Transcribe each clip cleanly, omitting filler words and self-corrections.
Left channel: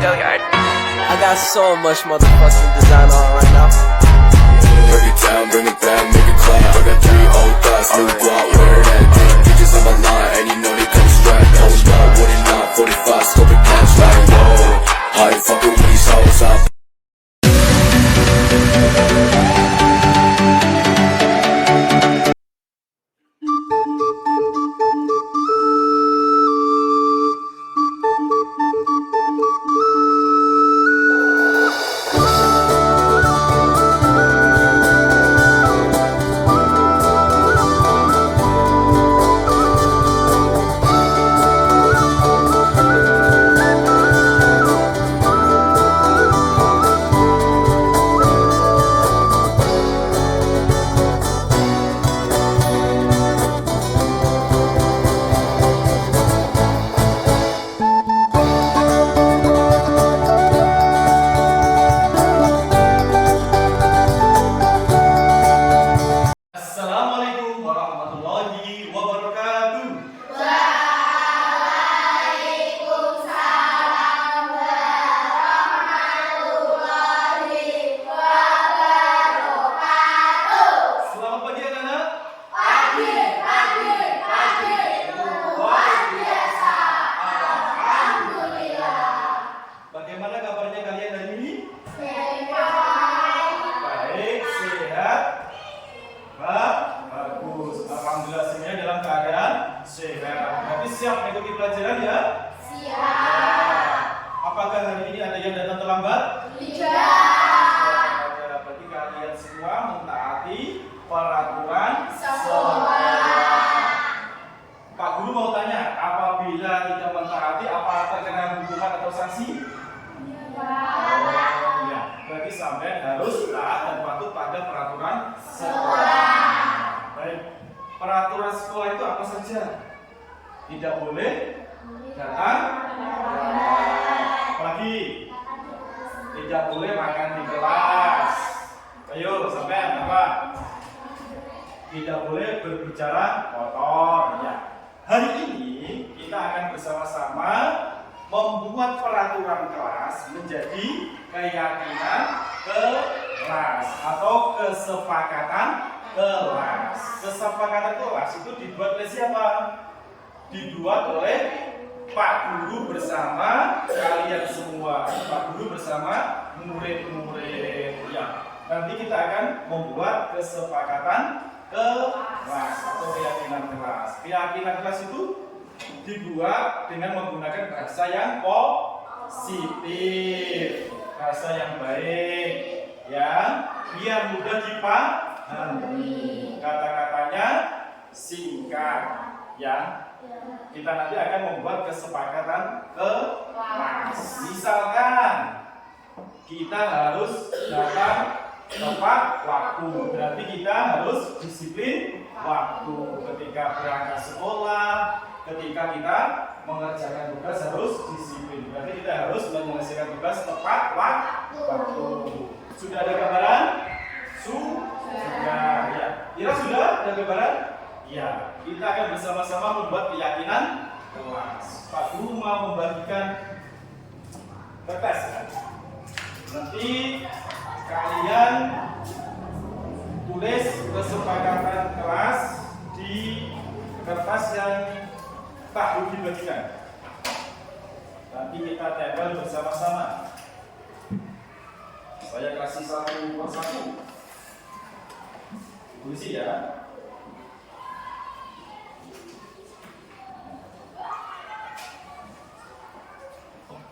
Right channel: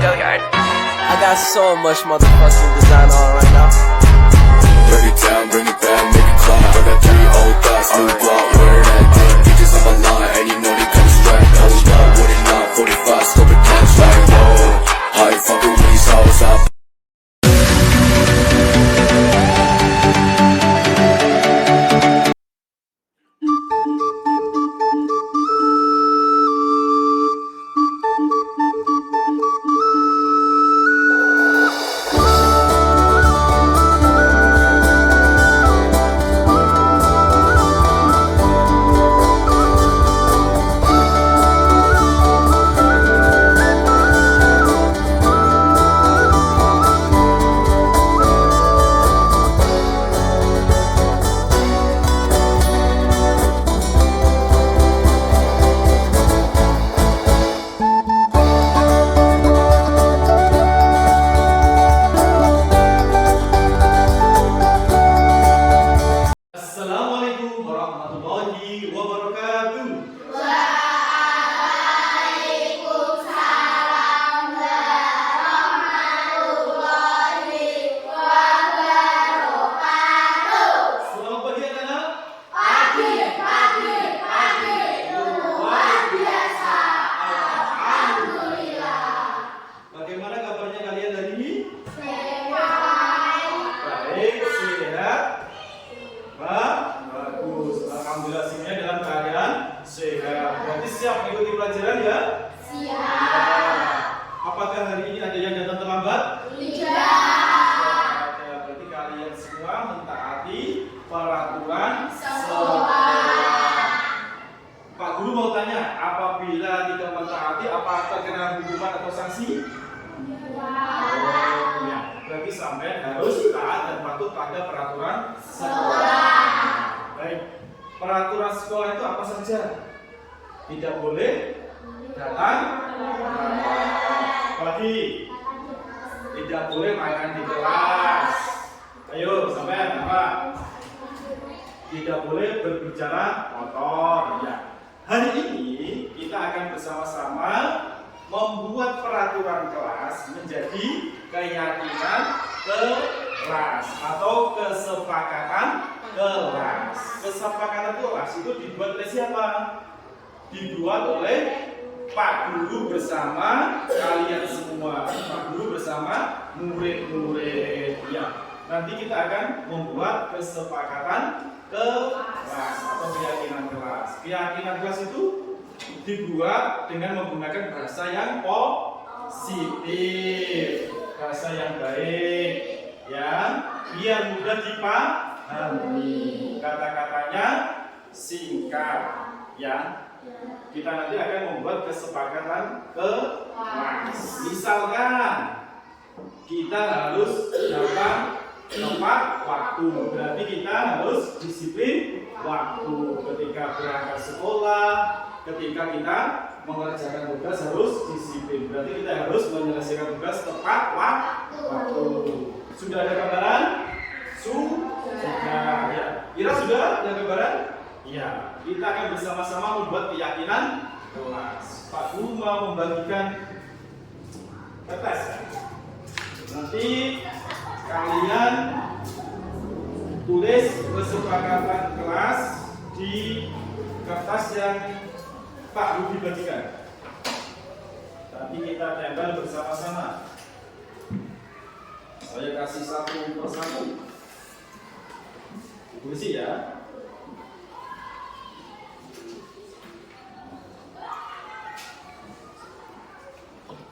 Go Yard. I got so much motherfucking design on right now. Break it down, bring it back, make it clap. I got 3 old thoughts, new guap, where that thing. Bitches on my line, and you know they come strapped. Hold up, what it not, 45, scope it cash like, whoa. I ain't fucking with these hoes, I Assalamualaikum warahmatullahi wabarakatuh. Waalaikumsalam warahmatullahi wabarakatuh. Selamat pagi anak-anak. Pagi. Luar biasa. Alhamdulillah. Bagaimana kabarnya kalian hari ini? Sehat. Baik, sehat. Bagus. Alhamdulillah semuanya dalam keadaan sehat. Berarti siap mengikuti pelajaran ya? Siap. Apakah hari ini ada yang datang terlambat? Tidak. Berarti kalian semua mentaati peraturan Sekolah. Pak Guru mau tanya, apabila tidak mentaati apa terkena hukuman atau sanksi? Oh iya, berarti sampai harus taat dan patuh pada peraturan sekolah. Baik, peraturan sekolah itu apa saja? Tidak boleh datang, apalagi tidak boleh makan di kelas. Ayo, sampai apa? Tidak boleh berbicara kotor. Ya. Hari ini kita akan bersama-sama membuat peraturan kelas menjadi keyakinan kelas atau kesepakatan kelas. Kesepakatan kelas itu dibuat oleh siapa? Dibuat oleh Pak Guru bersama kalian semua. Pak Guru bersama murid-murid. Ya. Nanti kita akan membuat kesepakatan kelas atau keyakinan kelas. Keyakinan kelas itu dibuat dengan menggunakan bahasa yang positif, bahasa yang baik, ya, biar mudah dipahami. Kata-katanya singkat, ya. Kita nanti akan membuat kesepakatan kelas. Misalkan kita harus datang tepat waktu, berarti kita harus disiplin waktu ketika berangkat sekolah, ketika kita mengerjakan tugas harus disiplin, berarti kita harus menyelesaikan tugas tepat waktu. Sudah ada gambaran? Sudah. Ya. Kira sudah ada gambaran? Iya. Kita akan bersama-sama membuat keyakinan kelas. Pak Guru mau membagikan kertas ya. Nanti kalian tulis kesepakatan kelas di kertas yang Pak Guru dibagikan. Nanti kita tempel bersama-sama. Saya kasih satu persatu. Tulis ya.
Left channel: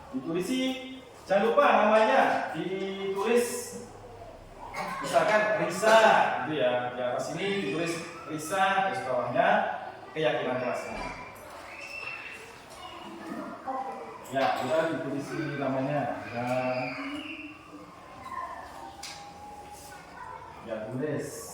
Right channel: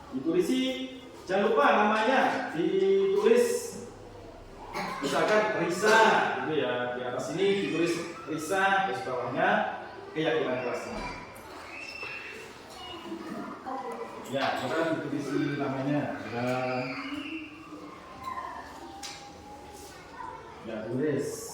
Ditulisi, jangan lupa namanya ditulis. Misalkan Risa, gitu ya. Di atas sini ditulis Risa, terus bawahnya keyakinan kelasnya. Ya, kita ditulisi namanya. Ya, tulis.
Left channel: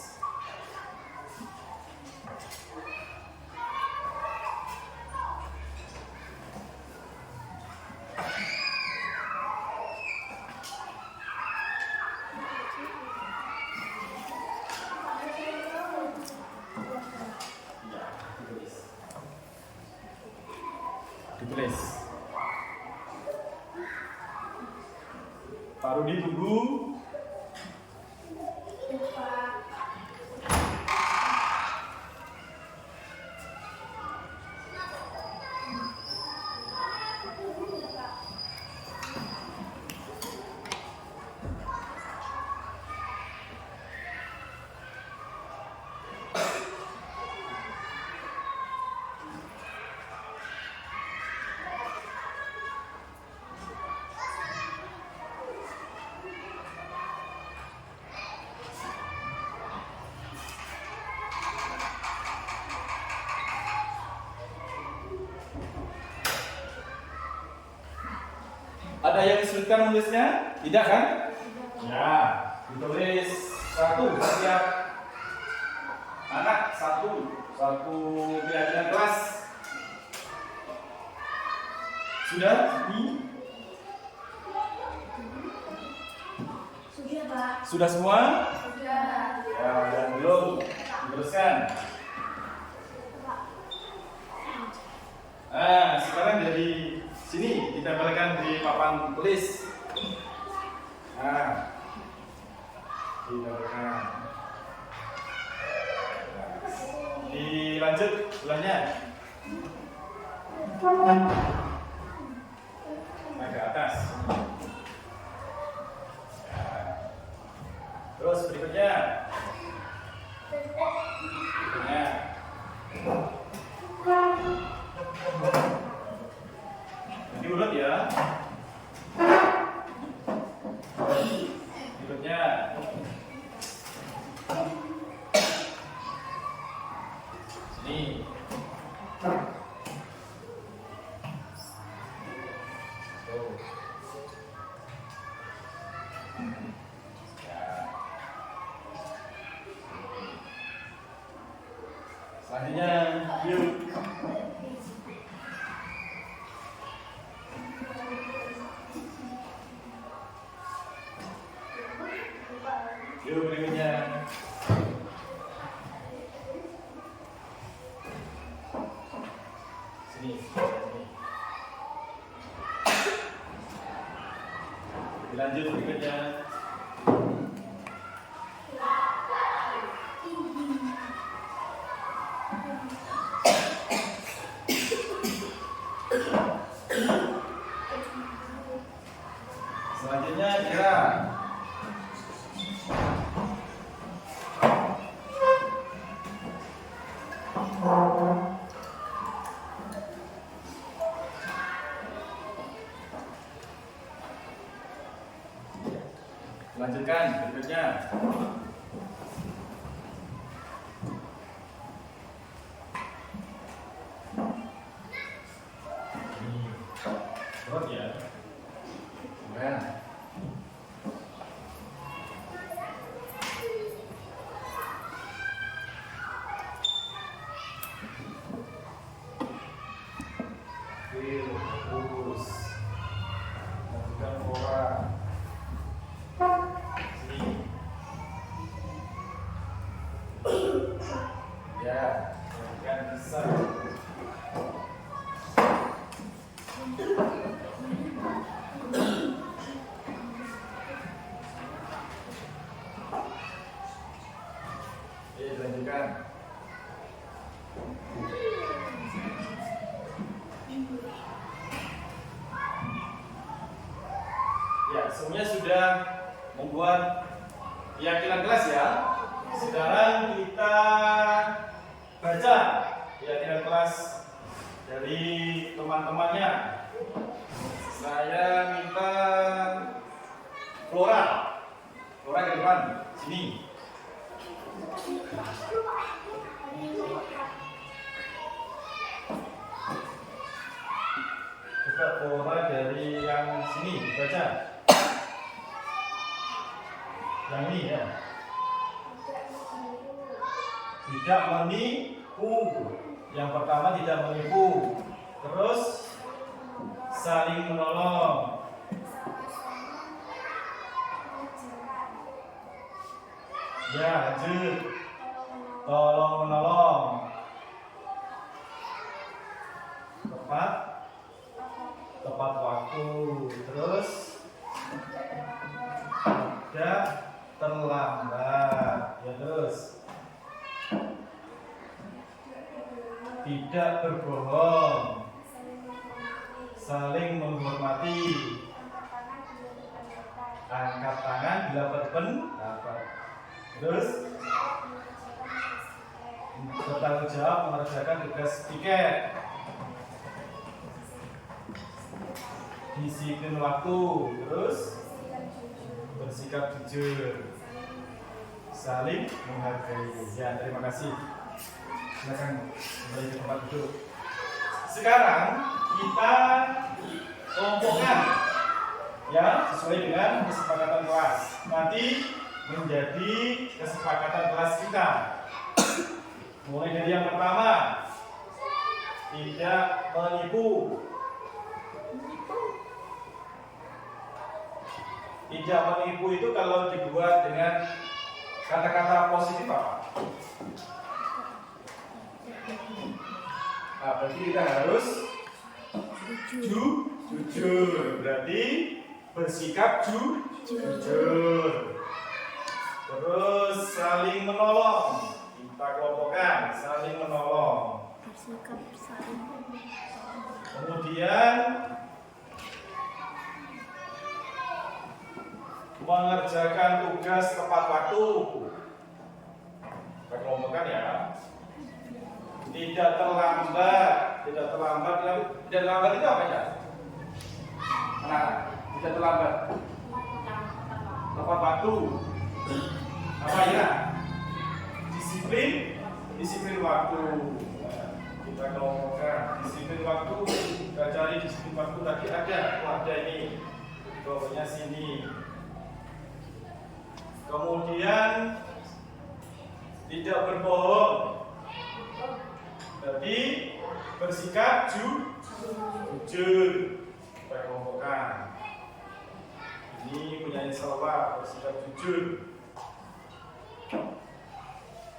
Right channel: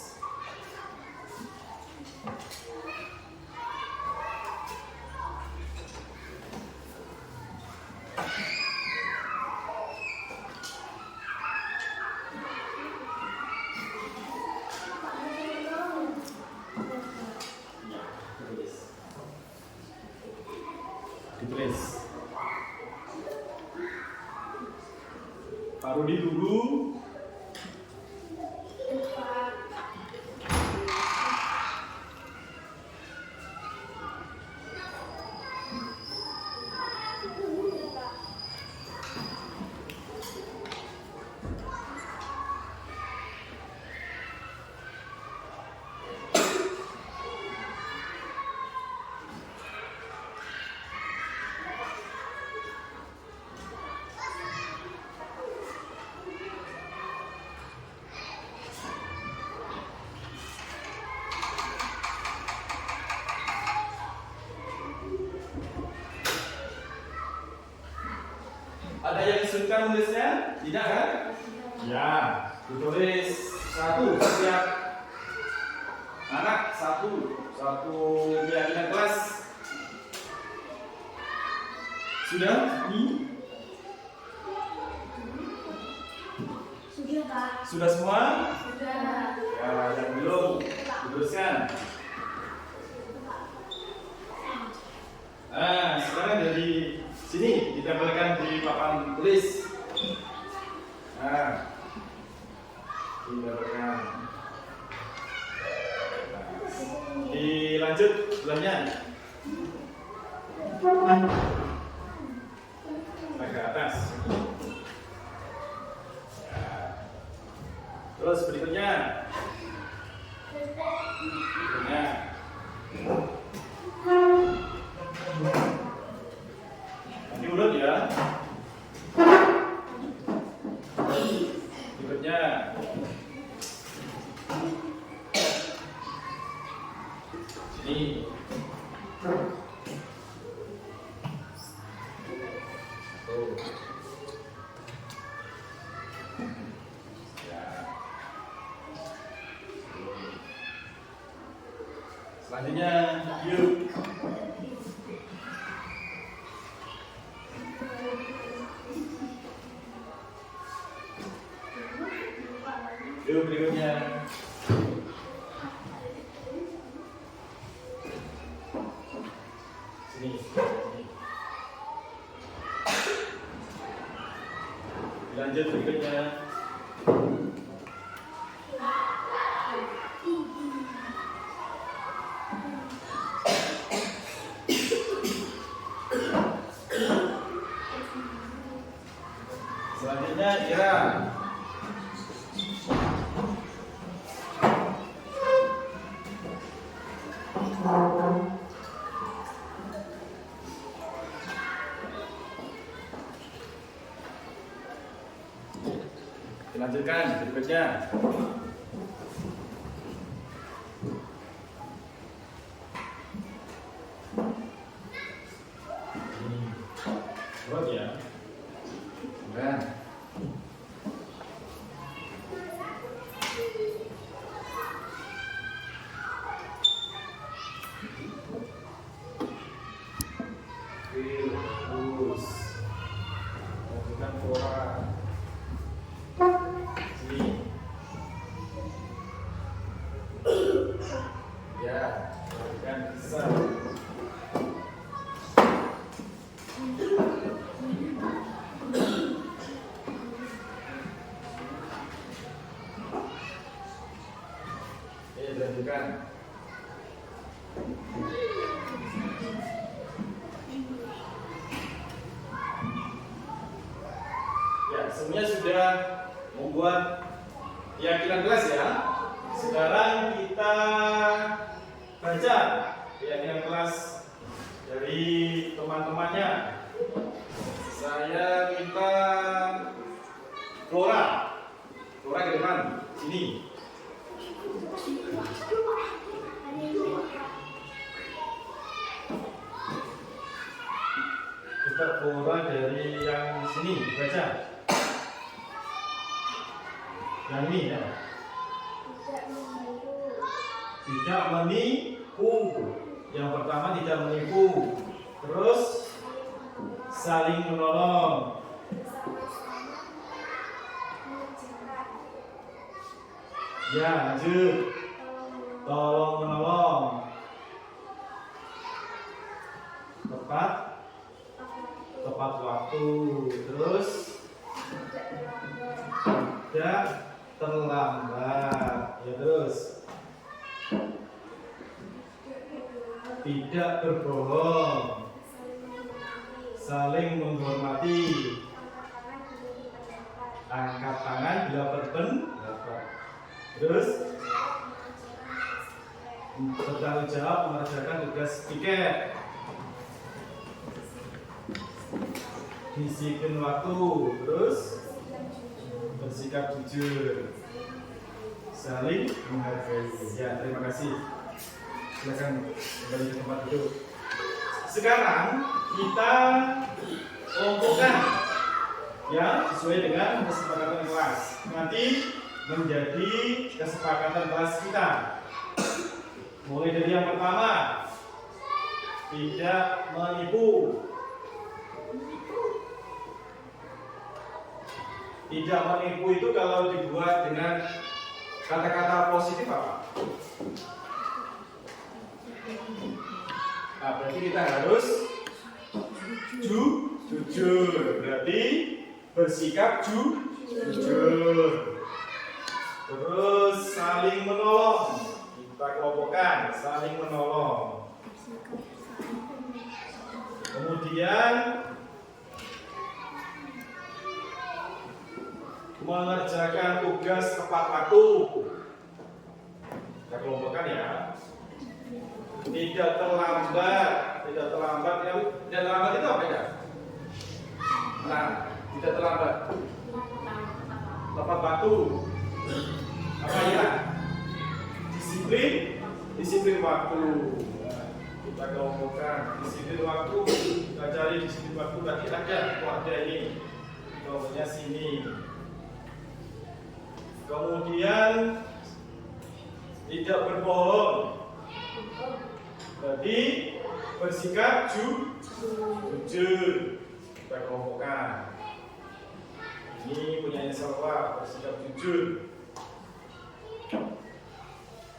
Ditulis. Pak Rudi tunggu. Ada yang kesulitan menulisnya? Tidak kan? Ya, ditulis satu, siap. Anak satu keyakinan kelas. Sudah? Ini? Sudah, Pak. Sudah semua? Sudah. Ya, yang belum diteruskan. Nah, sekarang dari sini ditempelkan di papan tulis. Nah, ditempelkan. Nah, dilanjut belahnya. Nah, ke atas. Nah, terus berikutnya. Nanti urut ya. Berikutnya. Sini. Tuh. Ya. Selanjutnya, yuk. Yuk berikutnya. Sini. Lanjut berikutnya. Selanjutnya kira. Lanjutkan berikutnya. Berat ya. Nah. Terus lanjutkan pola. Sini. Ya, lanjutkan bisa. Dilanjutkan. Ya, semuanya sudah membuat keyakinan kelas ya. Sekarang kita baca keyakinan kelas dari teman-temannya. Saya minta Flora ke depan sini. Coba Flora dari yang sini baca. Yang ini ya. Tidak menipu. Yang pertama tidak menipu. Terus saling menolong. Ya, lanjut. Tolong menolong. Tepat waktu. Terus tidak terlambat. Ya terus. Tidak berbohong. Saling menghormati. Angkat tangan bila berpendapat. Terus bertanggung jawab mengerjakan tugas piket. Disiplin waktu. Terus bersikap jujur. Saling menghargai. Ya, terima kasih. Silakan kembali ke tempat duduk. Sekarang kita kelompokkan ya sesuai dengan kesepakatan kelas. Nanti menjadi kesepakatan kelas kita. Mulai dari yang pertama, tidak menipu. Tidak menipu itu kalau dibuat dengan kata-kata positif apa? Nah, berarti kita harus jujur. Berarti bersikap jujur. Terus saling menolong. Kita kelompokkan saling menolong. Kemudian mengerjakan tugas tepat waktu. Kita kelompokkan ya. Tidak terlambat. Tidak terlambat. Yang tidak terlambat itu apa ya? Nah, tidak terlambat. Tepat waktu. Apa ya? Disiplin waktu. Nah, kita kelompokkan disiplin waktu. Kita cari disiplin waktu tadi ada. Ada ini. Kelompoknya sini. Kemudian tidak berbohong. Jadi bersikap jujur. Kita kelompokkan. Ini punya Salwa, bersikap jujur.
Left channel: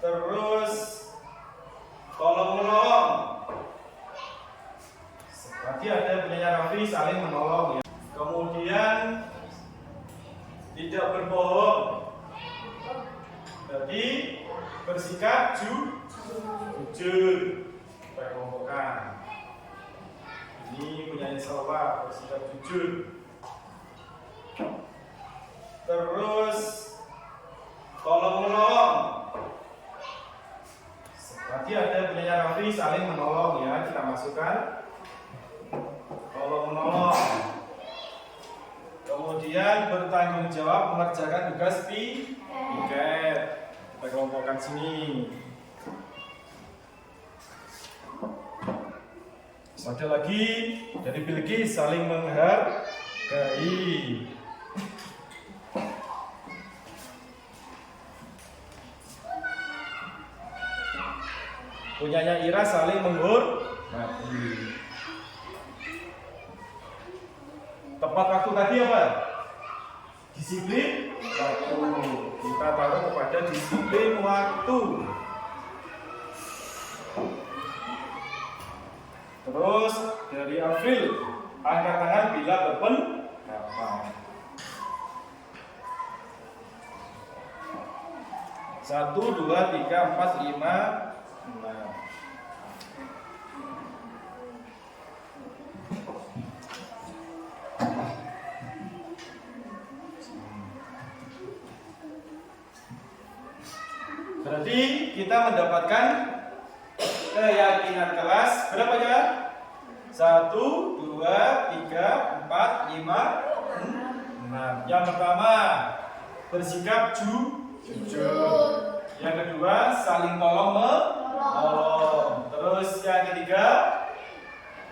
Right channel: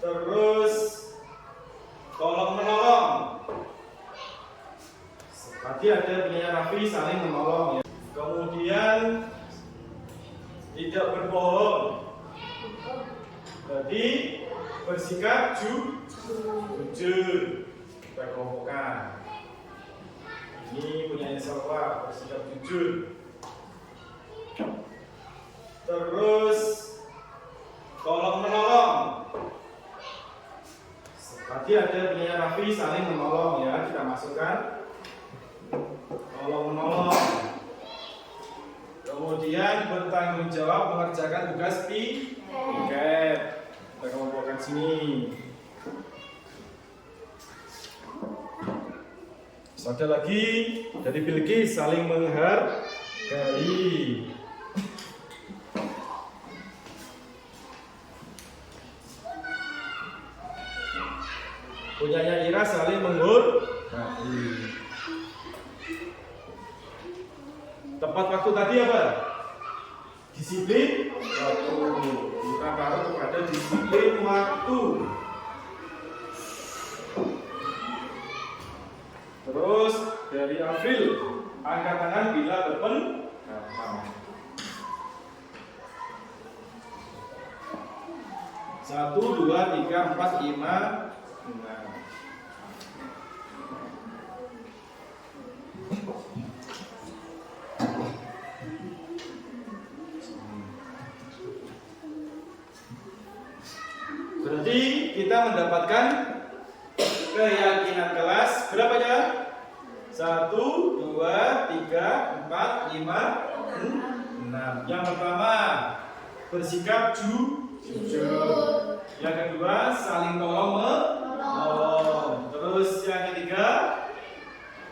Terus tolong menolong. Tadi ada punya Raffi, saling menolong ya. Kemudian tidak berbohong. Jadi bersikap jujur. Kita kelompokkan. Ini punya Salwa, bersikap jujur. Terus tolong menolong. Tadi ada punya Raffi, saling menolong ya. Kita masukkan tolong menolong. Kemudian bertanggung jawab mengerjakan tugas piket. Kita kelompokkan sini. Terus ada lagi dari Bilqis, saling menghargai. Punyanya Ira, saling menghormati. Tepat waktu tadi apa? Disiplin waktu. Kita taruh kepada disiplin waktu. Terus dari April, angkat tangan bila berpendapat. 1, 2, 3, 4, 5, 6. Berarti kita mendapatkan keyakinan kelas berapa ya? 1, 2, 3, 4, 5, 6. Yang pertama bersikap jujur. Yang kedua saling tolong menolong. Terus yang ketiga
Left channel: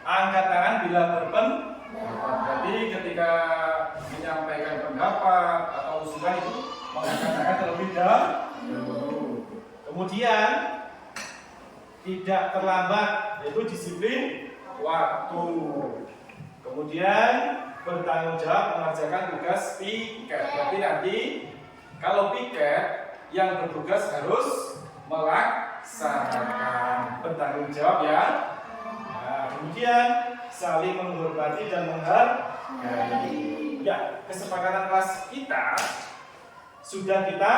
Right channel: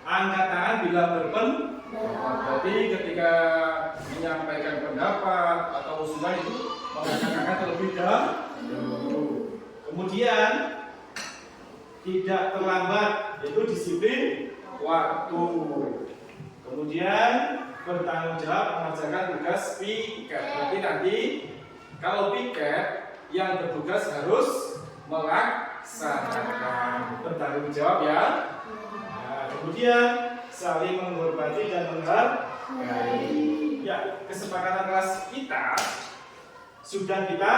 angkat tangan bila berpendapat. Jadi ketika menyampaikan pendapat atau usulan itu mengangkat tangan terlebih dahulu. Kemudian tidak terlambat, yaitu disiplin waktu. Kemudian bertanggung jawab mengerjakan tugas piket. Tapi nanti kalau piket yang bertugas harus melaksanakan, bertanggung jawab ya. Nah, kemudian saling menghormati dan menghargai. Ya, kesepakatan kelas kita sudah kita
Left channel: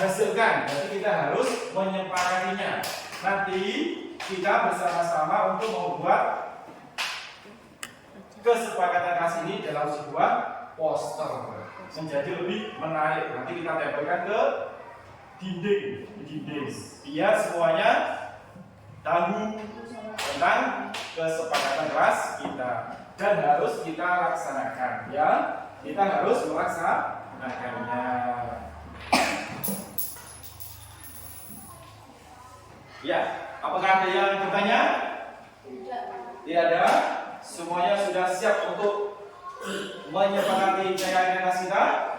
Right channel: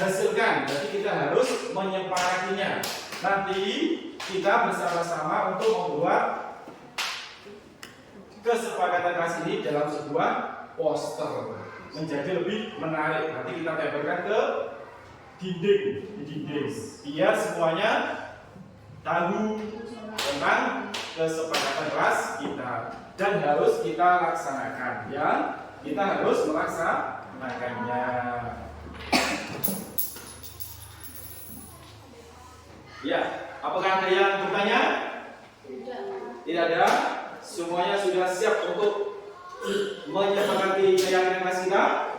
hasilkan. Jadi kita harus menyepakatinya. Nanti kita bersama-sama untuk membuat kesepakatan kelas ini dalam sebuah poster menjadi lebih menarik. Nanti kita tempelkan ke dinding, biar semuanya tahu tentang kesepakatan kelas kita dan harus kita laksanakan, ya. Kita harus melaksanakannya. Ya, apakah ada yang bertanya? Tidak ada. Semuanya sudah siap untuk menyepakati keyakinan kelas kita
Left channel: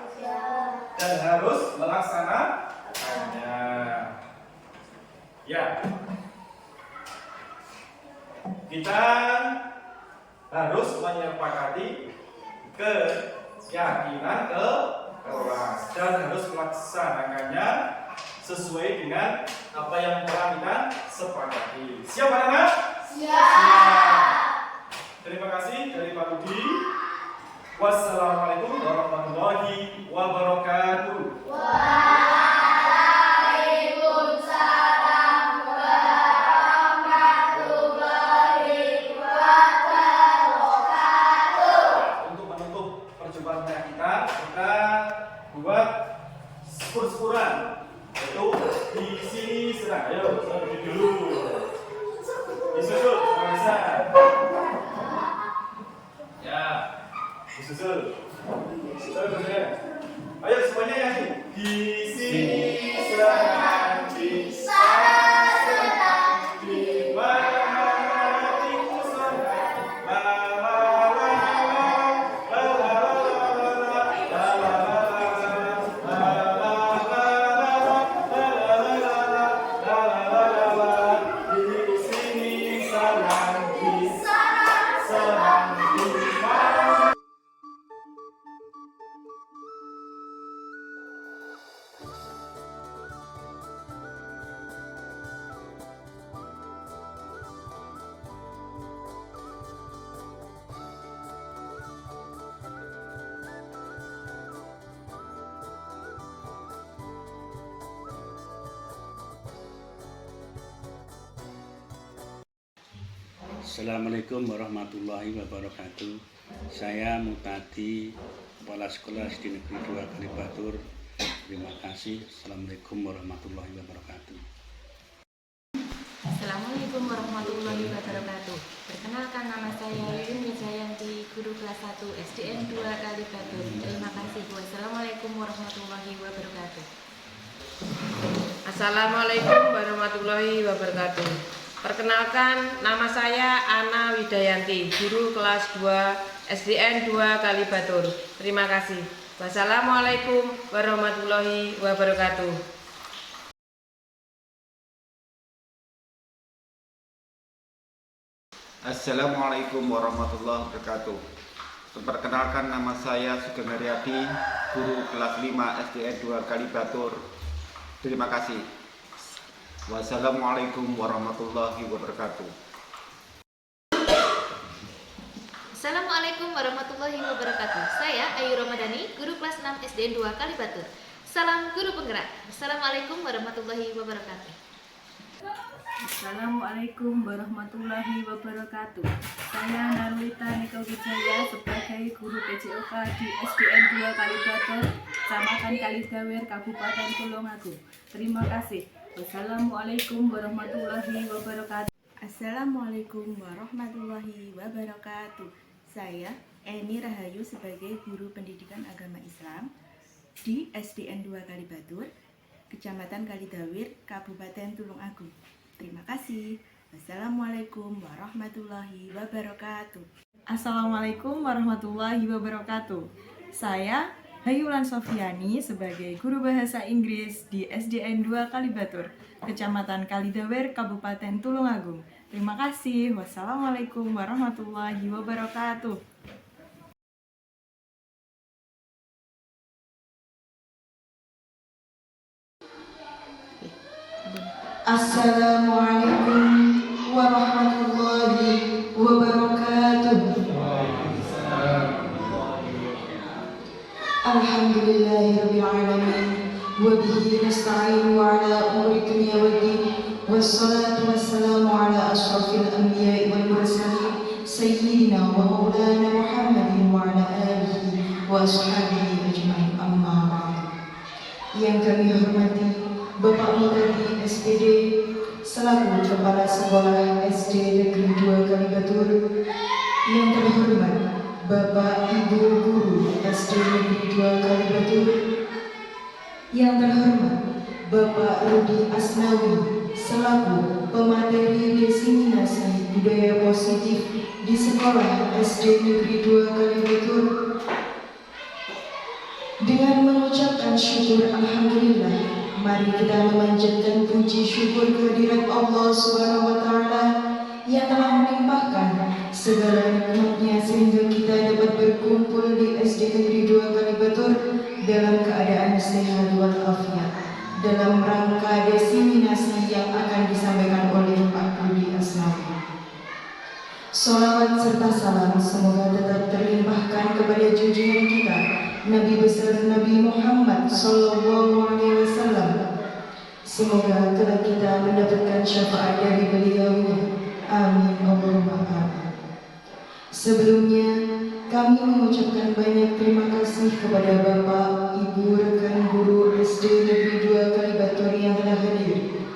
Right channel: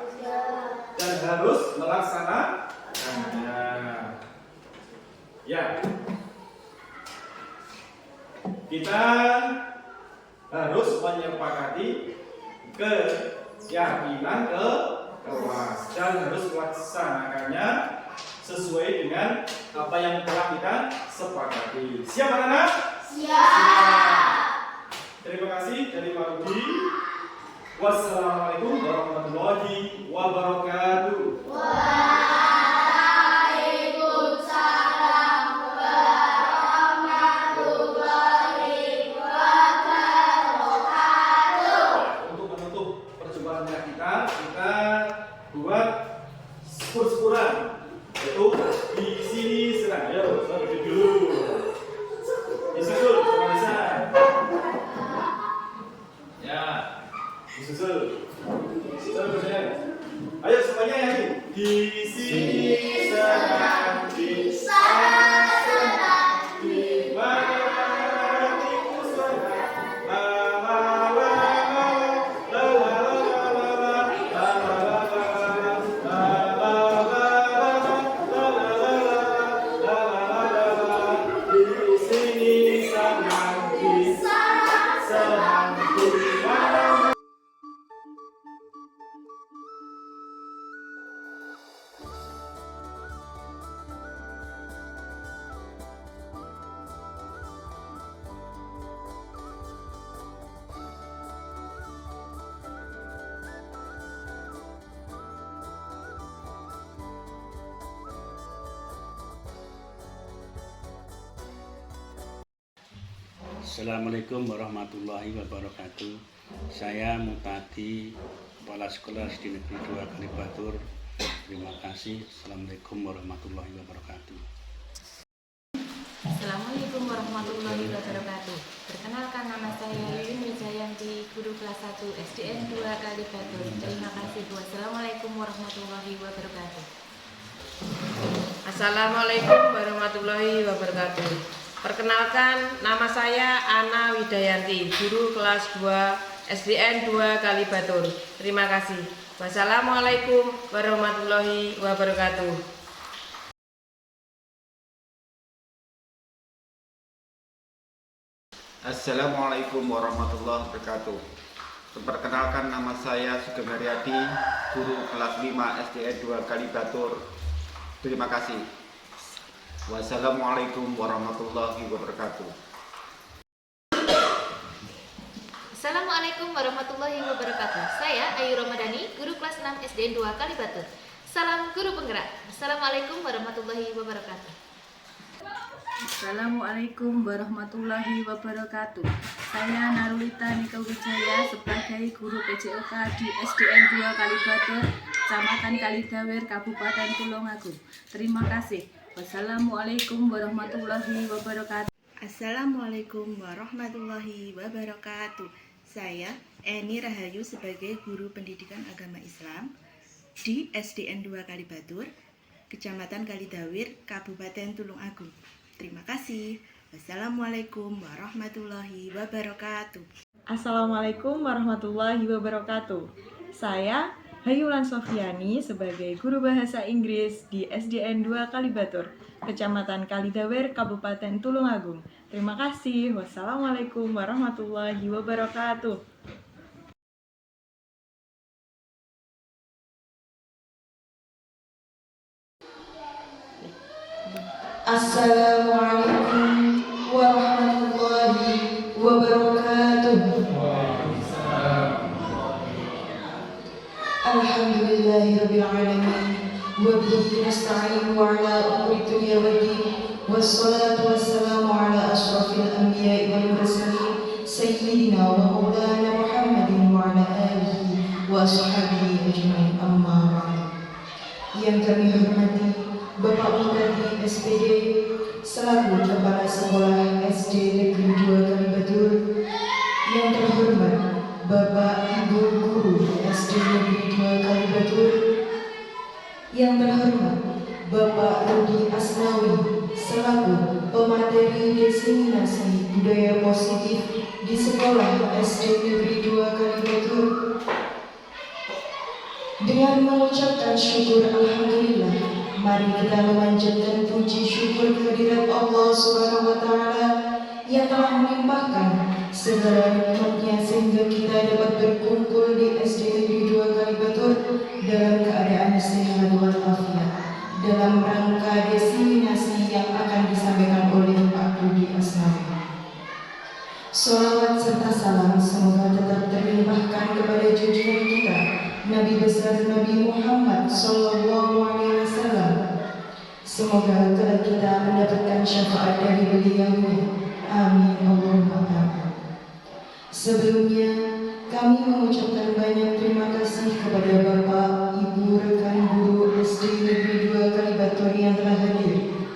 dan harus melaksanakannya. Ya, kita harus menyepakati keyakinan ke kelas dan harus melaksanakannya sesuai dengan apa yang telah kita sepakati. Siap anak-anak? Siap. Terima kasih dari Pak Budi. Wassalamualaikum warahmatullahi wabarakatuh. Waalaikumsalam warahmatullahi wabarakatuh. Untuk menutup perjumpaan kita buat spur-spuran. Yaitu di sini serang. Ayo, kita berdiri dulu. Disusul, teman-teman. Ya, disusul. Terus, ayo semuanya nyanyi. Di sini serang, di sana serang, di bagiku serang. La la la la la la la la. Di sini serang, di sana serang, di mana. Assalamualaikum warahmatullahi wabarakatuh. Saya Mutadi, Kepala Sekolah SD Negeri 2 Kalibatur. Terima kasih. Assalamualaikum warahmatullahi wabarakatuh. Assalamualaikum warahmatullahi wabarakatuh. Perkenalkan, nama saya Yuyun Wijayanti, guru kelas 1 SDN 2 Kalibatur. Terima kasih. Wassalamualaikum warahmatullahi wabarakatuh. Assalamualaikum warahmatullahi wabarakatuh. Perkenalkan, nama saya Ana Widayanti, guru kelas 2 SDN 2 Kalibatur. Terima kasih. Wassalamualaikum warahmatullahi wabarakatuh. Assalamualaikum warahmatullahi wabarakatuh. Perkenalkan, nama saya Sugeng Haryadi, guru kelas 5 SDN 2 Kalibatur. Terima kasih. Wassalamualaikum warahmatullahi wabarakatuh. Assalamualaikum warahmatullahi wabarakatuh. Saya Ayu Ramadhani, guru kelas 6 SDN 2 Kalibatur. Salam guru penggerak. Assalamualaikum warahmatullahi wabarakatuh. Assalamualaikum warahmatullahi wabarakatuh. Saya Narulita Nika Wijaya sebagai guru PJOK di SDN 2 Kalibatur, Kecamatan Kalidawer, Kabupaten Tulungagung. Terima kasih. Wassalamualaikum warahmatullahi wabarakatuh. Assalamualaikum warahmatullahi wabarakatuh. Saya Eni Rahayu sebagai guru pendidikan agama Islam di SDN 2 Kalibatur, Kecamatan Kalidawir, Kabupaten Tulungagung. Terima kasih. Wassalamualaikum warahmatullahi wabarakatuh. Assalamualaikum warahmatullahi wabarakatuh. Saya Hayulan Sofiani sebagai guru bahasa Inggris di SDN 2 Kalibatur, Kecamatan Kalidawer, Kabupaten Tulungagung. Terima kasih. Wassalamualaikum warahmatullahi wabarakatuh. Assalamualaikum warahmatullahi wabarakatuh. Alhamdulillah. Bapak Mudadi SPD selaku Kepala Sekolah SD Negeri 2 Kalibatur, yang terhormat Bapak Ibu Guru SD Negeri 2 Kalibatur, yang terhormat Bapak Rudi Asnawi selaku pemateri diseminasi budaya positif di Sekolah SD Negeri 2 Kalibatur. Dengan mengucapkan syukur Alhamdulillah, mari kita memanjatkan puji syukur kehadirat Allah Subhanahu wa Ta'ala yang telah melimpahkan segala nikmatnya sehingga kita dapat berkumpul di SD Negeri 2 Kalibatur dalam keadaan sehat walafiat dalam rangka diseminasi yang akan disampaikan oleh Pak Rudi Asnawi. Salawat serta salam semoga tetap terlimpahkan kepada junjungan kita Nabi besar Nabi Muhammad Sallallahu Alaihi Wasallam. Semoga kelak kita mendapatkan syafaat dari beliau-Nya. Amin Allahumma amin. Sebelumnya kami mengucapkan banyak terima kasih kepada Bapak, Ibu, rekan guru SD Negeri 2 Kalibatur yang telah hadir.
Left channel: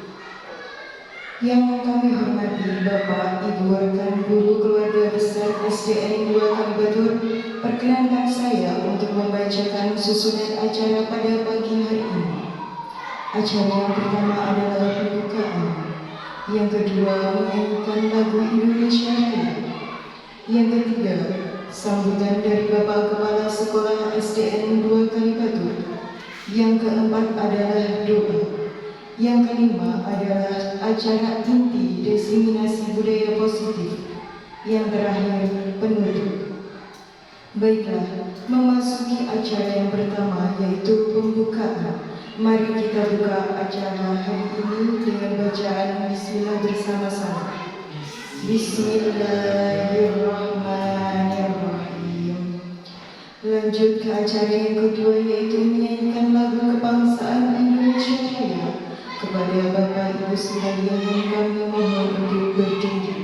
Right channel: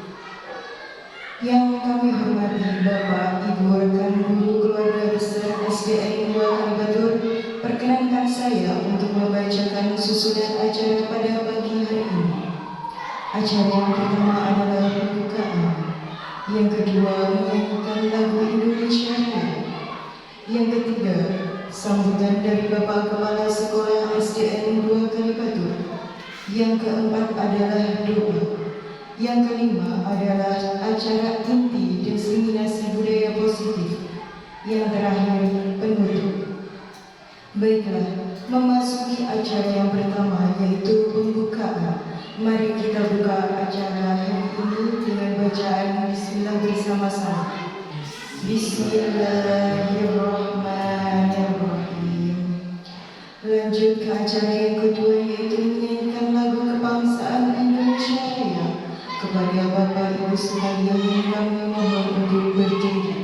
Yang kami hormati Bapak, Ibu, rekan guru keluarga besar SDN 2 Kalibatur, perkenankan saya untuk membacakan susunan acara pada pagi hari ini. Acara yang pertama adalah pembukaan, yang kedua menyanyikan lagu Indonesia Raya, yang ketiga sambutan dari Bapak Kepala Sekolah SDN 2 Kalibatur, yang keempat adalah doa, yang kelima adalah acara inti diseminasi budaya positif, yang terakhir penutup. Baiklah, memasuki acara yang pertama yaitu pembukaan. Mari kita buka acara hari ini dengan bacaan Bismillah bersama-sama. Bismillahirrahmanirrahim. Lanjut ke acara yang kedua yaitu menyanyikan lagu kebangsaan Indonesia Raya. Kepada Bapak Ibu sekalian yang kami mohon untuk berdiri.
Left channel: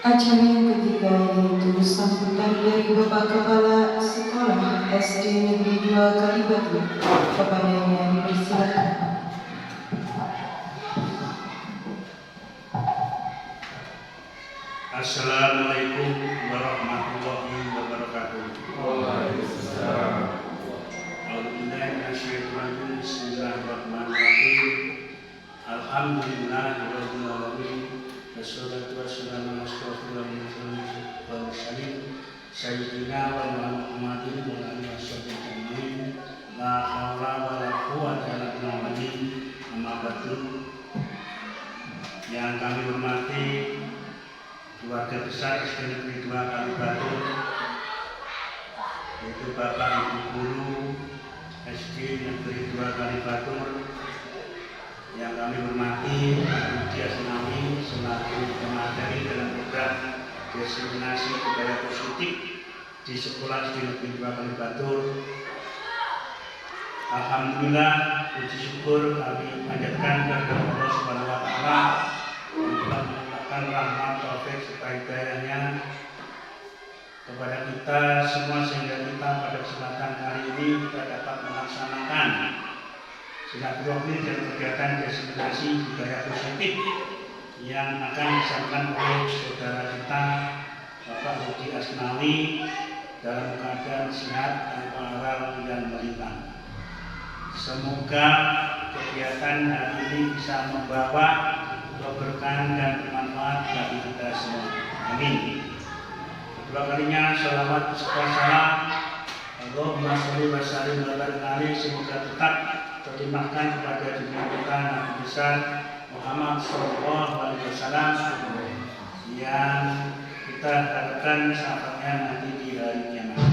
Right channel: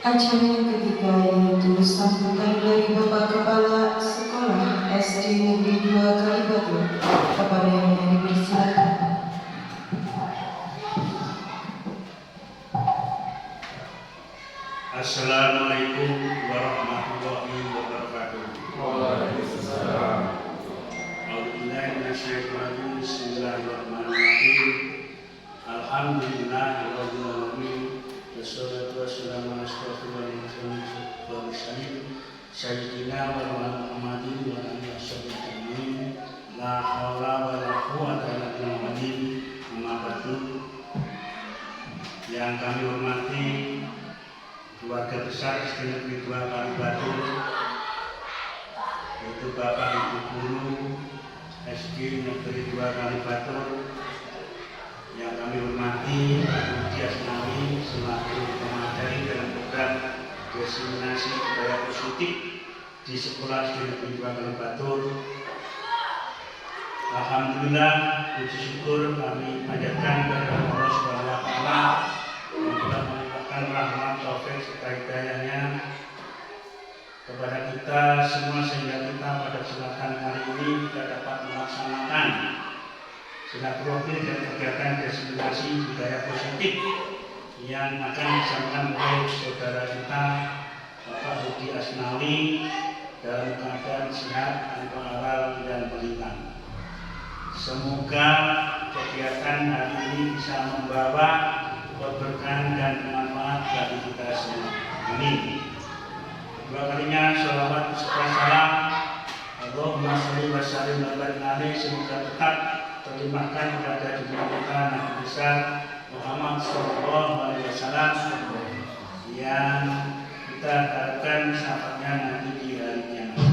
Acara yang ketiga yaitu sambutan dari Bapak Kepala Sekolah SD Negeri 2 Kalibatur. Kepadanya dipersilakan. Assalamualaikum warahmatullahi wabarakatuh. Waalaikumsalam. Bismillahirrahmanirrahim. Alhamdulillahirabbil alamin. Wassalatu wassalamu ala asyrofil anbiya'i wal mursalin SD Negeri 2 Kalibatur, yaitu Bapak Ibu Guru SD Negeri 2 Kalibatur yang kami hormati, Ibu Asnawi selaku pemateri dalam program diseminasi budaya positif di Sekolah SD Negeri 2 Kalibatur. Alhamdulillah, puji syukur kami panjatkan kepada Allah Subhanahu wa Ta'ala yang telah melimpahkan rahmat taufik serta hidayahnya kepada kita semua sehingga kita pada kesempatan hari ini kita dapat melaksanakan silaturahmi dan kegiatan diseminasi budaya positif yang akan disampaikan oleh saudara kita Bapak Rudi Asnawi dalam keadaan sehat tanpa aral dan melintang. Semoga kegiatan hari ini bisa membawa keberkahan dan bermanfaat bagi kita semua. Amin. Kedua kalinya sholawat serta salam Allahumma sholli wa sallim ala nabi semoga tetap terlimpahkan kepada dunia kita Nabi besar Muhammad Sallallahu Alaihi Wasallam yang kita harapkan syafaatnya nanti di hari kiamat.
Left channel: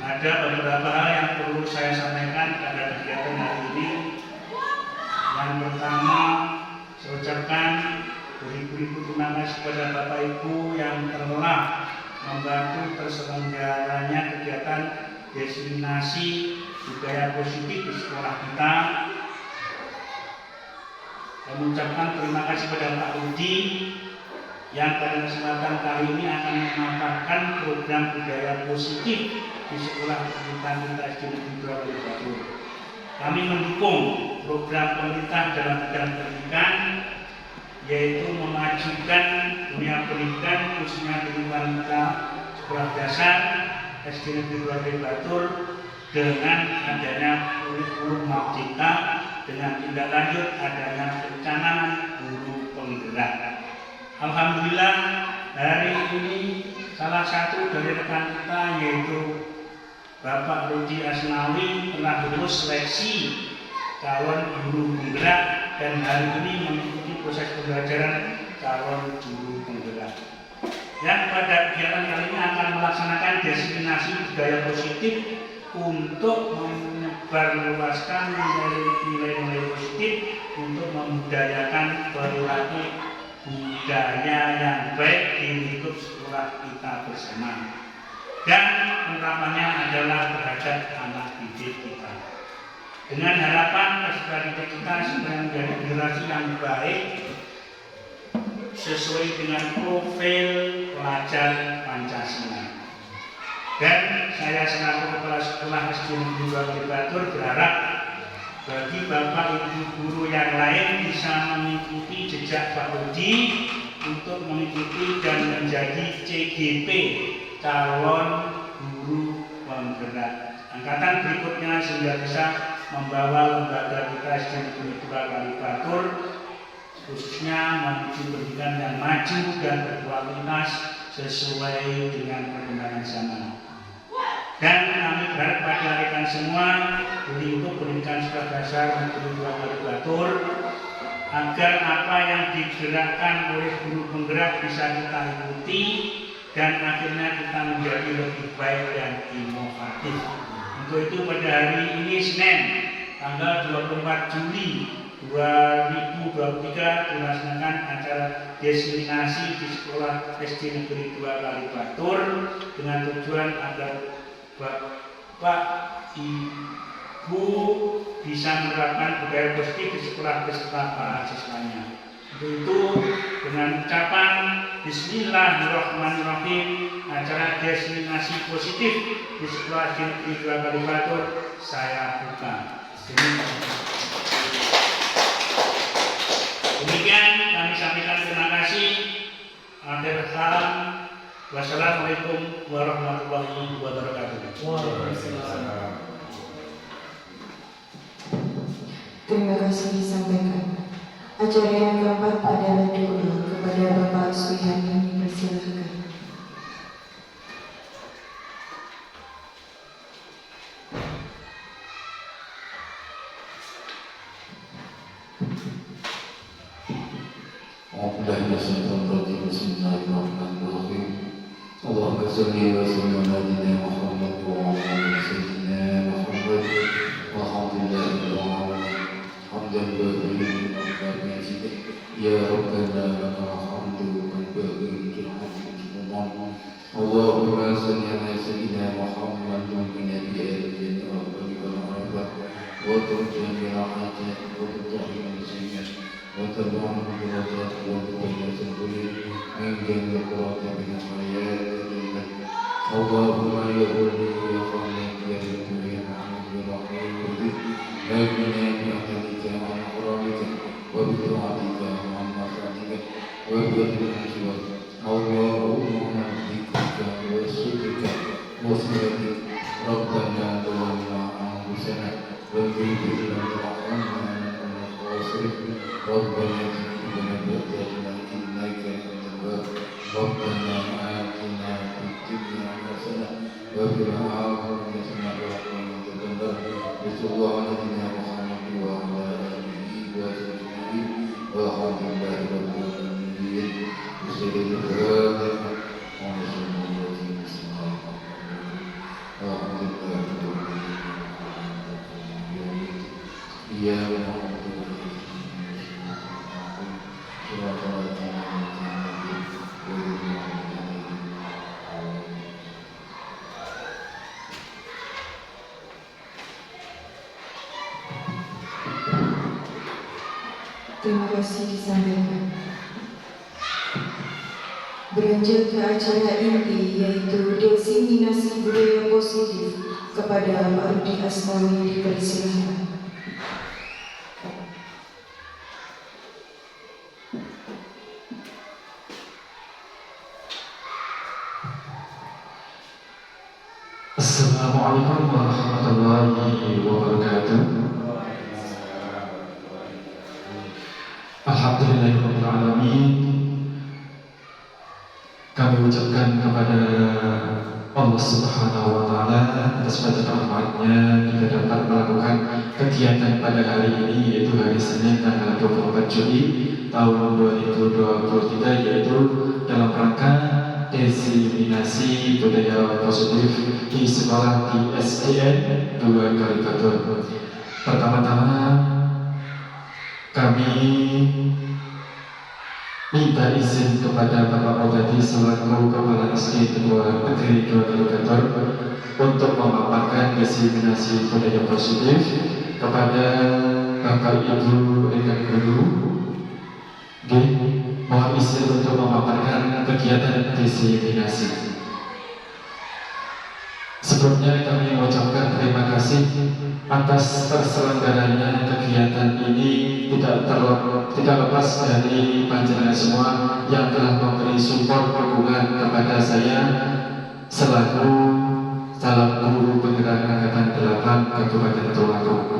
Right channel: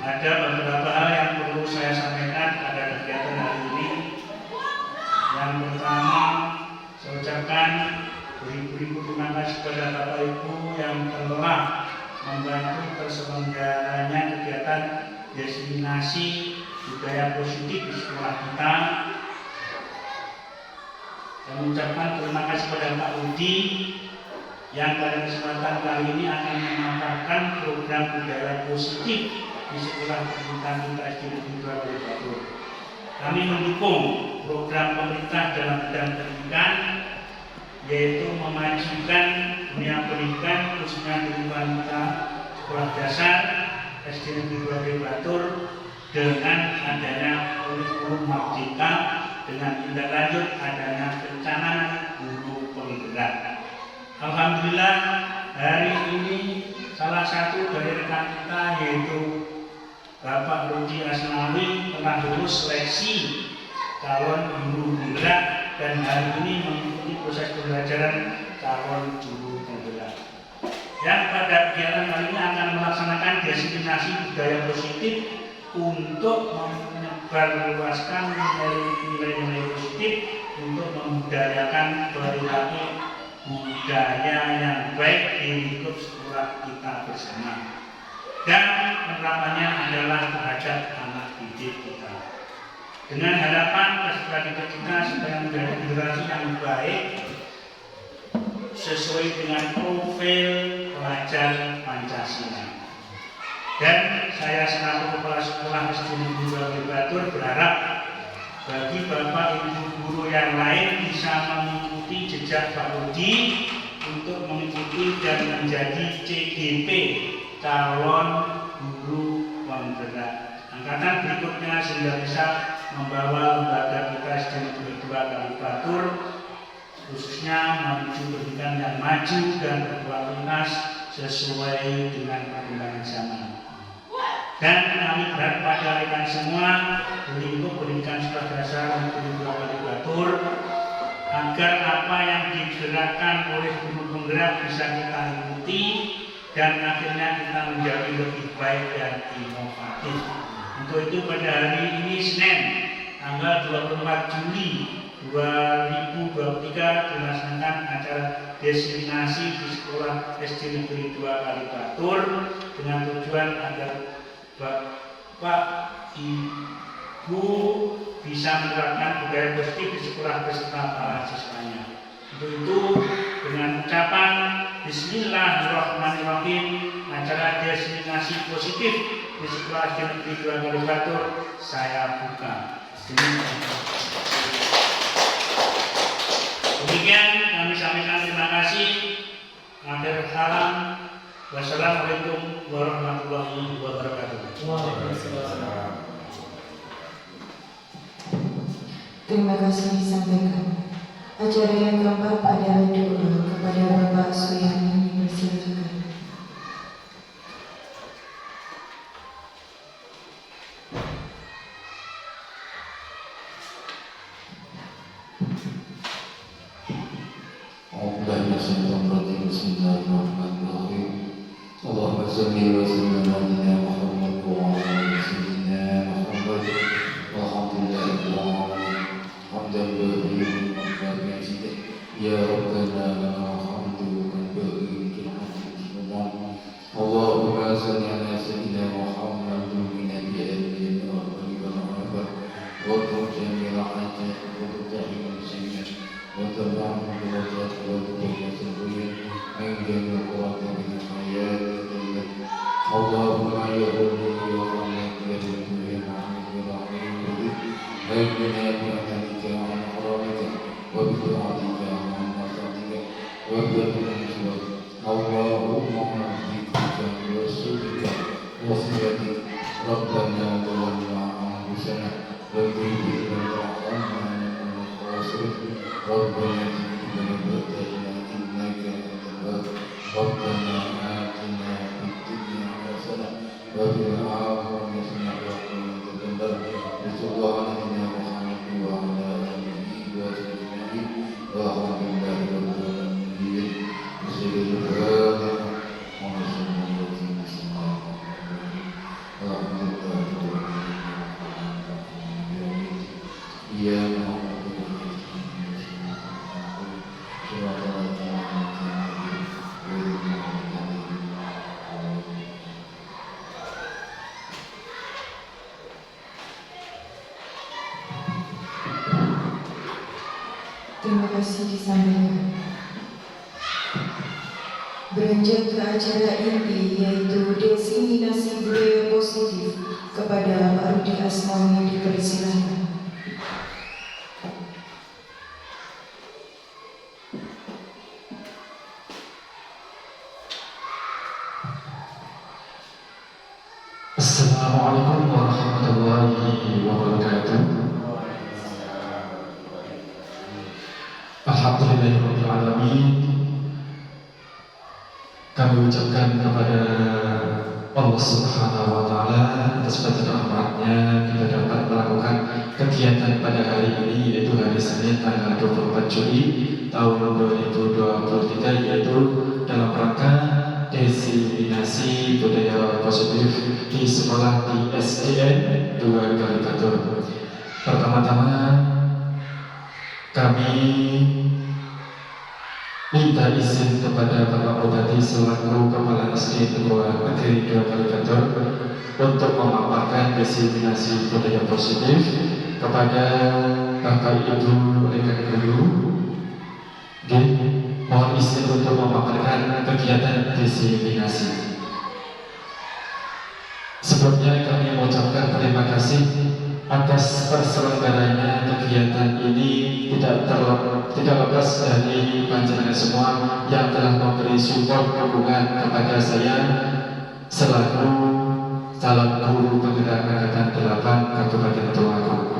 Ada beberapa hal yang perlu saya sampaikan pada kegiatan hari ini. Yang pertama, saya ucapkan beribu-ribu terima kasih kepada Bapak Ibu yang telah membantu terselenggaranya kegiatan diseminasi budaya positif di sekolah kita. Saya mengucapkan terima kasih kepada Pak Rudi yang pada kesempatan kali ini akan memaparkan program budaya positif di sekolah pendidikan kita SD Negeri 2 Kalibatur. Kami mendukung program pemerintah dalam bidang pendidikan, yaitu memajukan dunia pendidikan khususnya di lingkungan kita sekolah dasar SD Negeri 2 Kalibatur dengan adanya kurikulum merdeka dengan tindak lanjut adanya perencanaan guru penggerak. Alhamdulillah hari ini salah satu dari rekan kita yaitu Bapak Rudi Asnawi telah lulus seleksi calon guru penggerak dan hari ini mengikuti proses pembelajaran calon guru penggerak. Yang pada kegiatan kali ini akan melaksanakan diseminasi budaya positif untuk menyebarluaskan nilai-nilai positif untuk membudayakan perilaku budaya yang baik di lingkup sekolah kita bersama. Dan penerapannya adalah terhadap anak didik kita. Dengan harapan peserta didik kita supaya menjadi generasi yang baik sesuai dengan profil pelajar Pancasila. Dan saya selaku kepala sekolah SD Negeri 2 Kalibatur berharap bagi Bapak Ibu guru yang lain bisa mengikuti jejak Pak Rudi untuk mengikuti dan menjadi CGP calon guru penggerak angkatan berikutnya sehingga bisa membawa lembaga kita SD Negeri 2 Kalibatur khususnya menuju pendidikan yang maju dan berkualitas sesuai dengan perkembangan zaman. Dan kami berharap pada rekan semua di lingkup pendidikan sekolah dasar Negeri 2 Kalibatur agar apa yang digerakkan oleh guru penggerak bisa kita ikuti dan akhirnya kita menjadi lebih baik dan inovatif. Untuk itu pada hari ini Senin tanggal 24 Juli 2023 dilaksanakan acara diseminasi di sekolah SD Negeri 2 Kalibatur dengan tujuan agar Bapak Ibu bisa menerapkan budaya positif di sekolah beserta para siswanya. Untuk itu dengan ucapan Bismillahirrahmanirrahim acara diseminasi positif di sekolah SD Negeri 2 Kalibatur saya buka. Demikian kami sampaikan terima kasih. Akhir salam. Wassalamualaikum warahmatullahi wabarakatuh. Terima kasih disampaikan. Acara yang keempat adalah doa kepada Bapak Suyani. Persilakan. Bismillahirrahmanirrahim. Bismillahirrahmanirrahim. Allahumma salli wa sallim ala Muhammad wa ala sayyidina Muhammad walhamdulillahil alamin. Hamdan balighan wa majidan ya rabbana lakal hamdu kama balighan. Allahumma salli ala sayyidina Muhammad min nabiyyin wa rabbana wa tujamil hajat wa tutahhir sayyid wa tabi'an درجات وجودك سبيل من جميع قرات من الحياة اللهم يا ولي يا خالق يا لطيف يا حميد يا رحيم آمنا بأمانك وعن حرامك وبطاعتك وعن معصيتك وبالرشوة اللهم بذكرك ورسولك وصلتك ربنا ظلمنا أنفسنا وكيف لم ترحمنا لنكن من الخاسرين ربنا ربنا آتنا في الدنيا حسنة وفي الآخرة حسنة وقنا عذاب النار بسم محمد وعلى آله وصحبه والحمد لله رب العالمين بسم الله Terima kasih disampaikan. Beranjak ke acara inti yaitu diseminasi budaya positif kepada Pak Rudi Asmawi dipersilakan. Assalamualaikum warahmatullahi wabarakatuh. Alhamdulillahirrahmanirrahim. Kami ucapkan kepada Allah Subhanahu wa Ta'ala atas rahmatnya kita dapat melakukan kegiatan pada hari ini, yaitu hari Senin tanggal 24 Juli tahun 2023, yaitu dalam rangka diseminasi budaya positif di sekolah di SDN 2 Kalibatur. Pertama-tama kami minta izin kepada Bapak Odadi selaku Kepala SD Negeri 2 Kalibatur untuk memaparkan diseminasi budaya positif kepada Bapak Ibu rekan guru. Mohon izin untuk memaparkan kegiatan diseminasi. Sebelumnya kami mengucapkan terima kasih atas terselenggaranya kegiatan ini, tidak lepas dari panjenengan semua yang telah memberi support dukungan kepada saya selaku calon guru penggerak angkatan 8 Kabupaten Tulungagung.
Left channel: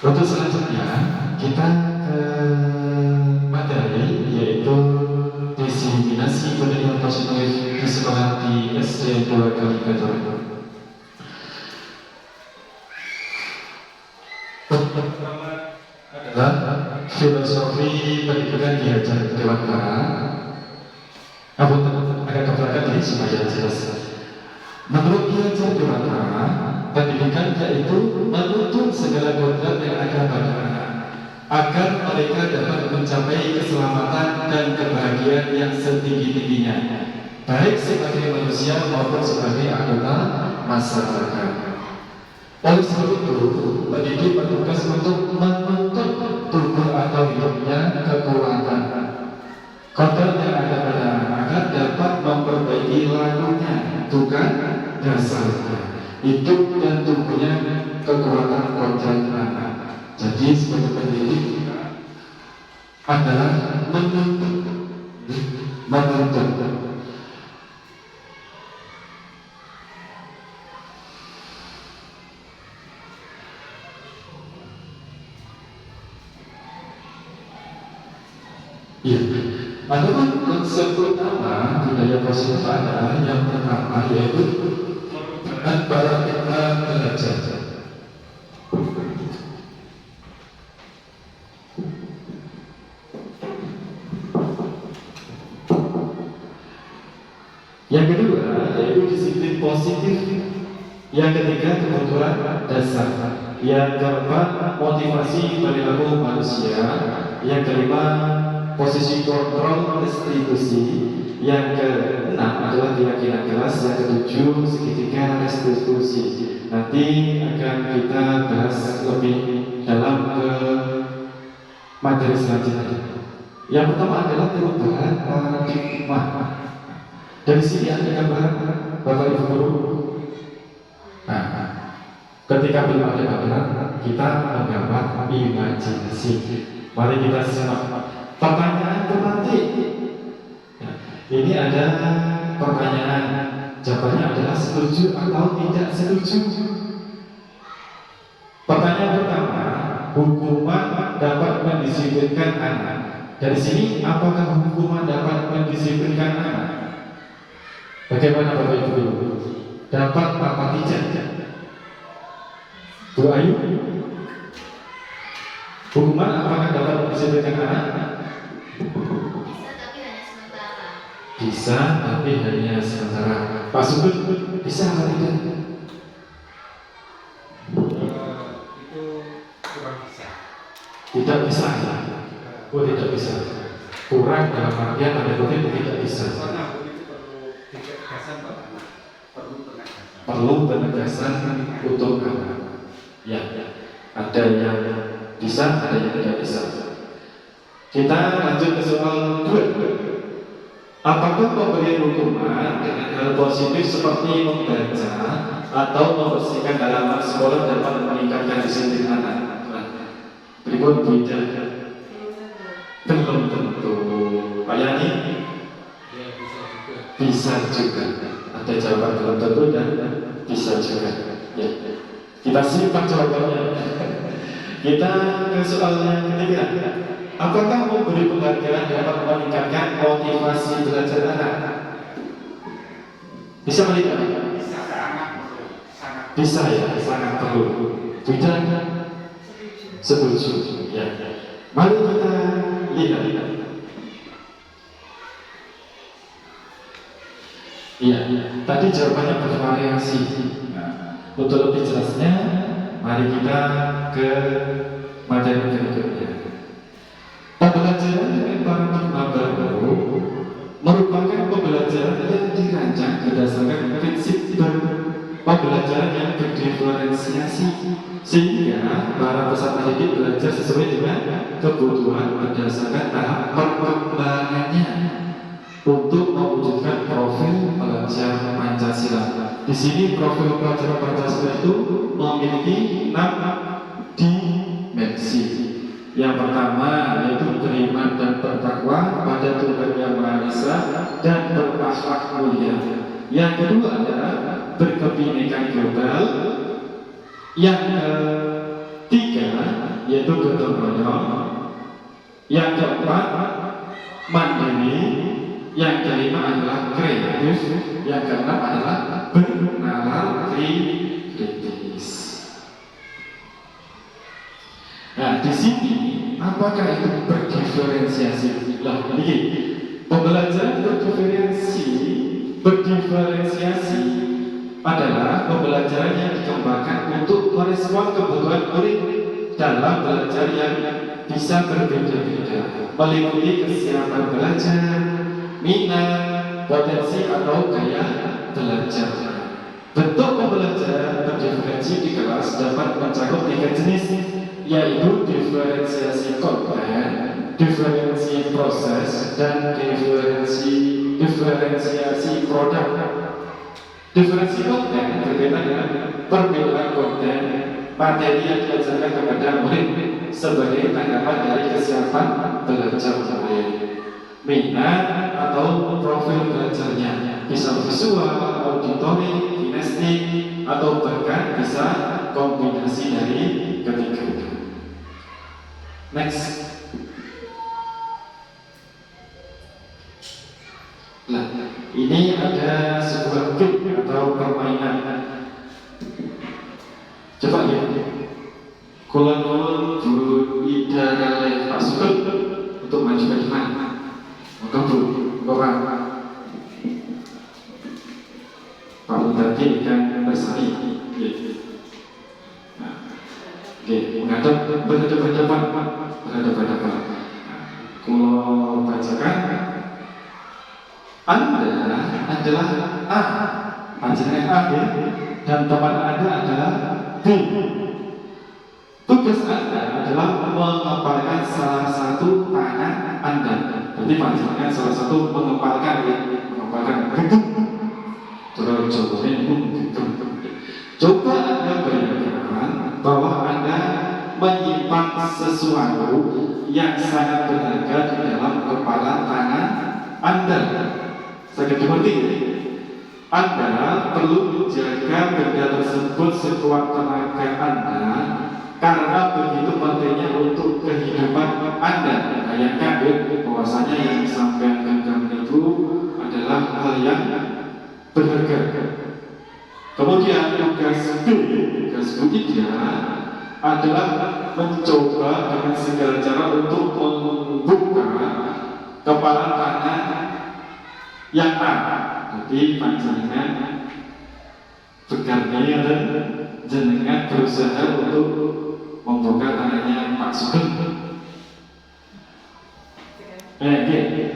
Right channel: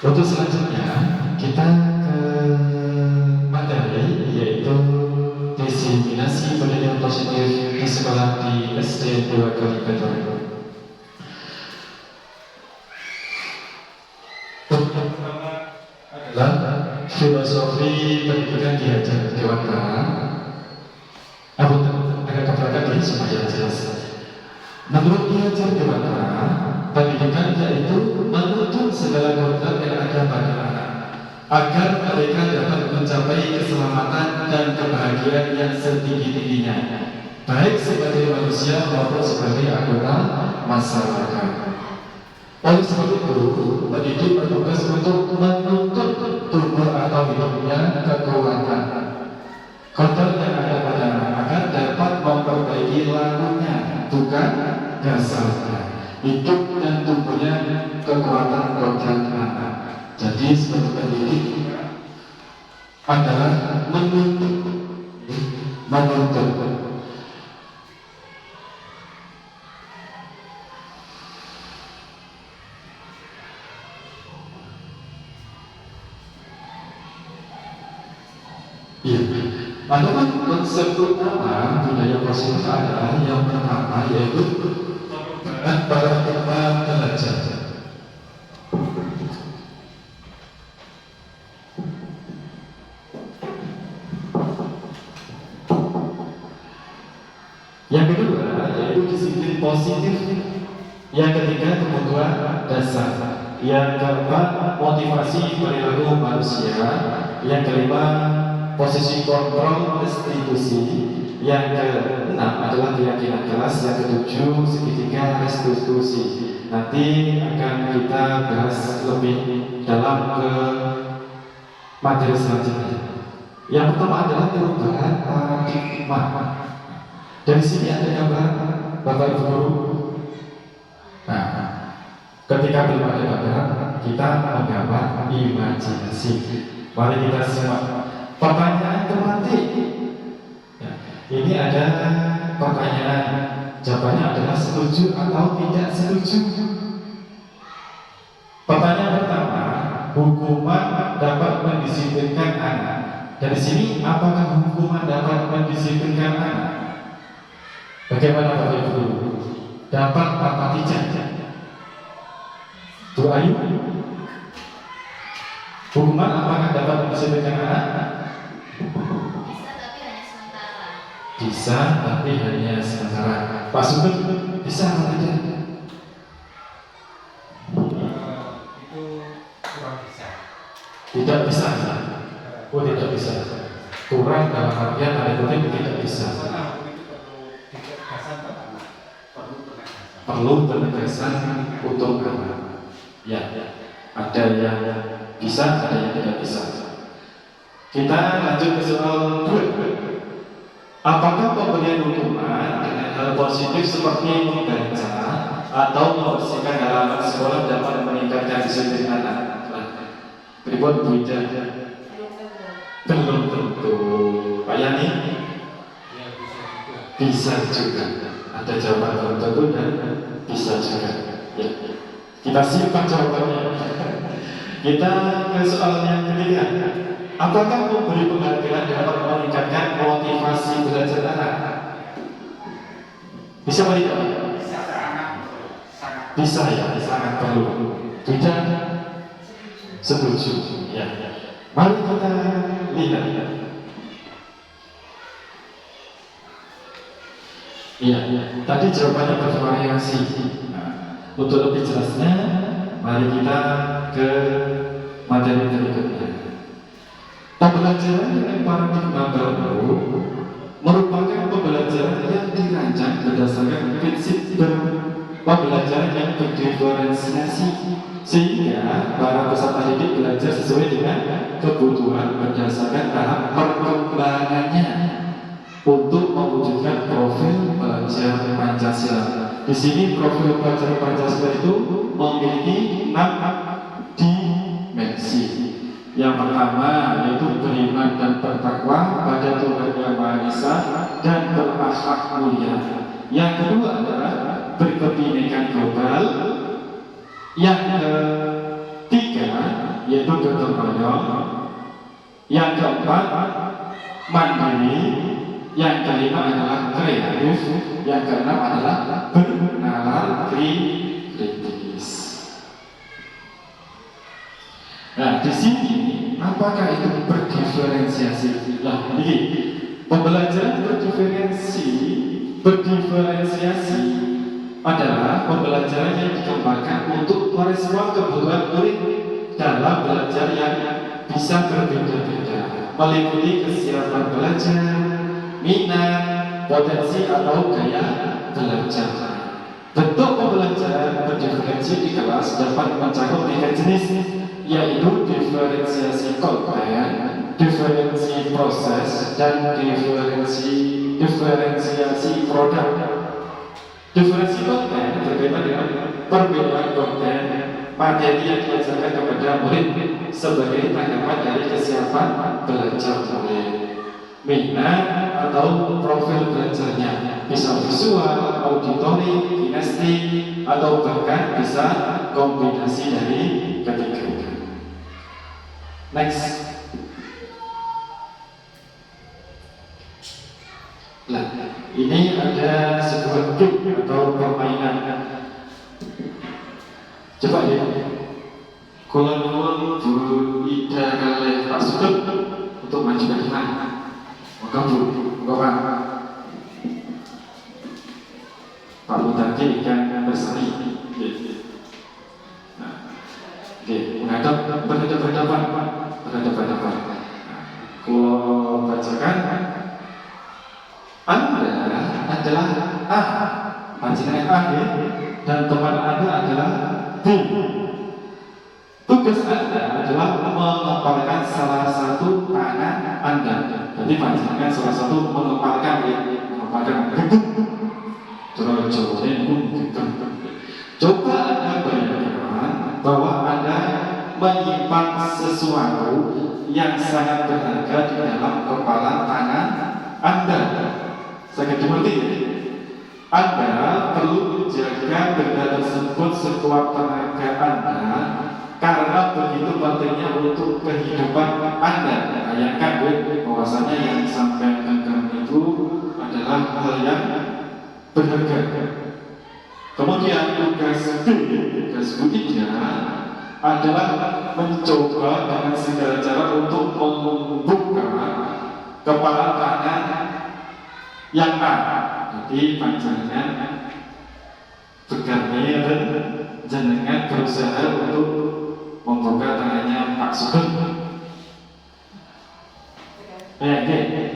Untuk selanjutnya kita ke materi, yaitu diseminasi budaya positif di sekolah di SD 2 Kalibatur. Pertama adalah filosofi pendidikan diajar Dewan Para. Agak ke belakang ini supaya jelas. Menurut diajar Dewan Para, pendidikan yaitu menuntut segala kodrat yang akan pada agar mereka dapat mencapai keselamatan dan kebahagiaan yang setinggi-tingginya, baik sebagai manusia maupun sebagai anggota masyarakat. Oleh sebab itu, pendidik bertugas untuk menuntut tubuh atau hidupnya kekuatan kodrat yang ada pada agar dapat memperbaiki lakunya, bukan dasarnya. Hidup dan tubuhnya kekuatan kodrat anak. Jadi sebagai pendidik adalah menuntut. Iya. Lalu konsep utama budaya positif adalah yang pertama, yaitu paradigma belajar. Yang kedua yaitu disiplin positif. Yang ketiga kebutuhan dasar. Yang keempat motivasi perilaku manusia. Yang kelima posisi kontrol restitusi. Yang keenam adalah keyakinan keras. Yang ketujuh segitiga restitusi. Nanti akan kita bahas lebih dalam ke materi selanjutnya. Yang pertama adalah perubahan paradigma. Dari sini ada gambar Bapak Ibu Guru. Nah, ketika belum ada gambar, kita menggambar imajinasi. Mari kita simak pertanyaan tematik. Ini ada pertanyaan, jawabannya adalah setuju atau tidak setuju. Pertanyaan pertama, hukuman dapat mendisiplinkan anak. Dari sini, apakah hukuman dapat mendisiplinkan anak? Bagaimana Bapak Ibu? Dapat apa tidak? Bu Ayu, hukuman apakah dapat mendisiplinkan anak? Bisa, tapi hanya sementara. Pak Sugeng, bisa atau tidak? Itu kurang bisa. Tidak bisa. Oh, tidak bisa. Kurang dalam artian ada kutip tidak bisa. Perlu penegasan untuk anak. Ya, ada yang bisa, ada yang tidak bisa. Kita lanjut ke soal 2. Apakah pemberian hukuman dengan hal positif seperti membaca atau membersihkan halaman sekolah dapat meningkatkan disiplin anak? Berikut beda. Belum tentu. Pak Yani? Bisa juga. Ada jawaban belum tentu dan bisa juga. Ya. Kita simpan jawabannya. Kita ke soal yang ketiga. Apakah memberi penghargaan dapat meningkatkan motivasi belajar anak? Bisa melihat? Bisa ya, sangat perlu. Tidak? Setuju. Ya. Mari kita lihat. Iya, tadi jawabannya bervariasi. Nah, untuk lebih jelasnya, mari kita ke materi berikutnya. Pembelajaran dengan paradigma baru merupakan pembelajaran yang dirancang berdasarkan prinsip pembelajaran yang berdiferensiasi, sehingga para peserta didik belajar sesuai dengan kebutuhan berdasarkan tahap perkembangannya untuk mewujudkan profil pelajar Pancasila. Di sini profil pelajar Pancasila itu memiliki 6 dimensi. Yang pertama yaitu beriman dan bertakwa pada Tuhan Yang Maha Esa dan berakhlak mulia. Yang kedua adalah berkebinekaan global. Yang ketiga yaitu gotong royong. Yang keempat mandiri. Yang kelima adalah kreatif. Yang keenam adalah bernalar kritis. Nah, di sini apakah itu berdiferensiasi? Nah, ini pembelajaran berdiferensiasi adalah pembelajaran yang dikembangkan untuk merespon kebutuhan murid dalam belajar yang bisa berbeda-beda, meliputi kesiapan belajar, minat, potensi atau gaya belajar. Bentuk pembelajaran berdiferensi di kelas dapat mencakup 3 jenis, yaitu diferensiasi konten, diferensi proses, dan diferensiasi produk. Diferensi konten berkaitan dengan perbedaan konten materi yang diajarkan kepada murid sebagai tanggapan dari kesiapan belajar murid. Minat atau profil belajarnya bisa visual, auditory, kinestik, atau bahkan bisa kombinasi dari ketiga. Next. Nah, ini ada sebuah game atau permainan. Coba lihat. Kulon-kulon Bu Ida kali Pak Sugeng untuk maju ke depan. Maka Bu, Bapak. sebagai ikan bersari. Nah, oke, berhadapan. Kalau bacakan, Anda adalah A, panjenengan A, dan teman Anda adalah B. Tugas Anda adalah mengepalkan salah satu tangan Anda. Jadi panjenengan salah satu mengepalkan gegem. Coba Anda bayangkan bahwa Anda menyimpan sesuatu yang sangat berharga di dalam kepalan tangan Anda. Sangat dimengerti. Anda perlu menjaga benda tersebut sekuat tenaga Anda karena begitu pentingnya untuk kehidupan Anda. Bayangkan bahwasanya yang sampai genggam itu adalah hal yang berharga. Kemudian tugas ketiga adalah mencoba dengan segala cara untuk membuka kepala tangan yang A. Jadi panjenengan bergarnia dan jenengan berusaha untuk membuka tangannya Pak Sugeng.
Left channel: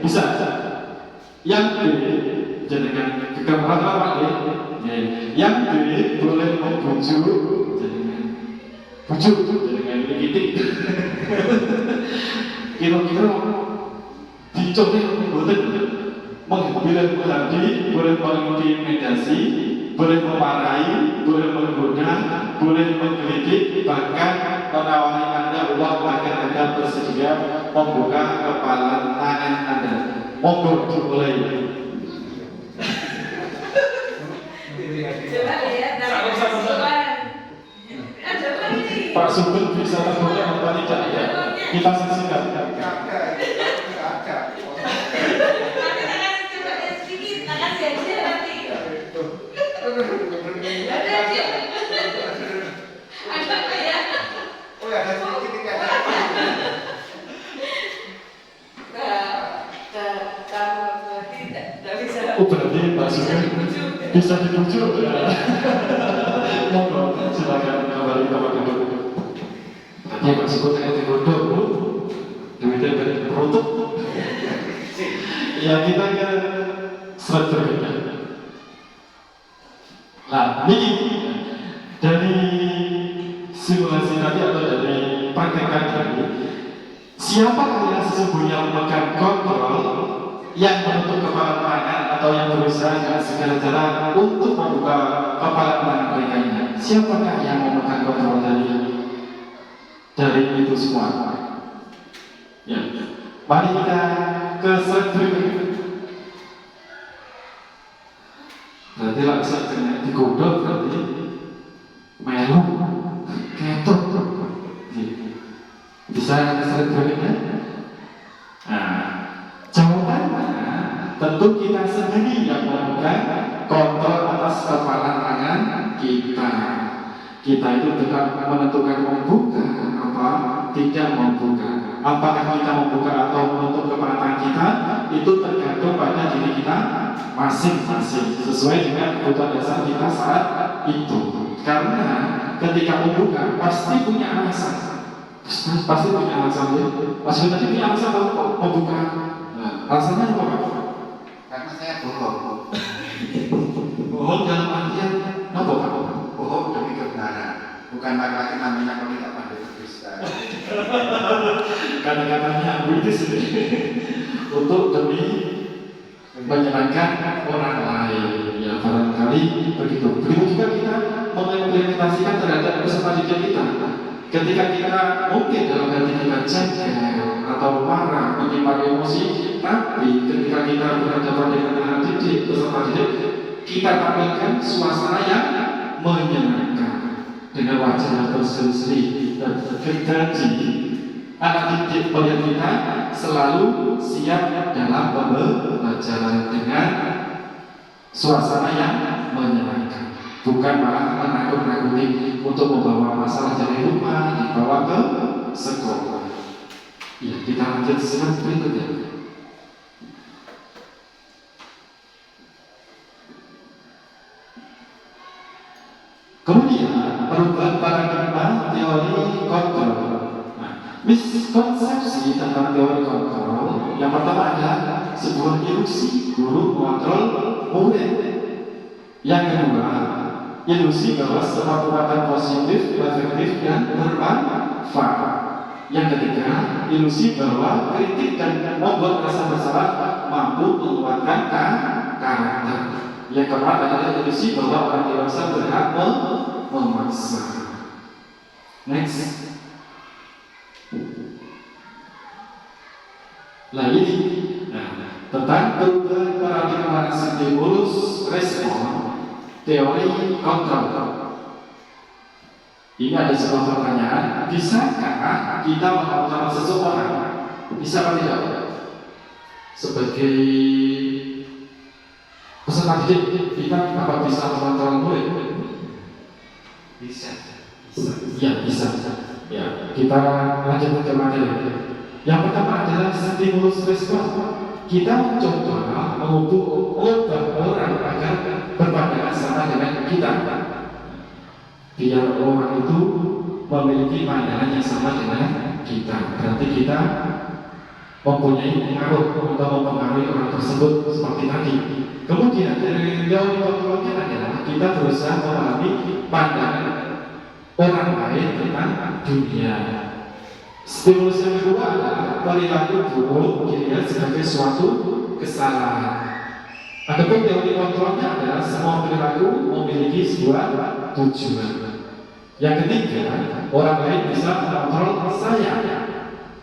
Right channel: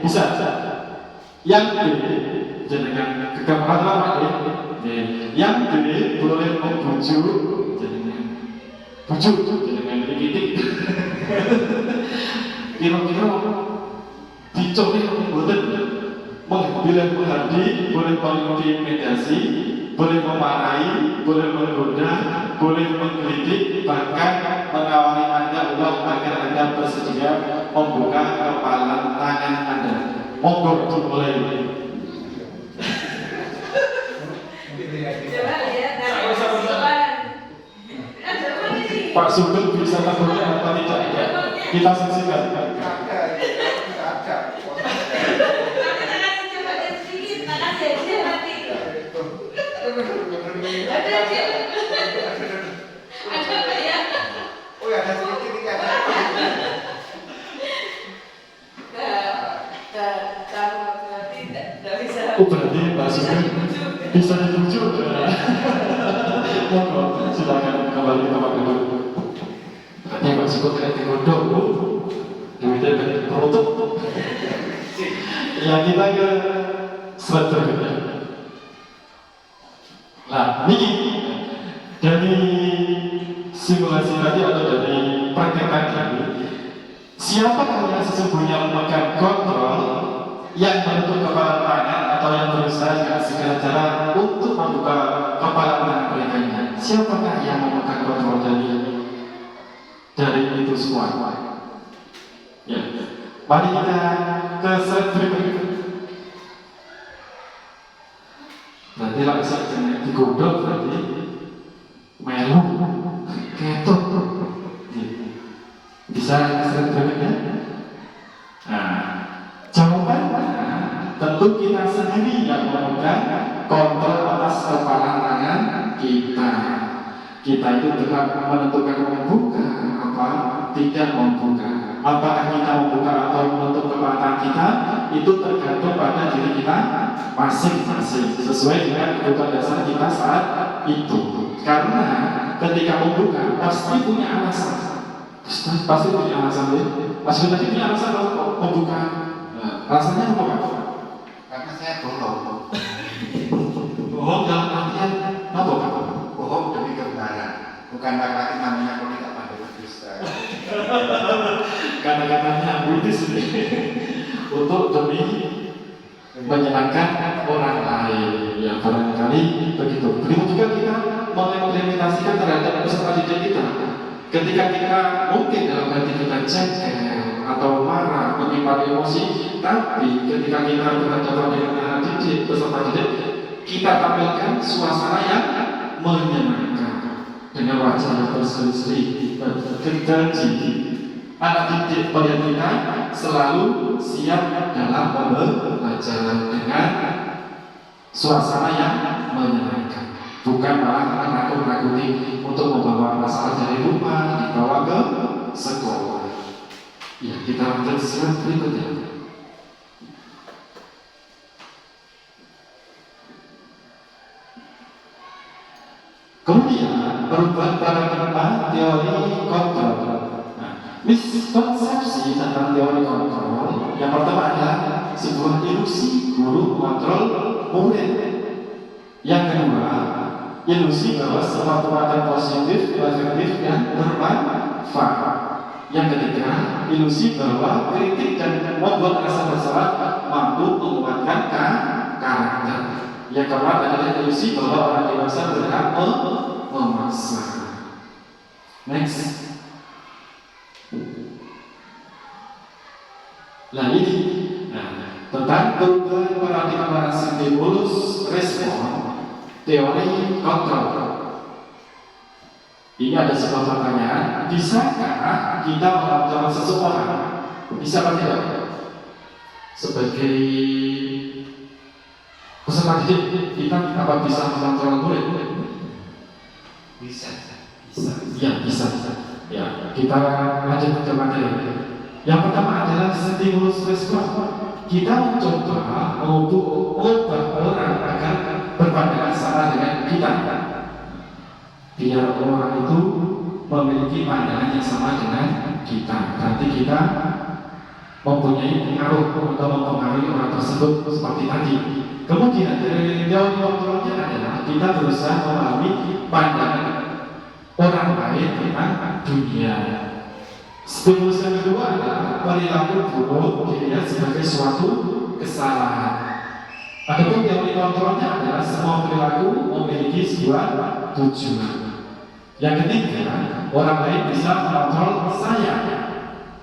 Bisa. Yang B, jenengan kegamparan Pak ya. Yang B boleh membujuk jenengan. Bujuk jenengan dikitik. Kira-kira dicoba boleh menghadi, boleh mengintimidasi, boleh memarahi, boleh menggoda, boleh menggelitik, bahkan menawari Anda uang agar Anda bersedia membuka kepala tangan Anda. Monggo dimulai. Pak Sugeng bisa terboleh atau tidak ya? Kita saksikan. Oh berarti Pak Sugeng bisa dibujuk ya? Monggo silakan kembali ke Pak Gedung. Katanya Pak Sugeng kayak digodok, duitnya kan perutuk. Ya kita ke slide berikutnya. Nah, ini dari simulasi tadi atau dari praktek tadi, siapakah yang sesungguhnya memegang kontrol yang menutup kepala tangan atau yang berusaha dengan segala cara untuk membuka kepala tangan mereka ini? Siapakah yang memegang kontrol dari itu semua? Ya, mari kita ke slide berikutnya. Berarti langsung digodok berarti melu ketok. Bisa slide berikutnya? Nah, jawabannya tentu kita sendiri yang memegang kontrol atas kepala tangan kita. Kita itu tetap menentukan membuka apa tidak membuka. Apakah kita membuka atau menutup kepala tangan kita itu tergantung pada diri kita masing-masing sesuai dengan kebutuhan dasar kita saat itu. Karena ketika membuka pasti punya alasan. Pasti punya alasan. Mas tadi punya alasan kalau membuka. Alasannya apa Pak? Karena saya bohong. Bohong dalam artian apa Pak? Bohong demi kebenaran. Bukan laki-laki namanya kalau tidak pandai berdusta. Kata-katanya ambiguous untuk demi menyenangkan orang lain. Ya barangkali begitu. Begitu juga kita mengimplementasikan terhadap peserta didik kita. Ketika kita mungkin dalam hati kita jengkel atau marah, menyimpan emosi, tapi ketika kita berhadapan dengan anak didik, peserta didik, kita tampilkan suasana yang menyenangkan dengan wajah yang berseri-seri dan terganji. Anak didik melihat kita selalu siap dalam pembelajaran dengan suasana yang menyenangkan, bukan malah menakut-nakuti untuk membawa masalah dari rumah dibawa ke sekolah. Ya, kita lanjut slide berikutnya. Kemudian perubahan paradigma teori kontrol. Miskonsepsi tentang teori kontrol yang pertama adalah sebuah ilusi guru mengontrol murid. Yang kedua, ilusi bahwa semua perbuatan positif, efektif, dan bermanfaat. Yang ketiga, ilusi bahwa kritik dan membuat rasa bersalah mampu menguatkan karakter. Yang keempat adalah ilusi bahwa orang dewasa berhak memaksa. Next. Lagi, tentang perubahan paradigma stimulus respon teori kontrol. Ini ada sebuah pertanyaan, bisakah kita mengontrol seseorang? Bisa atau tidak? Sebagai peserta didik, kita apa bisa mengontrol murid? Bisa. Ya, bisa. Ya, kita lanjut ke materi. Yang pertama adalah stimulus respon. Kita mencoba mengubah orang agar berpandangan sama dengan kita, biar orang itu memiliki pandangan yang sama dengan kita. Berarti kita mempunyai pengaruh atau mempengaruhi orang tersebut seperti tadi. Kemudian dari teori kontrolnya adalah kita berusaha memahami pandangan orang lain tentang dunia. Stimulus yang kedua adalah perilaku buruk dilihat sebagai suatu kesalahan. Adapun teori kontrolnya adalah semua perilaku memiliki sebuah tujuan. Yang ketiga, orang lain bisa mengontrol saya.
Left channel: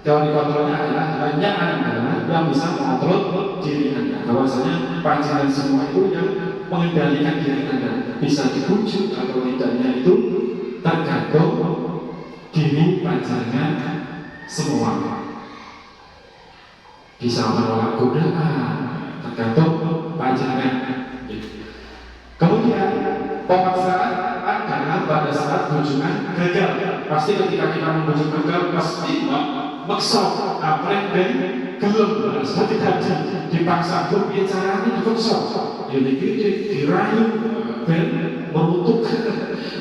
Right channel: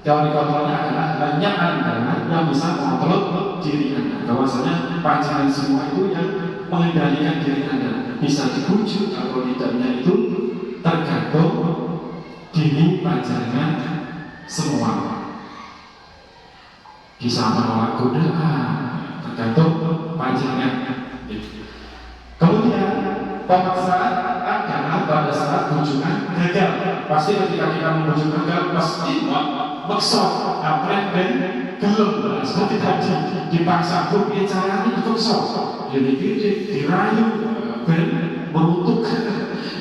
Teori kontrolnya adalah hanya Anda yang bisa mengontrol diri Anda. Bahwasanya pancingan semua itu yang mengendalikan diri Anda. Bisa dibujuk atau tidaknya itu tergantung diri pancingan semua. Bisa menolak godaan, tergantung pancingan. Kemudian pemaksaan adalah pada saat bujukan gagal. Pasti ketika kita membujuk gagal pasti maksa aprek dan gelem. Seperti tadi dipaksa tuh caranya dipaksa, dididik, dirayu, dan merutuk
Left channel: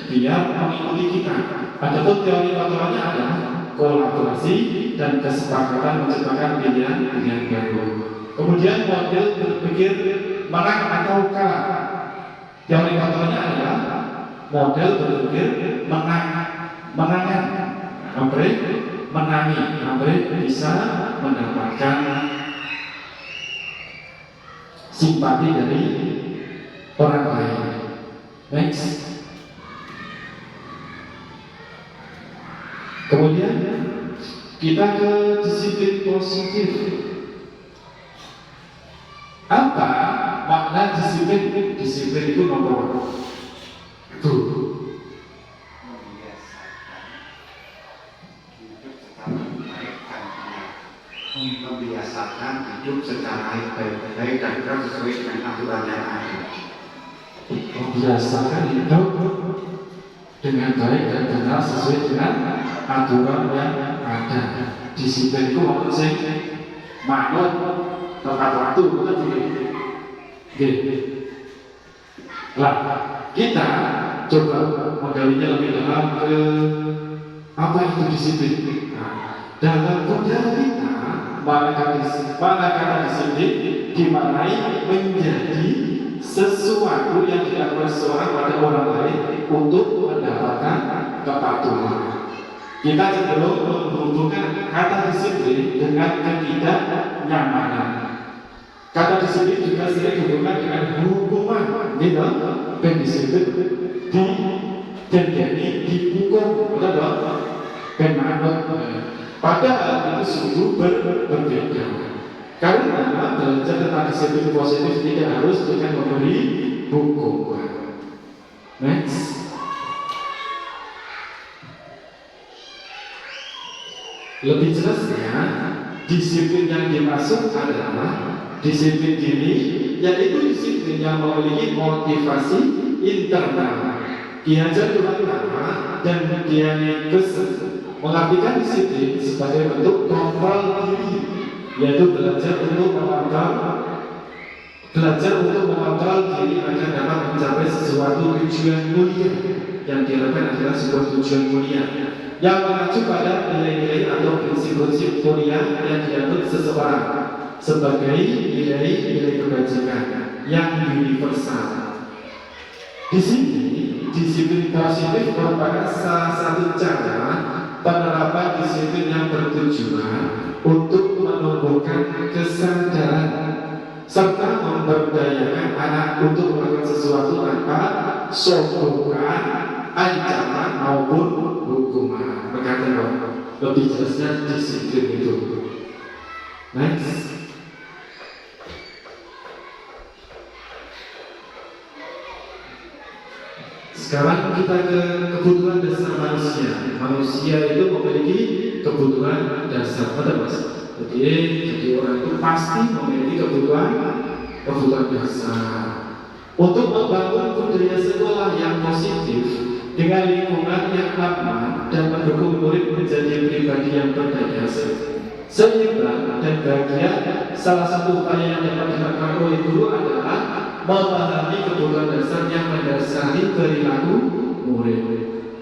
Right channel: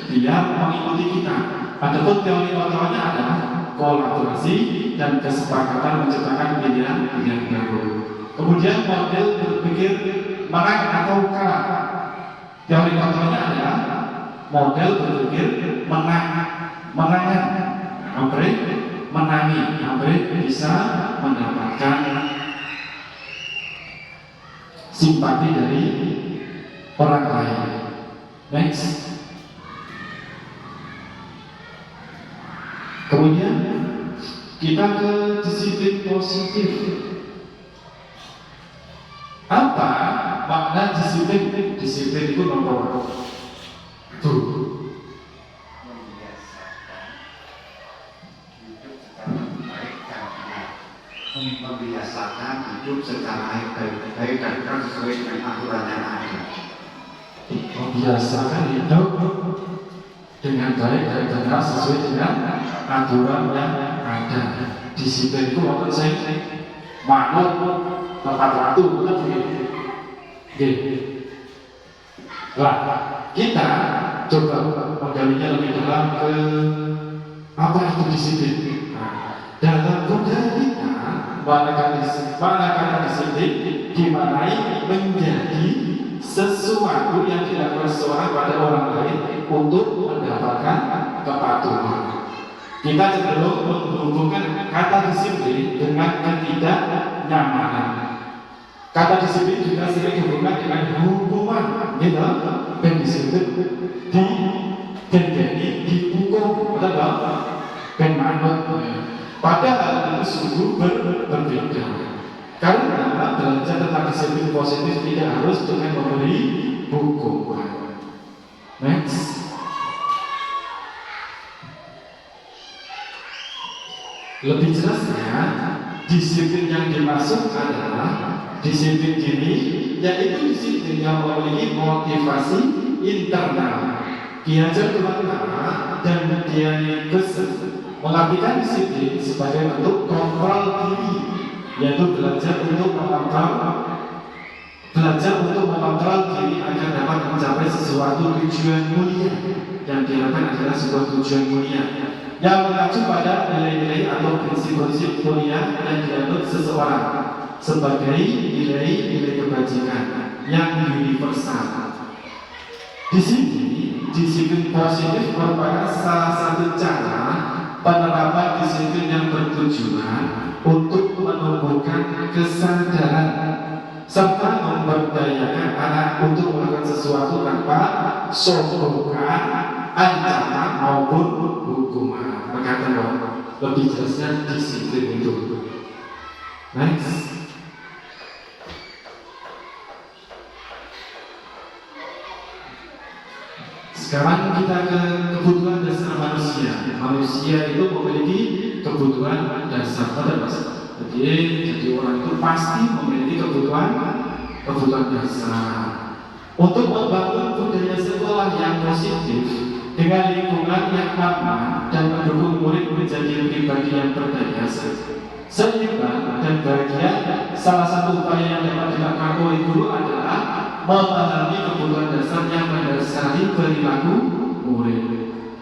biar mengikuti kita. Adapun teori kontrolnya adalah kolaborasi dan kesepakatan menciptakan pilihan baru. Kemudian model berpikir menang atau kalah. Teori kontrolnya adalah model berpikir menangan, menangi, bisa mendapatkan simpati dari orang lain. Next. Kemudian kita ke disiplin positif. Apa makna disiplin? Disiplin itu nomor 2. Membiasakan hidup secara baik dan sesuai dengan aturan yang ada. Membiasakan hidup dengan baik dan benar sesuai dengan aturan yang ada. Disiplin itu maksud saya manut tepat waktu, bukan gitu. Lah, kita coba menggalinya lebih dalam ke apa itu disiplin. Dalam budaya kita, manakala disiplin dimaknai menjadi sesuatu yang dilakukan seseorang pada orang lain untuk mendapatkan kepatuhan. Kita cenderung menghubungkan kata disiplin dengan ketidaknyamanan. Kata disiplin juga sering dihubungkan dengan hukuman, gitu. Dan disiplin jadi dihukum, betul dong? Dan manut. Padahal itu sungguh berbeda. Karena belajar tentang disiplin positif tidak harus dengan memberi hukuman. Next. Lebih jelasnya, disiplin yang dimaksud adalah disiplin diri, yaitu disiplin yang memiliki motivasi internal. Ki Hajar Dewantara dan Diani Kesen mengabdikan disiplin sebagai bentuk kontrol diri, yaitu belajar untuk mengontrol diri agar dapat mencapai sesuatu tujuan mulia yang adalah sebuah tujuan mulia yang mengacu pada nilai-nilai atau prinsip-prinsip mulia yang dianut seseorang sebagai nilai-nilai kebajikan yang universal. Di sini, disiplin positif merupakan salah satu cara penerapan disiplin yang bertujuan untuk menumbuhkan kesadaran serta memberdayakan anak untuk melakukan sesuatu tanpa sokongan, ancaman maupun hukuman. Berkata lebih jelasnya disiplin itu. Next. Sekarang kita ke kebutuhan dasar manusia. Manusia itu memiliki kebutuhan dasar, Mas. Jadi orang itu pasti memiliki kebutuhan dasar. Untuk membangun budaya sekolah yang positif dengan lingkungan yang aman dan mendukung murid menjadi pribadi yang berdaya, seimbang dan bahagia, salah satu upaya yang dapat dilakukan oleh guru adalah memahami kebutuhan dasar yang mendasari perilaku murid.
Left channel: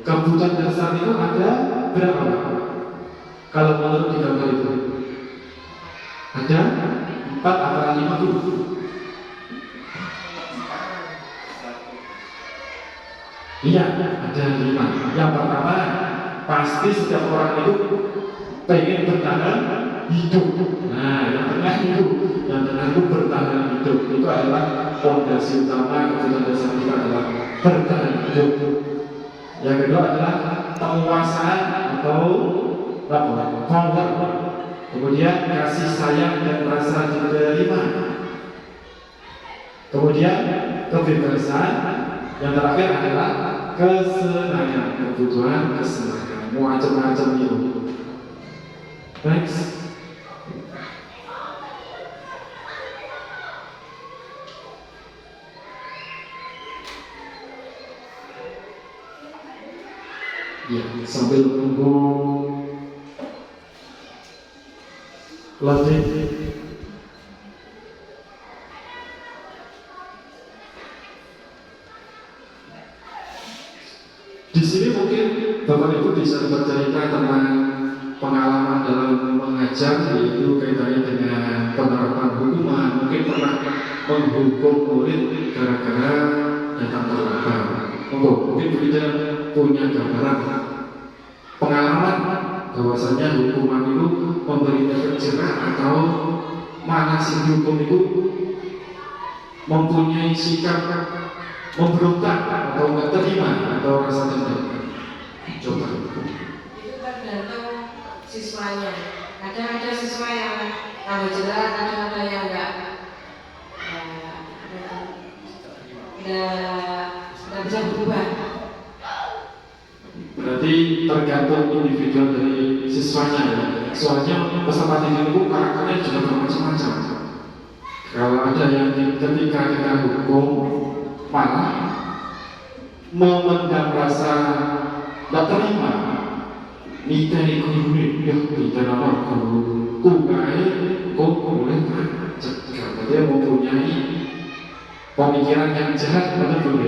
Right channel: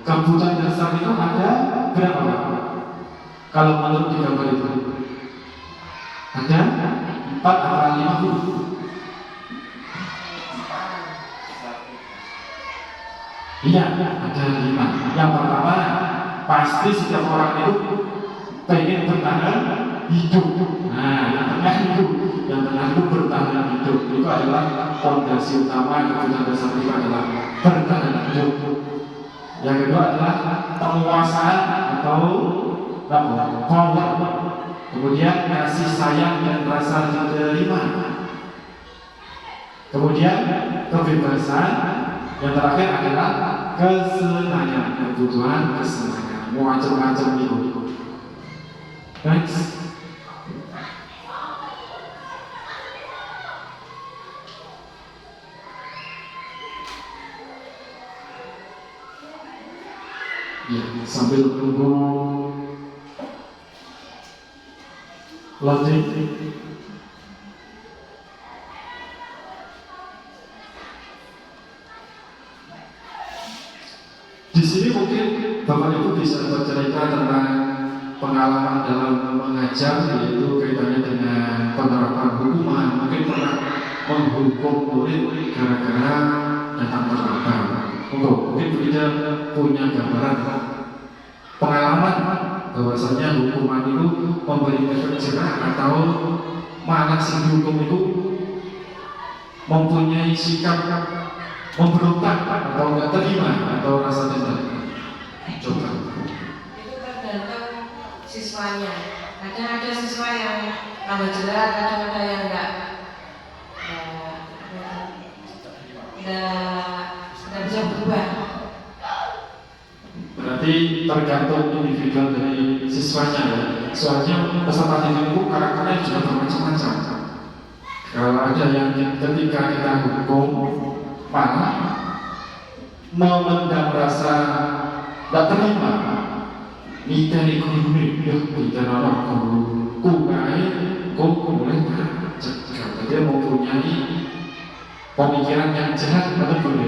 Kebutuhan dasar itu ada berapa? Kalau menurut di gambar itu ada 4 atau 5 guru. Iya, ada 5. Yang pertama, pasti setiap orang itu pengen bertahan hidup. Nah, yang tengah itu bertahan hidup. Itu adalah fondasi utama kebutuhan dasar kita adalah bertahan hidup. Yang kedua adalah penguasaan atau power. Kemudian kasih sayang dan rasa diterima. Kemudian kebebasan. Yang terakhir adalah kesenangan, kebutuhan kesenangan, macam-macam itu. Next. Ya, sambil menunggu loading. Di sini mungkin Bapak Ibu bisa bercerita tentang pengalaman dalam mengajar, yaitu kaitannya dengan penerapan hukuman. Mungkin pernah menghukum murid gara-gara datang terlambat. Mungkin kita punya gambaran pengalaman bahwasanya hukuman itu memberi efek jerah atau mana si hukum itu mempunyai sikap memberontak atau nggak terima atau rasa dendam. Coba. Itu tergantung siswanya. Kadang ada siswa yang tambah jerah, kadang ada yang nggak bisa berubah. Berarti tergantung individual dari siswanya ya. Soalnya peserta didik itu karakternya juga bermacam-macam. Kalau ada yang ketika kita hukum malah memendam rasa tidak terima, niteni guru ya kita nama guru kukai boleh cegah. Dia mempunyai pemikiran yang jahat, betul.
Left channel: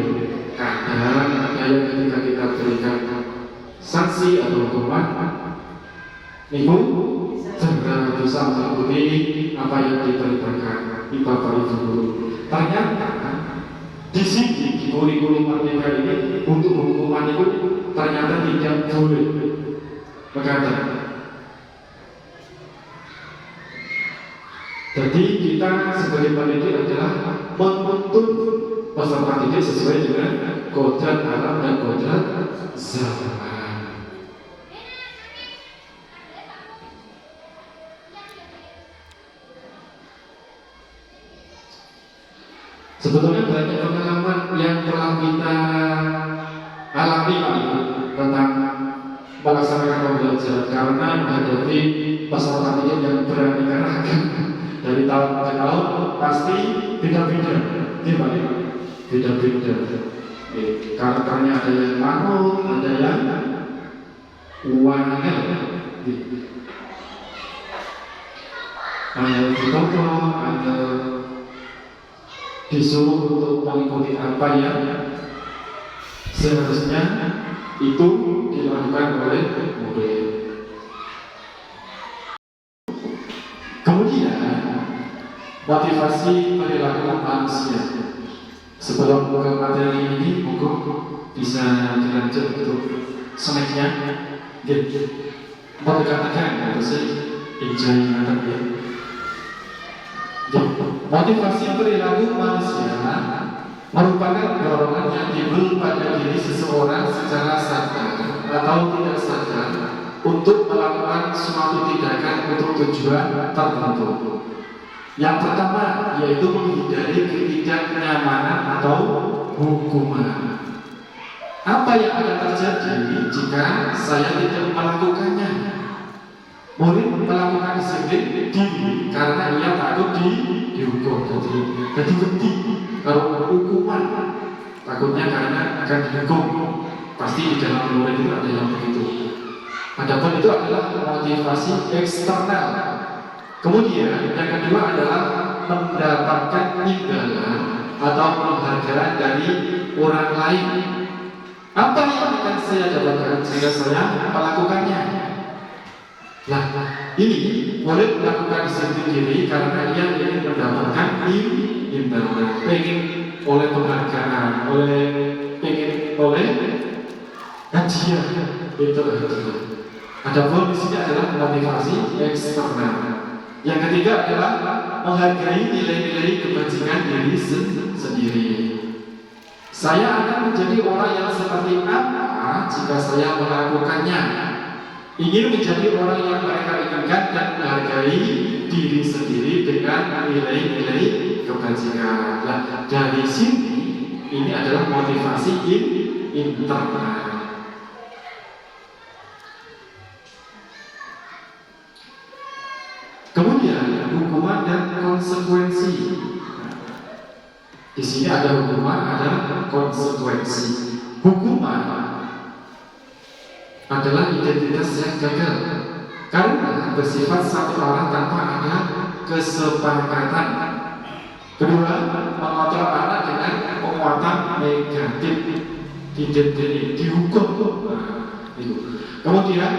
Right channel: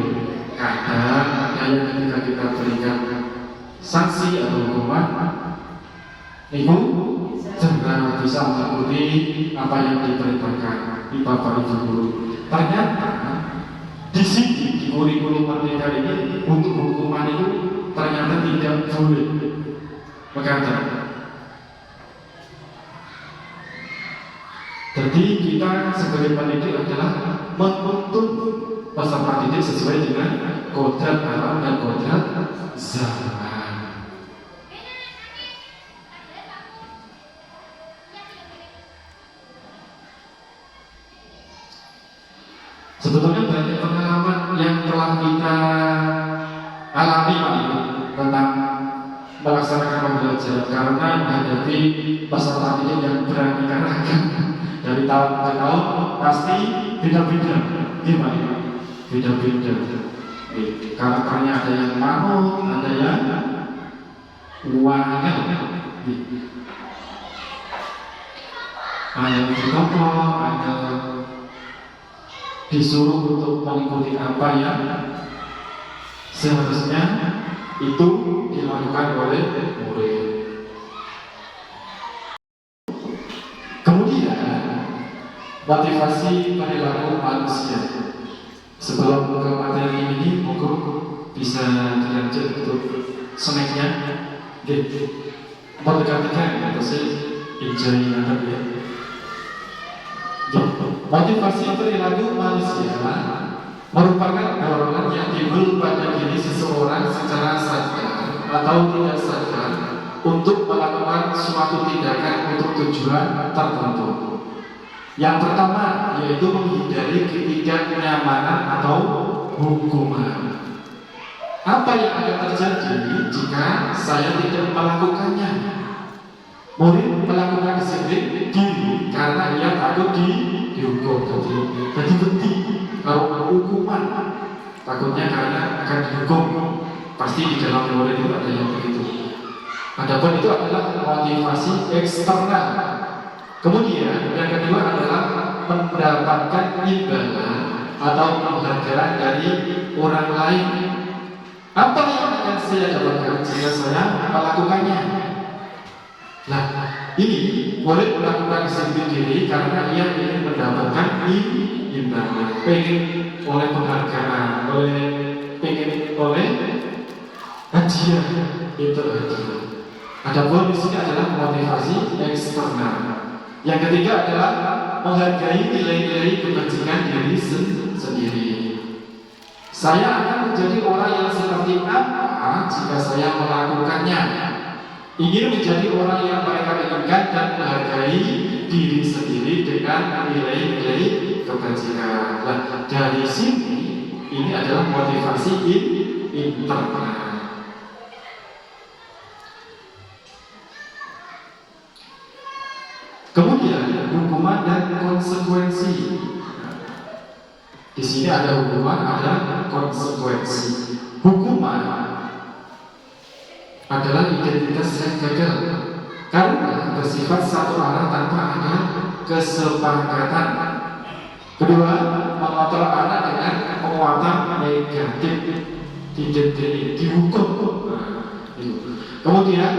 Kadang ada yang ketika kita berikan sanksi atau hukuman itu segera bisa mengikuti apa yang diperintahkan di Bapak Ibu guru. Ternyata di sini di kurikulum Merdeka ini untuk hukuman itu ternyata tidak boleh begadang. Jadi kita sebagai pendidik adalah menuntut peserta didik sesuai dengan kodrat alam dan kodrat zaman. Sebetulnya banyak pengalaman yang telah kita alami Pak Ibu tentang melaksanakan pembelajaran karena menghadapi peserta didik yang beraneka-ragam dari tahun ke tahun pasti beda-beda, gimana? Beda-beda. Karakternya ada yang manut, ada yang wangel, ada ditompok, ada disuruh untuk mengikuti apa yang seharusnya itu dilakukan oleh murid. Kemudian motivasi perilaku manusia. Sebelum ke materi ini, monggo bisa dilanjut untuk snacknya. Mau dikatakan apa sih enjoy materi? Motivasi perilaku manusia merupakan dorongan yang timbul pada diri seseorang secara sadar atau tidak sadar untuk melakukan suatu tindakan untuk tujuan tertentu. Yang pertama yaitu menghindari ketidaknyamanan atau hukuman. Apa yang akan terjadi jika saya tidak melakukannya? Murid melakukan disiplin diri karena ia takut dihukum. Jadi berhenti kalau hukuman, takutnya karena akan dihukum. Pasti di dalam murid itu ada yang begitu. Adapun itu adalah motivasi eksternal. Kemudian yang kedua adalah mendapatkan imbalan atau penghargaan dari orang lain. Apa yang akan saya dapatkan jika saya melakukannya? Nah, ini murid melakukan disiplin diri karena ia ingin mendapatkan imbalan, pengen oleh penghargaan, pengen oleh hadiah, itu hadiah. Adapun di sini adalah motivasi eksternal. Yang ketiga adalah menghargai nilai-nilai kebajikan diri sendiri. Saya akan menjadi orang yang seperti apa jika saya melakukannya? Ingin menjadi orang yang mereka inginkan dan menghargai diri sendiri dengan nilai-nilai kebajikan. Nah, dari sini ini adalah motivasi internal. Kemudian hukuman dan konsekuensi. Di sini ada hukuman, ada konsekuensi. Hukuman adalah identitas yang gagal karena bersifat satu arah tanpa ada kesepakatan. Kedua, mengatur anak dengan penguatan negatif, dihukum. Kemudian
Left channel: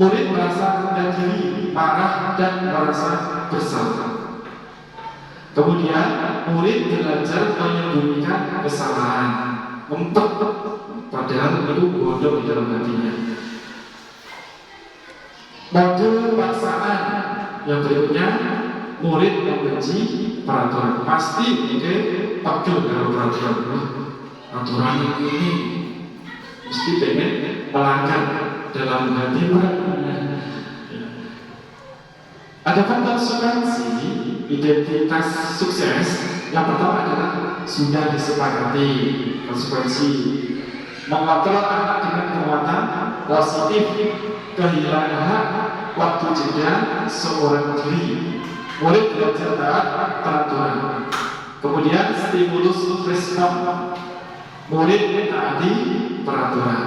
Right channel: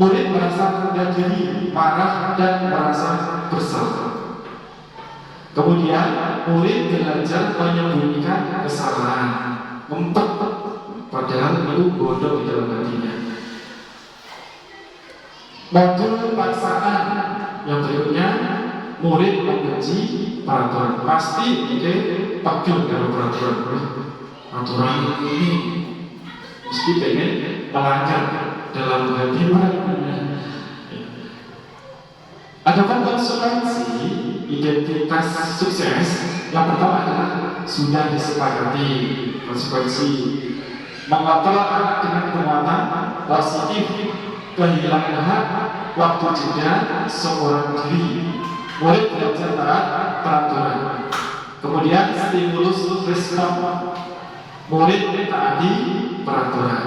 murid merasa rendah diri, marah dan merasa bersalah. Kemudian murid belajar menyembunyikan kesalahan, ngumpet padahal itu bodoh di dalam hatinya. Modul paksaan yang berikutnya, murid membenci peraturan. Pasti pegel kalau peraturan. Aturan ini mesti pengen melanggar dalam hati mereka. Adapun konsekuensi identitas sukses, yang pertama adalah sudah disepakati konsekuensi mengontrol anak dengan penguatan positif, kehilangan hak, waktu jeda seorang diri, murid belajar taat peraturan. Kemudian stimulus respon, murid mentaati peraturan.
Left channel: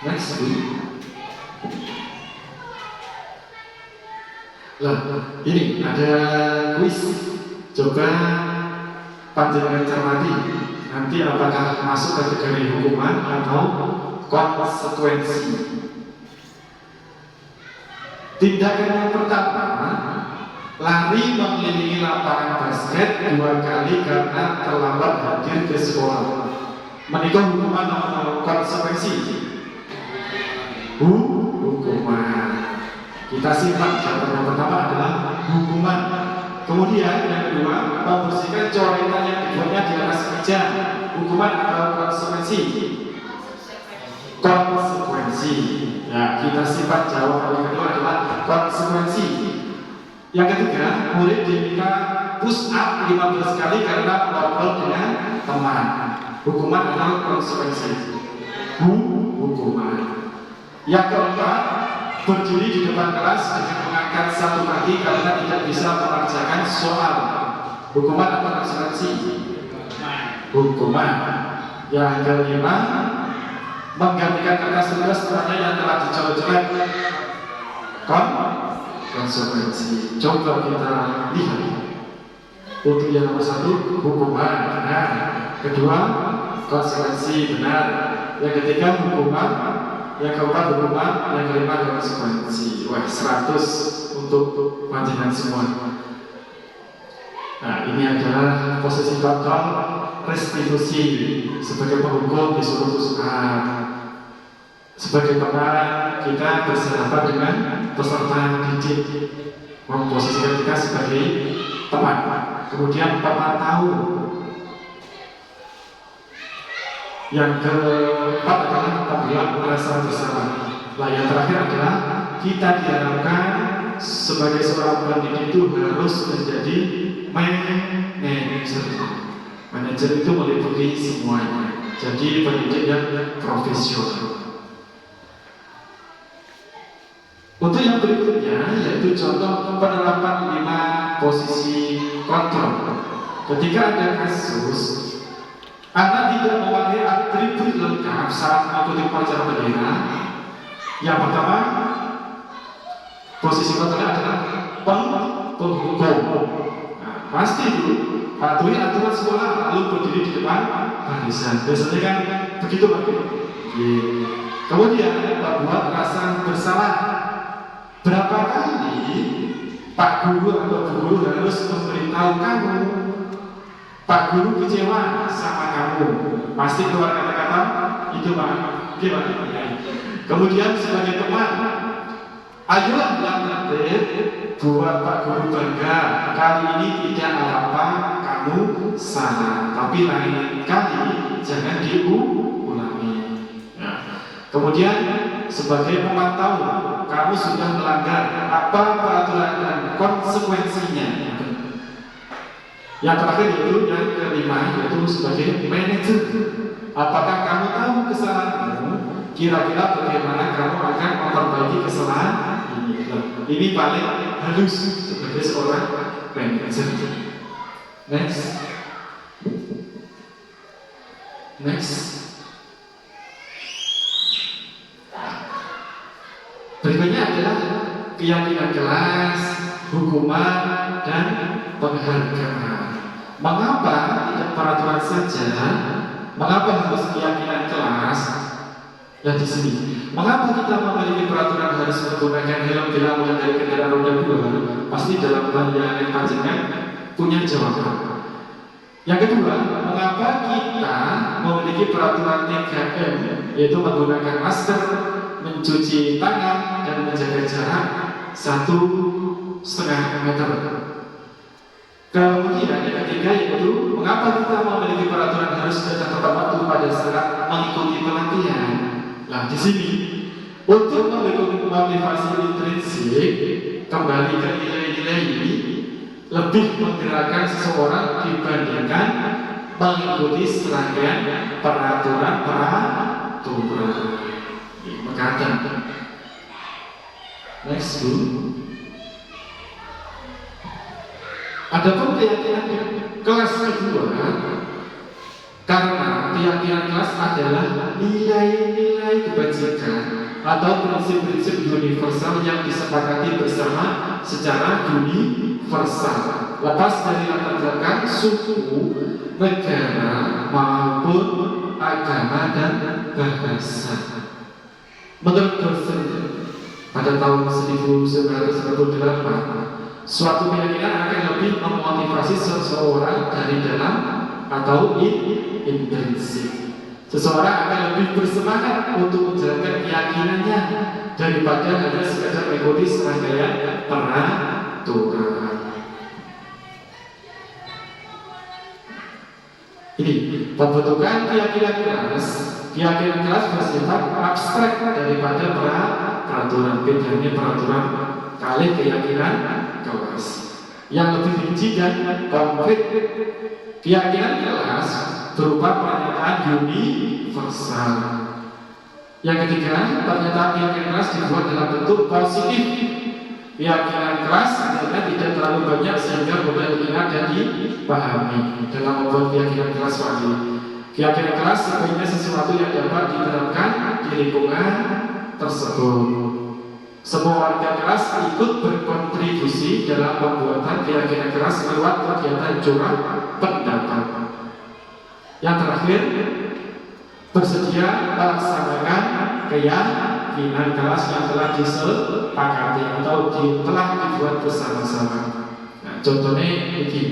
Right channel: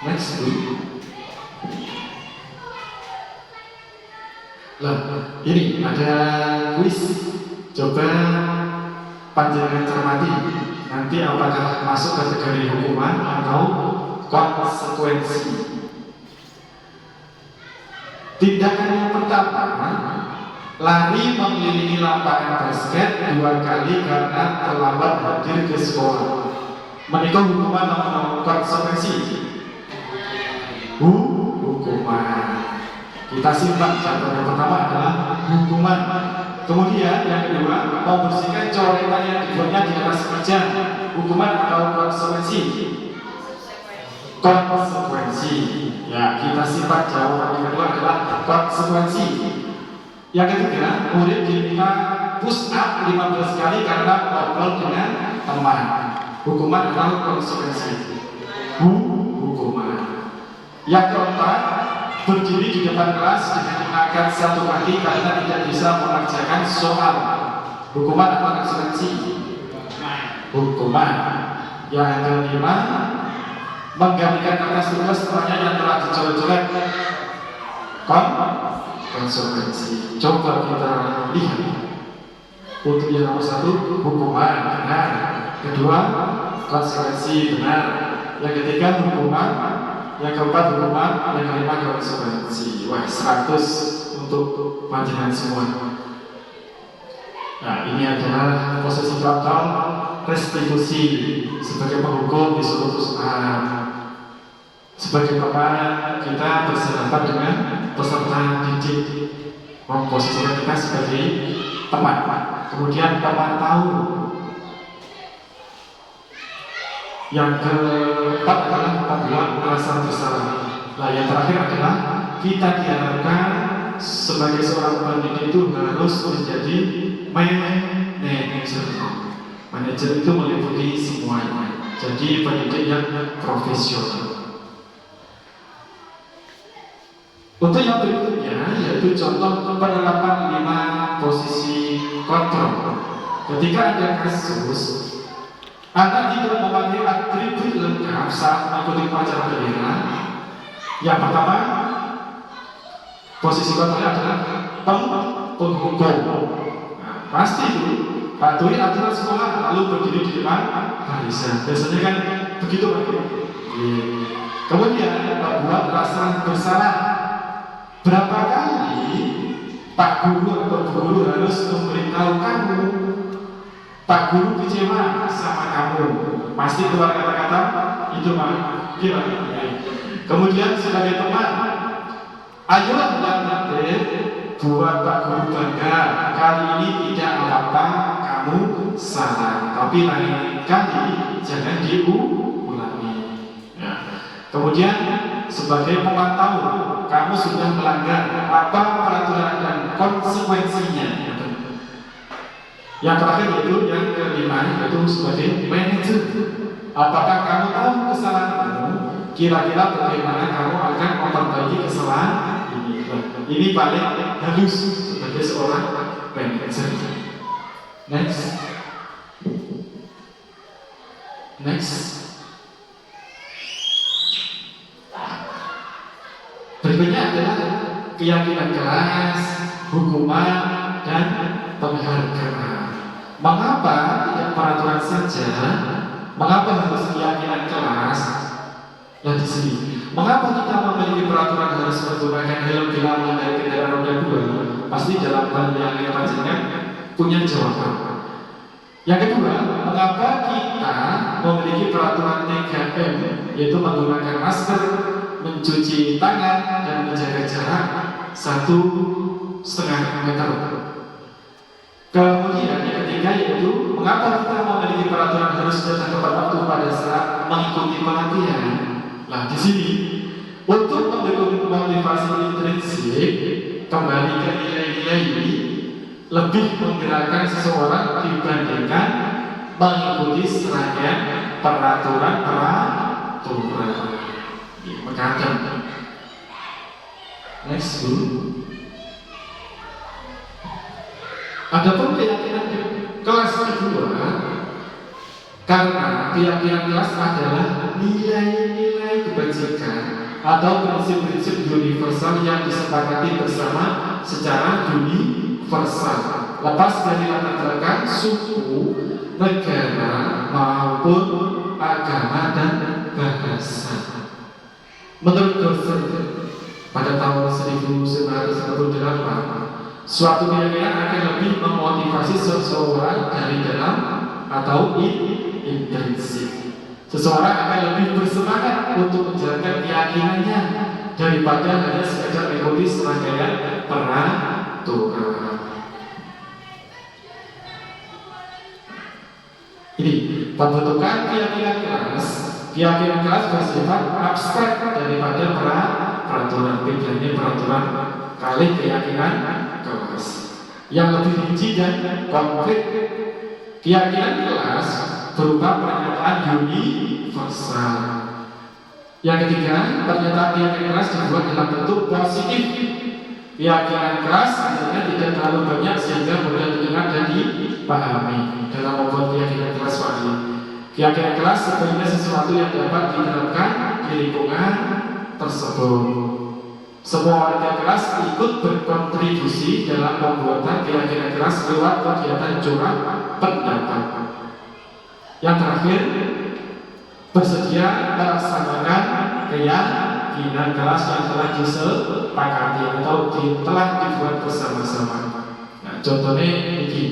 Next week. Lah, ini ada kuis. Coba panjenengan cermati. Nanti apakah masuk kategori hukuman atau konsekuensi? Tindakan yang pertama, lari mengelilingi lapangan basket 2 kali karena terlambat hadir ke sekolah. Menikah hukuman atau konsekuensi? Hukuman. Kita simpan. Contoh yang pertama adalah hukuman. Kemudian yang kedua, membersihkan coretan yang dibuatnya di atas meja. Hukuman atau konsekuensi? Konsekuensi. Ya, kita simpan. Jawaban yang kedua adalah konsekuensi. Yang ketiga, murid diminta push up 15 kali karena ngobrol dengan teman. Hukuman adalah konsekuensi. Hukuman. Yang keempat, berdiri di depan kelas dengan mengangkat satu kaki karena tidak bisa mengerjakan soal. Hukuman atau konsekuensi? Hukuman. Yang kelima, menggantikan kertas tugas temannya yang telah dicoret-coret. Konsekuensi. Coba kita lihat. Untuk yang nomor 1, hukuman benar. Kedua, konsekuensi benar. yang ketiga hukuman, yang keempat hukuman, yang kelima konsekuensi. Wah, 100 untuk panjenengan semua. Nah, ini adalah posisi total restitusi sebagai penghukum disuruh perusahaan. Sebagai pemarah, kita bersahabat dengan peserta didik, memposisikan kita sebagai teman. Kemudian teman tahu. Yang keempat adalah pembelaan rasa bersalah. Nah, yang terakhir adalah kita diharapkan sebagai seorang pendidik itu harus menjadi manajer. Manajer itu meliputi semuanya. Jadi pendidik yang profesional. Untuk yang berikutnya yaitu contoh penerapan 5 posisi kontrol. Ketika ada kasus Anda tidak memakai atribut lengkap saat mengikuti upacara bendera. Yang pertama, posisi kontrol adalah penghukum. Nah, pasti itu patuhi aturan sekolah lalu berdiri di depan barisan. Biasanya kan begitu Pak. Kemudian membuat rasa bersalah. Berapa kali Pak Guru atau Bu Guru harus memberitahu kamu, Pak Guru kecewa sama kamu, pasti keluar kata-kata itu Pak. Gimana? Kemudian sebagai teman, ayolah nanti buat Pak Guru bangga. Kali ini tidak apa-apa, kamu salah, tapi lain kali jangan diulangi. Ya. Kemudian sebagai pemantau, kamu sudah melanggar apa peraturan dan konsekuensinya. Yang terakhir yaitu yang kelima, yaitu sebagai manajer. Apakah kamu tahu kesalahanmu? Kira-kira bagaimana kamu akan memperbaiki kesalahan ini? Ini paling halus sebagai seorang manajer. Next. Berikutnya adalah keyakinan kelas, hukuman, dan penghargaan. Mengapa tidak peraturan saja? Mengapa harus keyakinan kelas? Dan di sini, mengapa kita memiliki peraturan harus menggunakan helm bila mengendarai kendaraan roda 2? Pasti dalam pandangan panjenengan punya jawaban. Yang kedua, mengapa kita memiliki peraturan 3M, yaitu menggunakan masker, mencuci tangan, dan menjaga jarak 1,5 meter. Kemudian yang ketiga yaitu mengapa kita memiliki peraturan harus datang tepat waktu pada saat mengikuti pelatihan. Nah di sini untuk mendukung motivasi intrinsik kembali ke nilai-nilai ini lebih menggerakkan seseorang dibandingkan mengikuti serangkaian peraturan. Mengatakan next dulu. Adapun keyakinan kelas kedua, karena keyakinan kelas adalah nilai-nilai kebajikan atau prinsip-prinsip universal yang disepakati bersama secara universal, lepas dari latar belakang suku, negara maupun agama dan bahasa. Menurut Dorsey pada tahun 1998, suatu keyakinan akan lebih memotivasi seseorang dari dalam atau intrinsik. Seseorang akan lebih bersemangat untuk menjalankan keyakinannya daripada hanya sekedar mengikuti serangkaian peraturan. Ini pembentukan keyakinan kelas. Keyakinan kelas bersifat abstrak daripada peraturan. Bedanya peraturan kali keyakinan kelas yang lebih rinci dan konkret. Keyakinan kelas berupa pernyataan universal. Yang ketiga, pernyataan keyakinan kelas dibuat dalam bentuk positif. Keyakinan kelas sebenarnya tidak terlalu banyak sehingga mudah didengar dan dipahami dalam membuat keyakinan kelas wajib. Keyakinan kelas sebenarnya sesuatu yang dapat diterapkan di lingkungan tersebut. Semua warga kelas ikut berkontribusi dalam pembuatan keyakinan kelas lewat kegiatan curah pendapat. Yang terakhir, bersedia melaksanakan keyakinan kelas yang telah disepakati atau telah dibuat bersama-sama. Nah, contohnya ini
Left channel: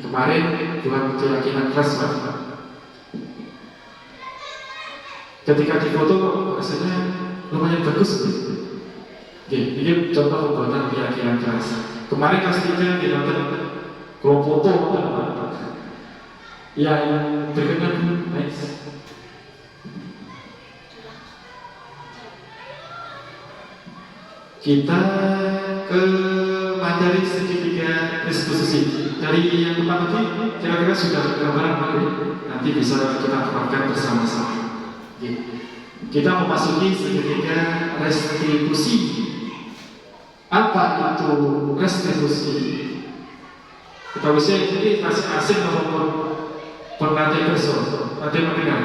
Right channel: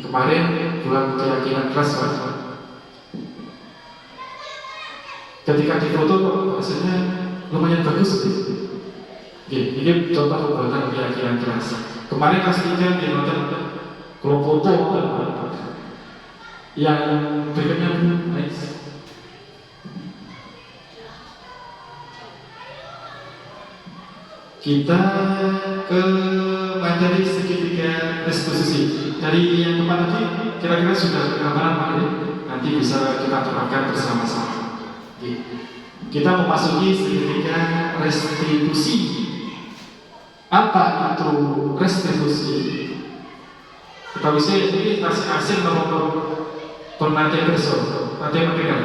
kemarin buat keyakinan kelas ketika difoto hasilnya lumayan bagus. Ini contoh pembuatan keyakinan kelas. Kemarin kelas 3 di nonton kelompok foto yang berkenan. Kita ke materi segitiga restitusi. Dari yang depan tadi kira-kira sudah gambaran nanti bisa kita terapkan bersama-sama. Kita memasuki segitiga restitusi. Apa itu restitusi? Kita bisa ini masih asing nomor penantian besok. Nanti mendengar.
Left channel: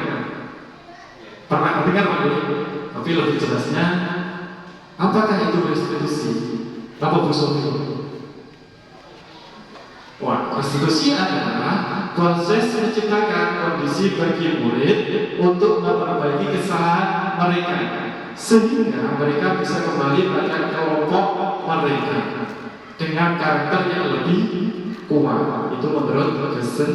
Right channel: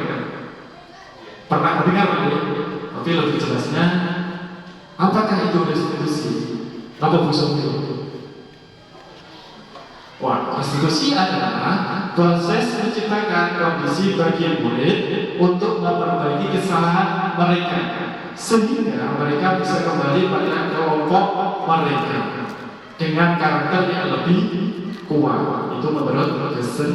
Pernah mendengar tapi lebih jelasnya. Apakah itu restitusi? Apa busuk? Wah, restitusi adalah proses menciptakan kondisi bagi murid untuk memperbaiki kesalahan mereka sehingga mereka bisa kembali pada kelompok mereka dengan karakter yang lebih kuat. Itu menurut Kristen.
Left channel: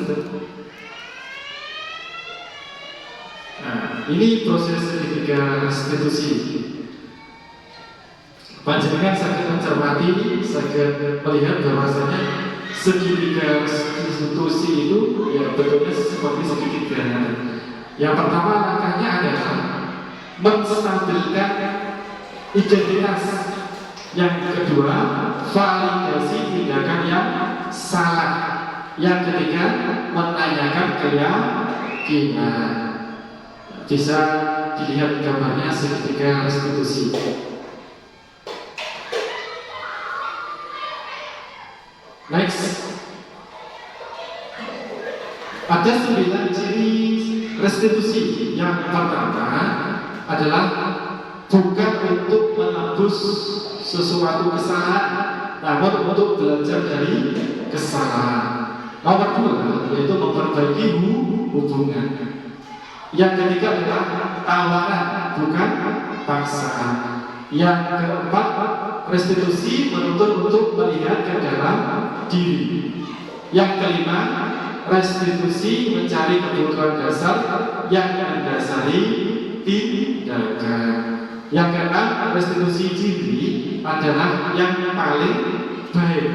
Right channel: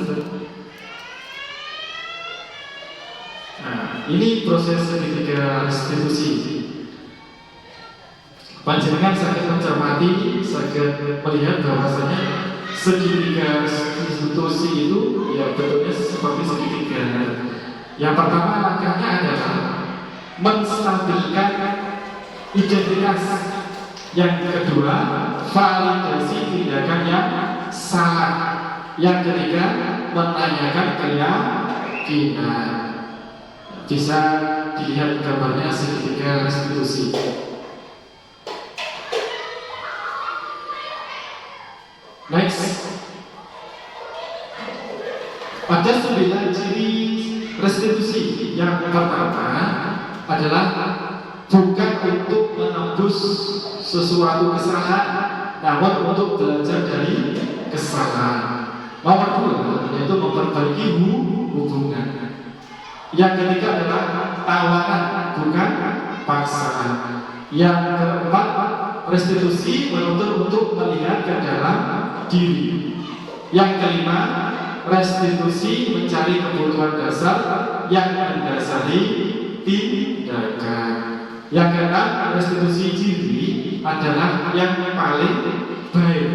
Nah, ini proses ketiga restitusi. Panjenengan sangat mencermati, sangat melihat bahwasanya segitiga restitusi itu ya bentuknya seperti segitiga. Yang pertama langkahnya adalah menstabilkan identitas. Yang kedua, validasi tindakan yang salah. Yang ketiga, menanyakan keyakinan. Bisa dilihat gambarnya segitiga restitusi. Next, ada 9 ciri restitusi. Yang pertama adalah bukan untuk menembus sesuatu kesalahan, namun untuk belajar dari kesalahan. Nomor 2 yaitu memperbaiki hubungan. Yang ketiga adalah tawaran, bukan paksaan. Yang keempat, restitusi menuntut untuk melihat ke dalam diri. Yang kelima, restitusi mencari kebutuhan dasar yang mendasari tindakan. Yang keenam, restitusi diri adalah yang paling baik.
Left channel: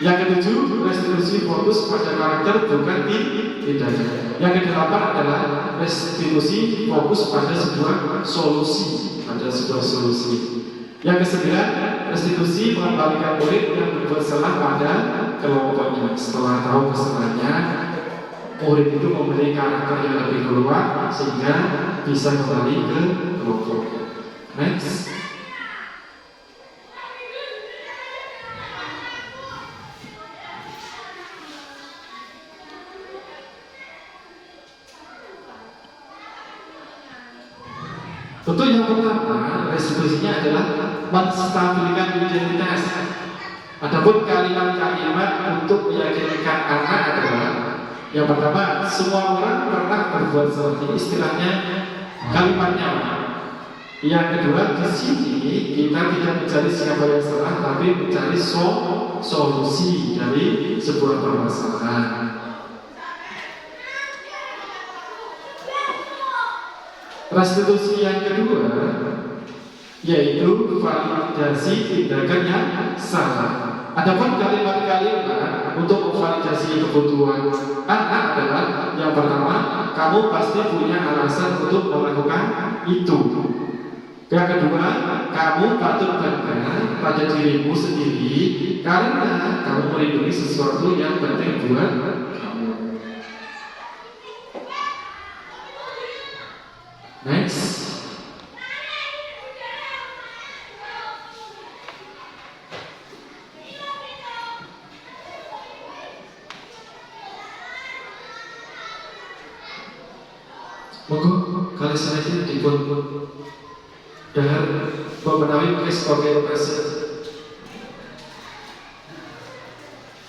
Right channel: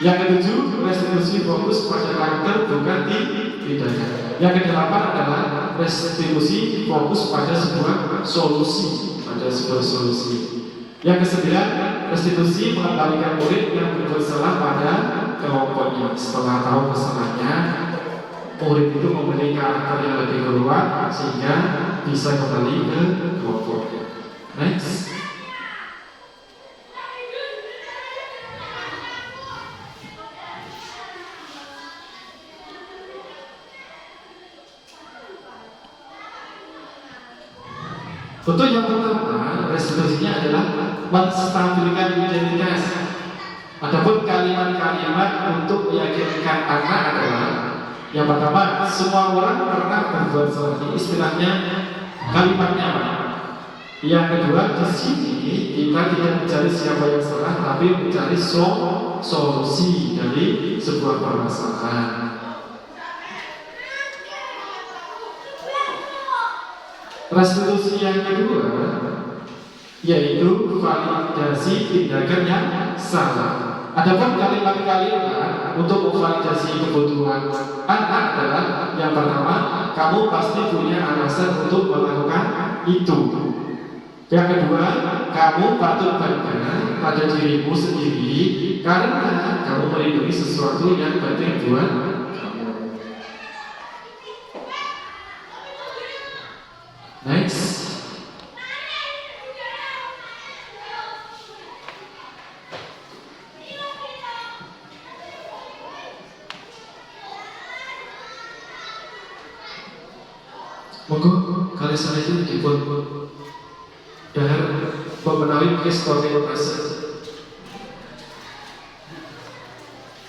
Yang ketujuh, restitusi fokus pada karakter bukan tindakan. Yang kedelapan adalah restitusi fokus pada sebuah solusi. Yang kesembilan, restitusi mengembalikan murid yang bersalah pada kelompoknya. Setelah tahu kesalahannya, murid itu memiliki karakter yang lebih kuat sehingga bisa kembali ke kelompoknya. Next. Tentu yang pertama, restitusinya adalah menstabilkan identitas. Adapun kalimat-kalimat untuk meyakinkan anak adalah yang pertama, semua orang pernah berbuat salah. Istilahnya kalimatnya apa? Yang kedua, di sini kita tidak mencari siapa yang salah, tapi mencari solusi dari sebuah permasalahan. Restitusi yang kedua yaitu validasi tindakan yang salah. Adapun kalimat-kalimat untuk memvalidasi kebutuhan anak adalah yang pertama, kamu pasti punya alasan untuk melakukan itu. Yang kedua, kamu patut bangga pada dirimu sendiri karena kamu melindungi sesuatu yang penting buat kamu. Next. Monggo kali sana itu dipun dahar memenuhi kristogenesis.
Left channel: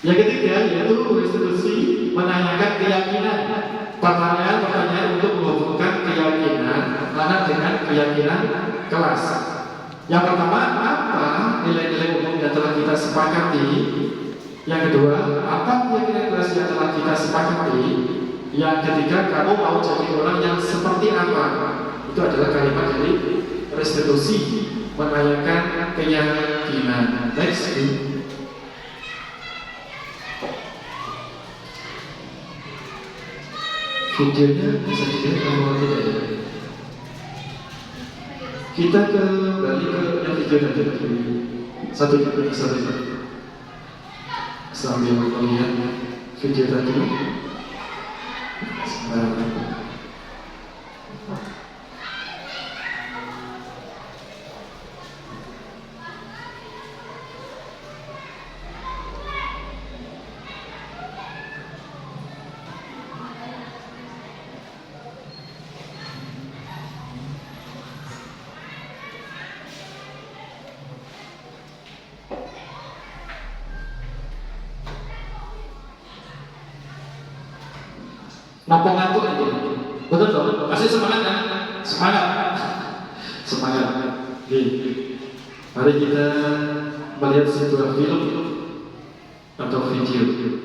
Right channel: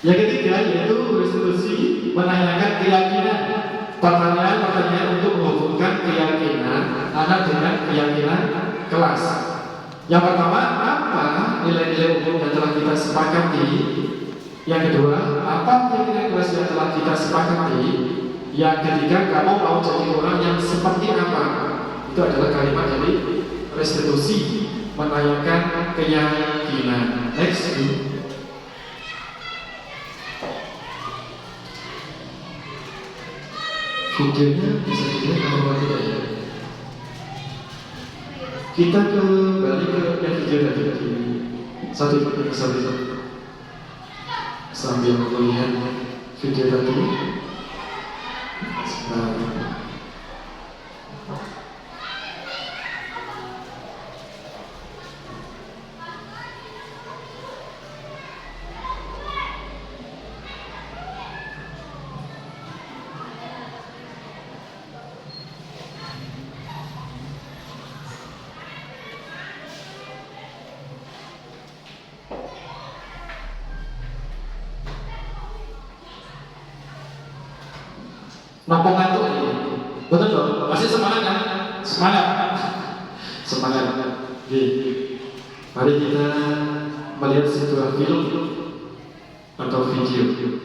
Yang ketiga yaitu restitusi menanyakan keyakinan. Pertanyaan untuk menghubungkan keyakinan kelas. Yang pertama, apa nilai-nilai umum yang telah kita sepakati? Yang kedua, apa nilai-nilai kelas yang telah kita sepakati? Yang ketiga, kamu mau jadi orang yang seperti apa? Itu adalah kalimat dari restitusi, menanyakan keyakinan. Next. Videonya bisa dilihat kalau tidak ya. Kita kembali ke yang video tadi. Satu. Sambil melihat video tadi. Nopo ngantuk ini, betul dong? Masih semangat kan? Semangat. Oke, mari kita melihat sebuah film atau video.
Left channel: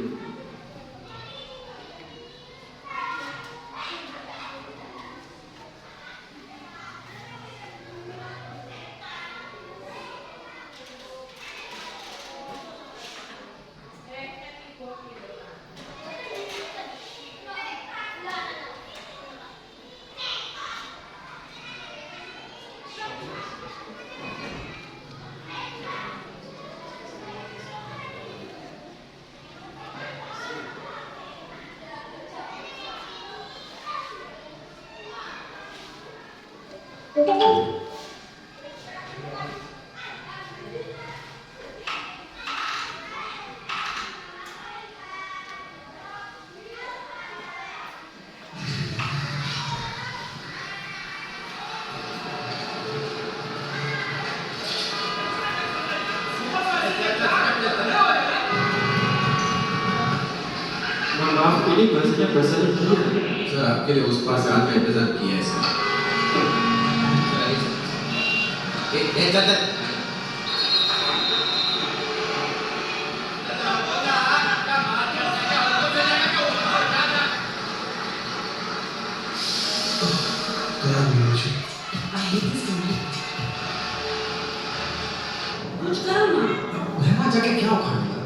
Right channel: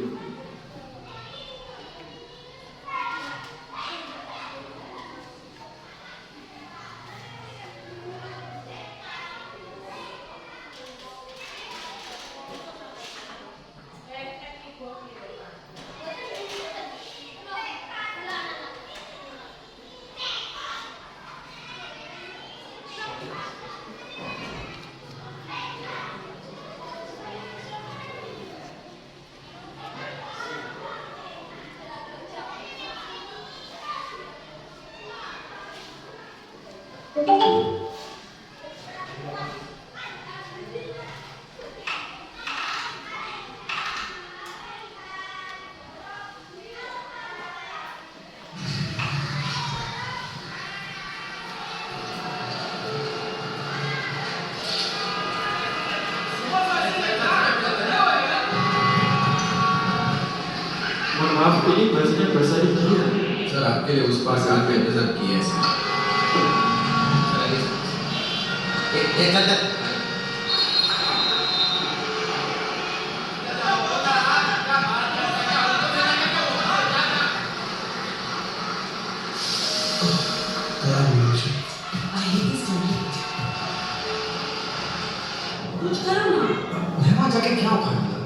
Mohon maaf, ini bahasanya bahasa India. Sir, आपके लिए उस पास से आपका इंतजार किए हैं सर. चल. कुछ करो ना. वहाँ जाके क्या उखाड़ लिया?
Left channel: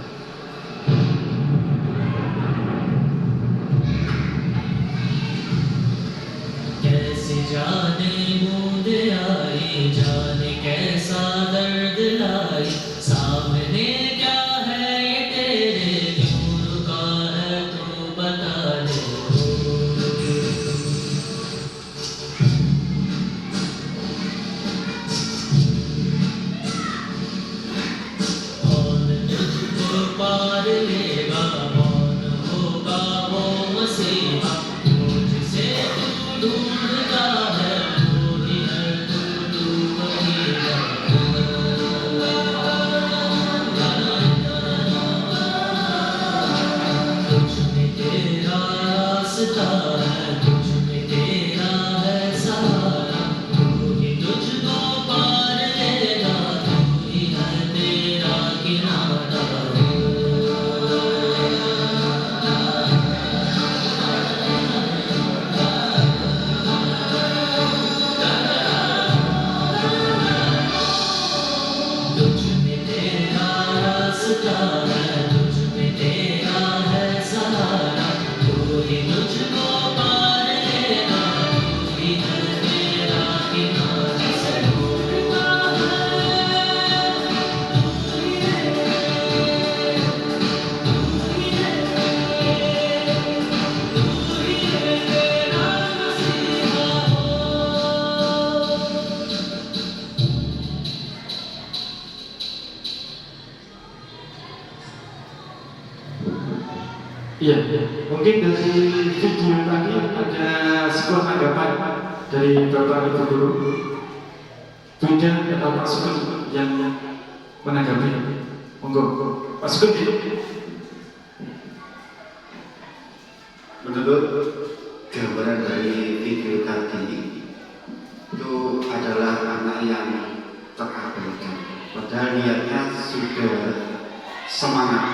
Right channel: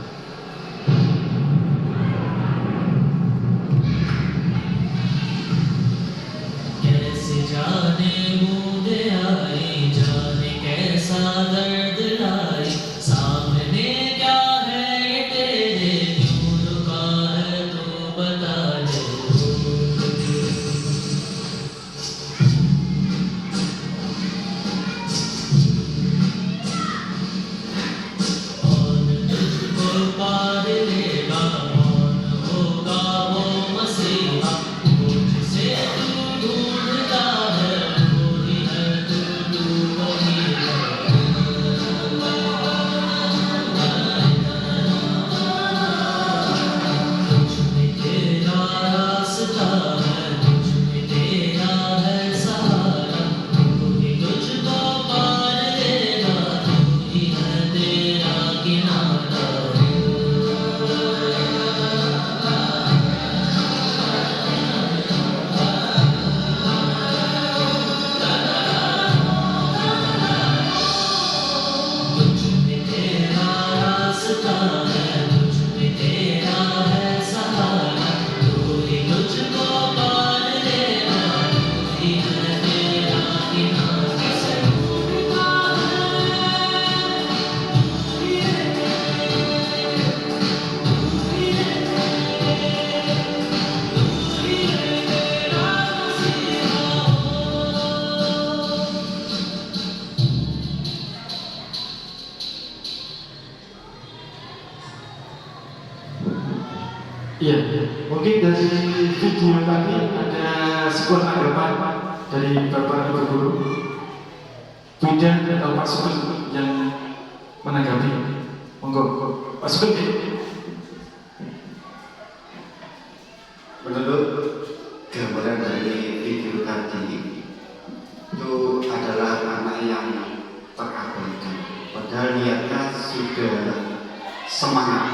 कैसे जाने बूंद आई, जाने कैसा दर्द लाई, सामने क्या है ये तेरे दूर का है तू बता दे. कौन तुझको पार लेगा, कौन होगा वो मसीहा, मुझसे तू ढूंढता है, ढूंढी है तू वही है. तुझ में तेरा रास्ता है, तुझ में तेरा है सहारा, तू ही तुझको पार लेगा, तू ही है तेरा किनारा. तुझ में तेरा रास्ता है, तुझ में तेरा है सहारा, तू ही तुझको पार लेगा, तू ही है तेरा किनारा. Iya, mungkin dari video tadi ada sebuah anggapan dari Bapak Ibu Guru, Bunda atau Pak Sugeng yang menanggapi. Monggo, Pak Sugeng. Menurut gambaran dari video tadi itu yang terabaikan. Padahal niatnya sudah semangat.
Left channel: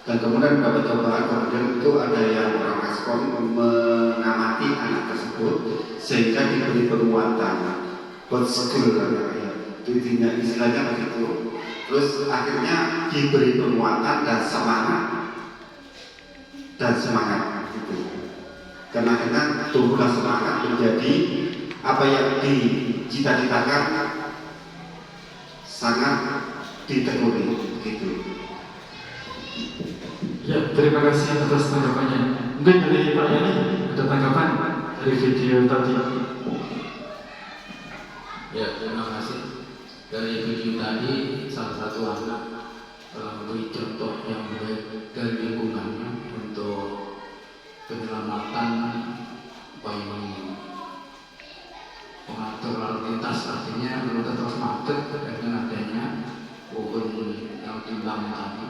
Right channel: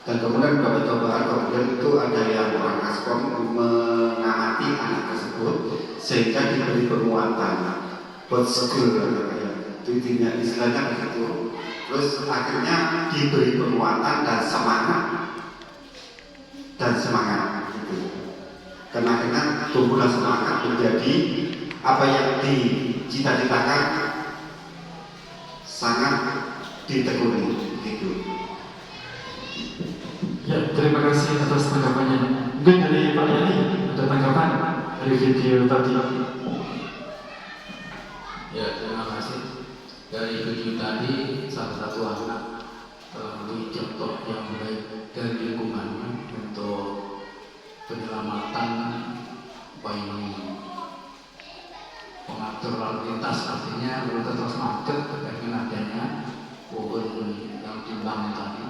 Dan kemudian dapat coba kemudian itu ada yang orang respon mengamati anak tersebut sehingga diberi penguatan buat skill intinya istilahnya begitu. Terus akhirnya diberi penguatan dan semangat gitu. Karena akhirnya tumbuhlah semangat menjadi apa yang dicita-citakan sangat ditekuni gitu. Ya, terima kasih atas tanggapannya. Mungkin dari Pak Yani ada tanggapan dari video tadi. Ya, terima kasih. Dari video tadi, salah satu anak memberi contoh yang baik dari lingkungannya untuk penyelamatan bayi pengatur lalu lintas, artinya lalu lintas macet dengan adanya pohon yang timbang tadi.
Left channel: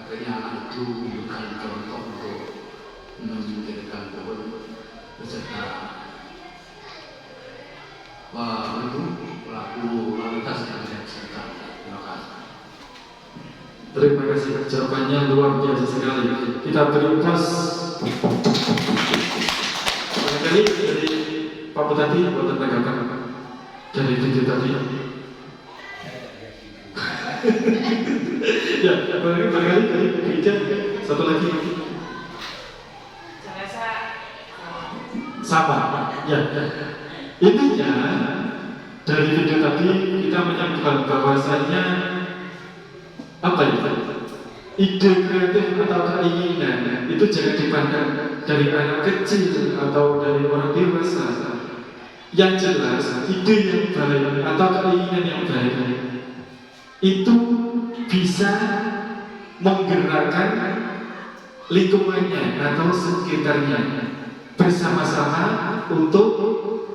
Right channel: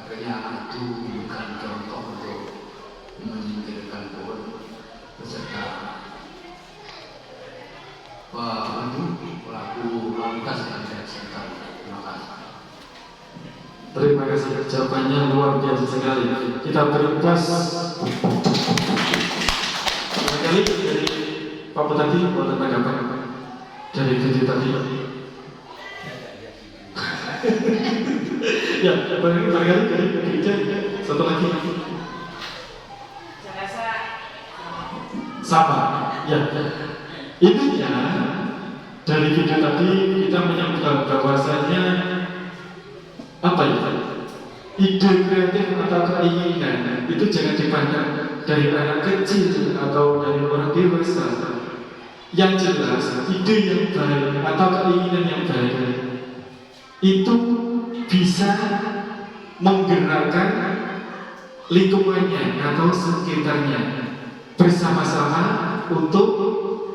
Akhirnya anak itu memberikan contoh untuk menyingkirkan pohon beserta pelaku lalu lintas yang tidak sekitar. Terima kasih. Terima kasih, jawabannya luar biasa sekali. Kita berikas barangkali dari Pak Bupati buat tanggapan dari video tadi. Ya, barangkali dari gereja satu lagi. Saya rasa Sama, ya. Intinya dari video tadi kita menyimpulkan bahwasanya apa ya? Ide kreatif atau keinginan itu jangan dipandang dari anak kecil atau dari orang dewasa. Yang jelas ide yang baik atau keinginan yang baik itu bisa menggerakkan lingkungannya atau sekitarnya bersama-sama untuk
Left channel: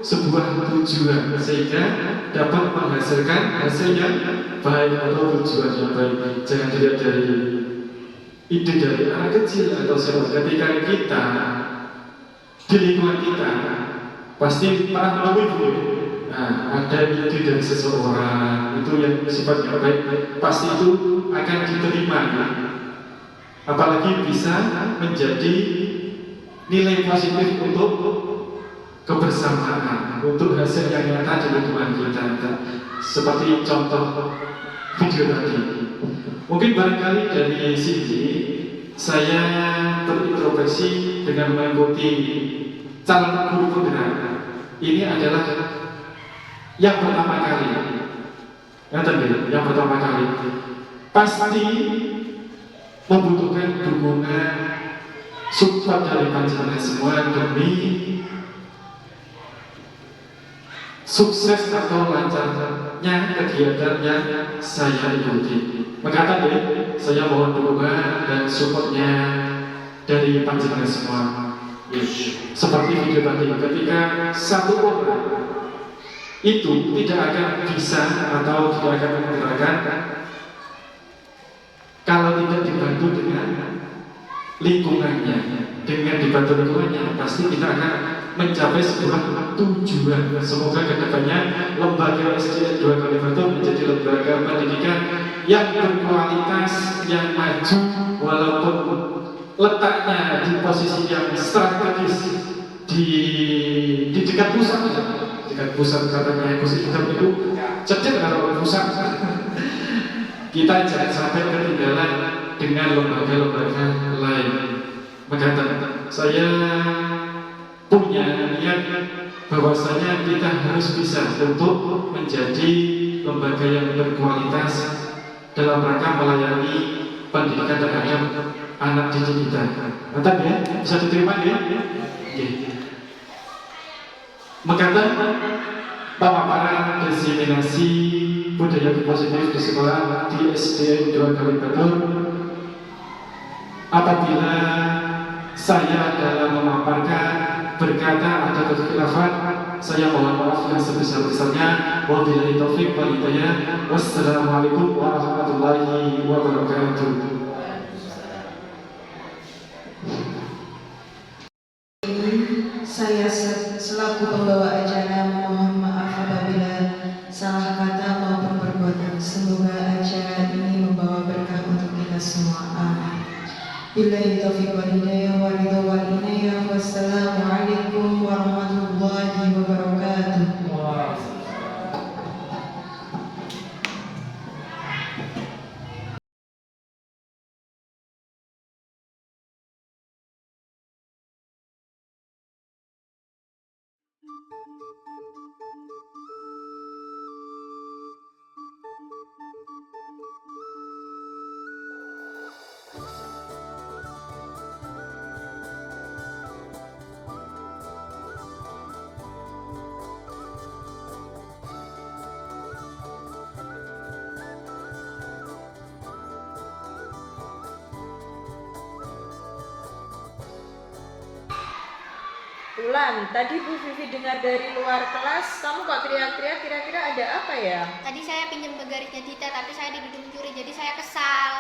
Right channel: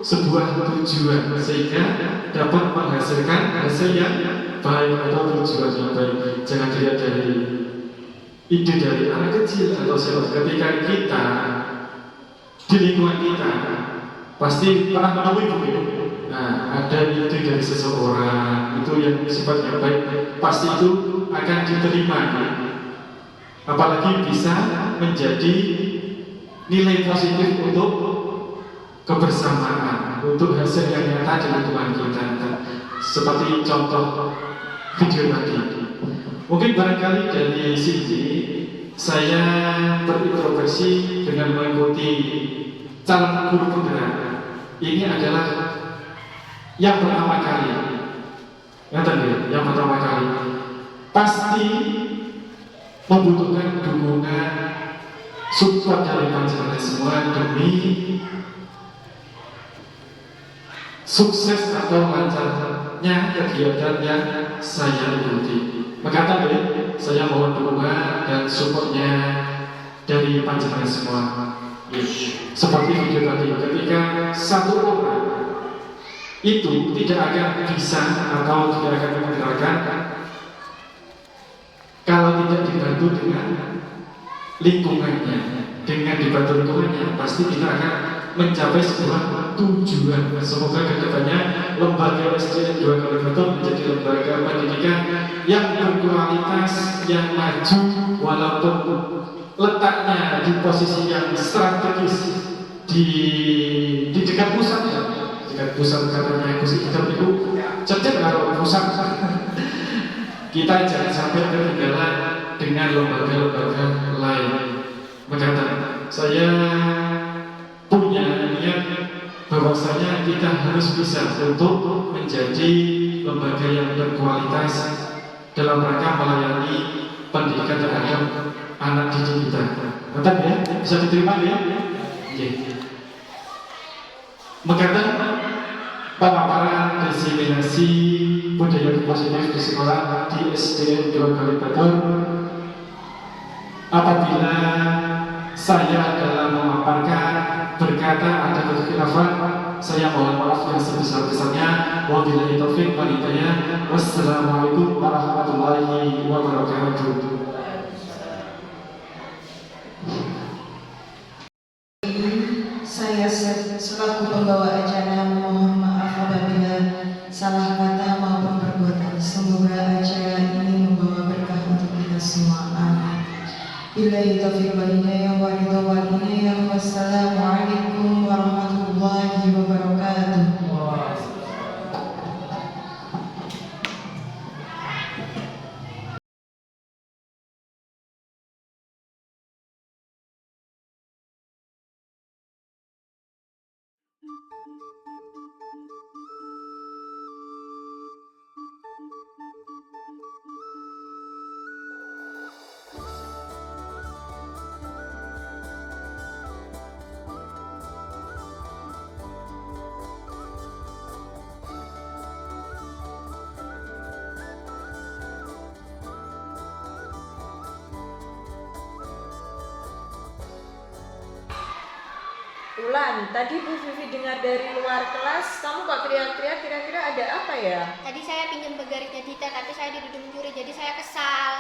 sebuah tujuan sehingga dapat menghasilkan hasil yang baik atau tujuan yang baik. Jangan dilihat dari ide dari anak kecil atau siapa. Ketika kita di lingkungan kita pasti pernah menemui ada ide dari seseorang itu yang sifatnya baik, pasti itu akan diterima, apalagi bisa menjadi nilai positif untuk kebersamaan, untuk hasil yang nyata di lingkungan kita. Seperti contoh video tadi. Mungkin barangkali dari sini saya berintrospeksi dengan mengikuti calon guru penggerak. Ini adalah yang pertama kali, yang pertama kali pasti membutuhkan dukungan support dari panjenengan semua demi sukses atau lancarnya kegiatan yang saya ikuti. Maka tadi saya mohon dukungan dan supportnya dari panjenengan semua. Seperti video tadi, ketika satu orang itu tidak akan bisa atau tidak akan menggerakkan kalau tidak dibantu dengan lingkungannya. Dengan dibantu lingkungannya pasti kita akan mencapai sebuah tujuan. Semoga kedepannya lembaga SDN 2 Kalibatur menjadi lembaga pendidikan yang berkualitas, yang maju, walaupun letaknya di posisi yang strategis di dekat pusat. Dekat pusat katanya Gus Idam itu cecek kalau pusat. Kita jangan sampai ketinggalan dengan lembaga-lembaga lain. Maka saya punya niat bahwasanya kita harus bisa untuk menjadi lembaga yang berkualitas dalam rangka melayani pendidikan terhadap anak didik kita. Mantap ya? Bisa diterima ya? Oke. Mengatakan pemaparan diseminasi budaya positif di sekolah di SDN 2 Kalibatur. Apabila saya dalam memaparkan berkata ada kekhilafan, saya mohon maaf yang sebesar-besarnya. Wabillahi taufiq wal hidayah. Wassalamualaikum warahmatullahi wabarakatuh. Saya selaku pembawa acara mohon maaf apabila Wabillahi taufiq wal hidayah wa ridha wal inayah. Wassalamualaikum warahmatullahi wabarakatuh. Ulan, tadi Bu Vivi dengar dari luar kelas, kamu kok teriak-teriak, kira-kira ada apa ya? Tadi saya pinjam penggarisnya Dita, tapi saya dituduh mencuri, jadi saya kesal.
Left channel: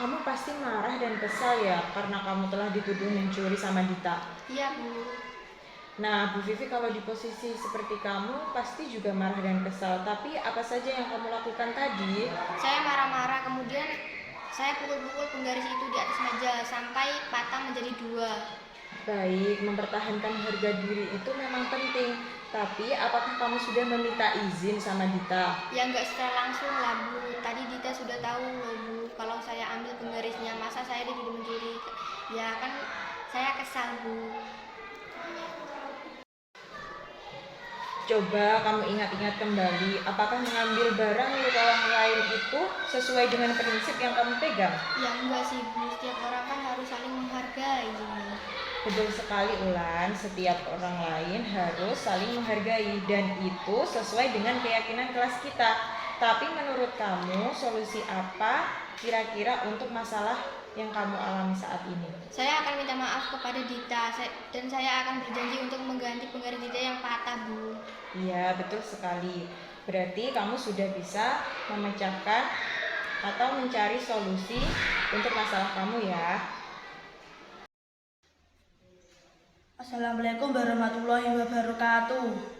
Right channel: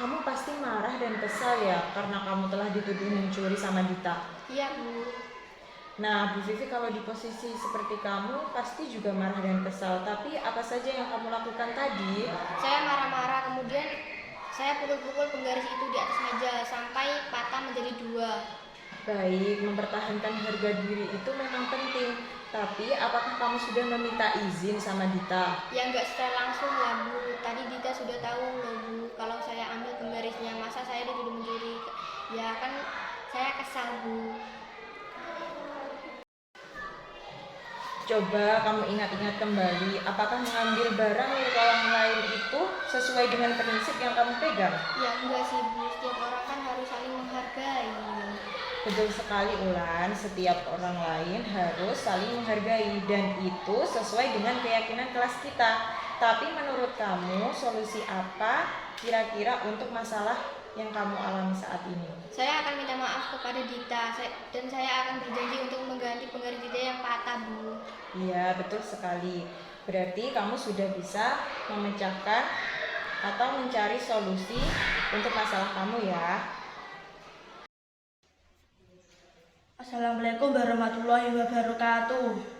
Kamu pasti marah dan kesal ya, karena kamu telah dituduh mencuri sama Dita. Iya, Bu. Nah, Bu Vivi kalau di posisi seperti kamu, pasti juga marah dan kesal. Tapi apa saja yang kamu lakukan tadi? Saya marah-marah, kemudian saya pukul-pukul penggaris itu di atas meja, sampai patah menjadi 2. Baik, mempertahankan harga diri itu memang penting. Tapi apakah kamu sudah meminta izin sama Dita? Ya nggak secara langsung lah, Bu. Tadi Dita sudah tahu loh, Bu, kalau saya ambil penggarisnya. Masa saya dituduh mencuri? Ya kan saya kesal, Bu. Coba kamu ingat-ingat kembali, apakah mengambil barang milik orang lain itu sesuai dengan prinsip yang kamu pegang? Ya enggak sih, Bu. Setiap orang kan harus saling menghargai. Betul sekali, Ulan. Setiap orang lain harus saling menghargai dan itu sesuai dengan keyakinan kelas kita. Tapi menurut kamu, solusi apa kira-kira untuk masalah yang kamu alami saat ini? Saya akan minta maaf kepada Dita dan saya akan berjanji untuk mengganti penggaris Dita yang patah, Bu. Iya, betul sekali. Berarti kamu sudah bisa memecahkan atau mencari solusi untuk masalah kamu ya. Assalamualaikum warahmatullahi wabarakatuh.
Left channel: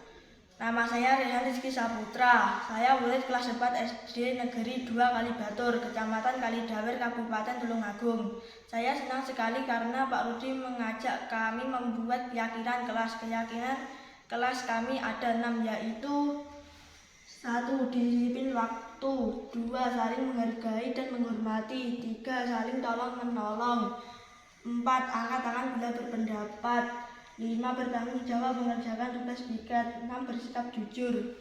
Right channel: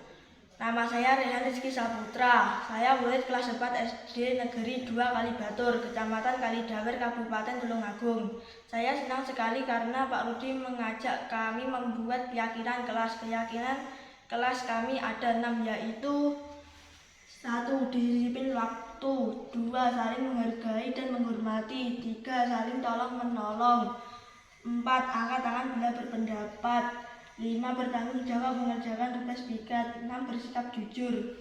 Nama saya Rehan Rizky Saputra. Saya murid kelas 4 SD Negeri 2 Kalibatur, Kecamatan Kalidawer, Kabupaten Tulungagung. Saya senang sekali karena Pak Rudi mengajak kami membuat keyakinan kelas. Keyakinan kelas kami ada 6, yaitu 1. Disiplin waktu, 2. Saling menghargai dan menghormati, 3. Saling tolong menolong, 4. Angkat tangan bila berpendapat, 5. Bertanggung jawab mengerjakan tugas bikat, 6. Bersikap jujur.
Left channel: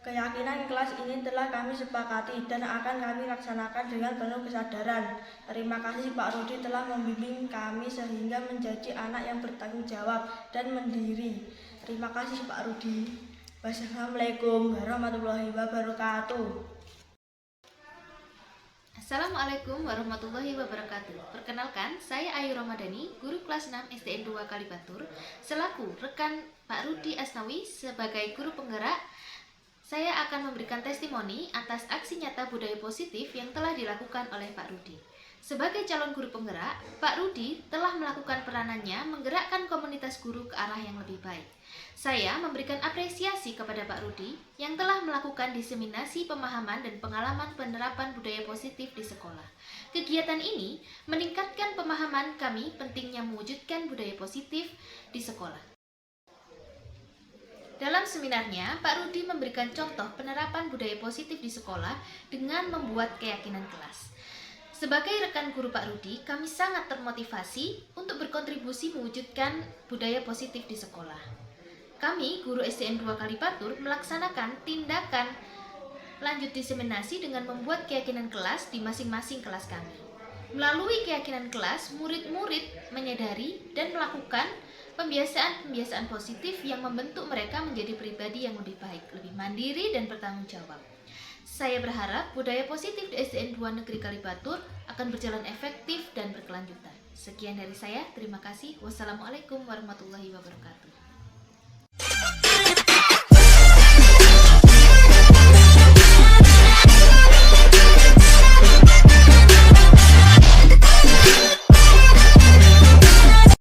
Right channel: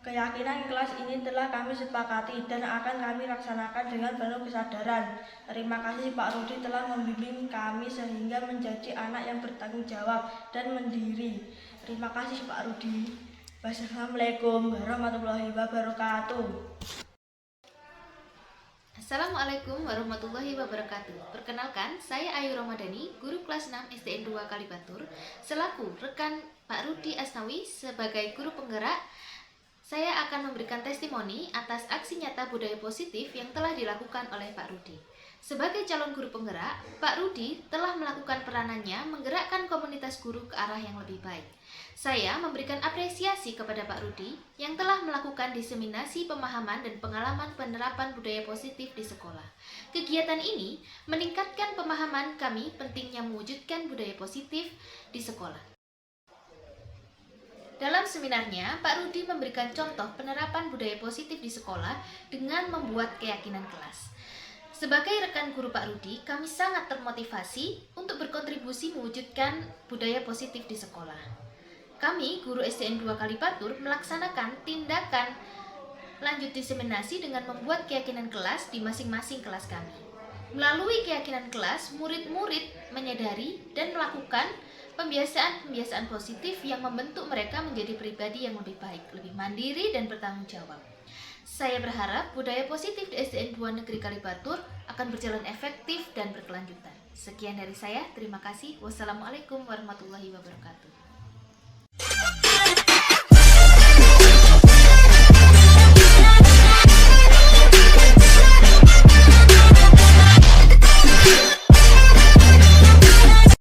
Keyakinan kelas ini telah kami sepakati dan akan kami laksanakan dengan penuh kesadaran. Terima kasih Pak Rudi telah membimbing kami sehingga menjadi anak yang bertanggung jawab dan mandiri. Terima kasih Pak Rudi. Wassalamualaikum warahmatullahi wabarakatuh. Assalamualaikum warahmatullahi wabarakatuh. Perkenalkan, saya Ayu Ramadhani, guru kelas 6 SDN 2 Kalibatur. Selaku rekan Pak Rudi Asnawi sebagai guru penggerak, saya akan memberikan testimoni atas aksi nyata budaya positif yang telah dilakukan oleh Pak Rudi. Sebagai calon guru penggerak, Pak Rudi telah melakukan peranannya menggerakkan komunitas guru ke arah yang lebih baik. Saya memberikan apresiasi kepada Pak Rudi yang telah melakukan diseminasi pemahaman dan pengalaman penerapan budaya positif di sekolah. Kegiatan ini meningkatkan pemahaman kami pentingnya mewujudkan budaya positif di sekolah. Dalam seminarnya, Pak Rudi memberikan contoh penerapan budaya positif di sekolah dengan membuat keyakinan kelas. Sebagai rekan guru Pak Rudi, kami sangat termotivasi untuk berkontribusi mewujudkan budaya positif di sekolah. Kami, guru SDN 2 Kalibatur, melaksanakan tindakan lanjut diseminasi dengan membuat keyakinan kelas di masing-masing kelas kami. Melalui keyakinan kelas, murid-murid menyadari dan melakukan pembiasaan-pembiasaan positif yang membentuk mereka menjadi pribadi yang lebih baik, lebih mandiri dan bertanggung jawab. Saya berharap budaya positif di SDN 2 Negeri Kalibatur akan berjalan efektif dan berkelanjutan. Sekian dari saya, terima kasih. Wassalamualaikum warahmatullahi wabarakatuh.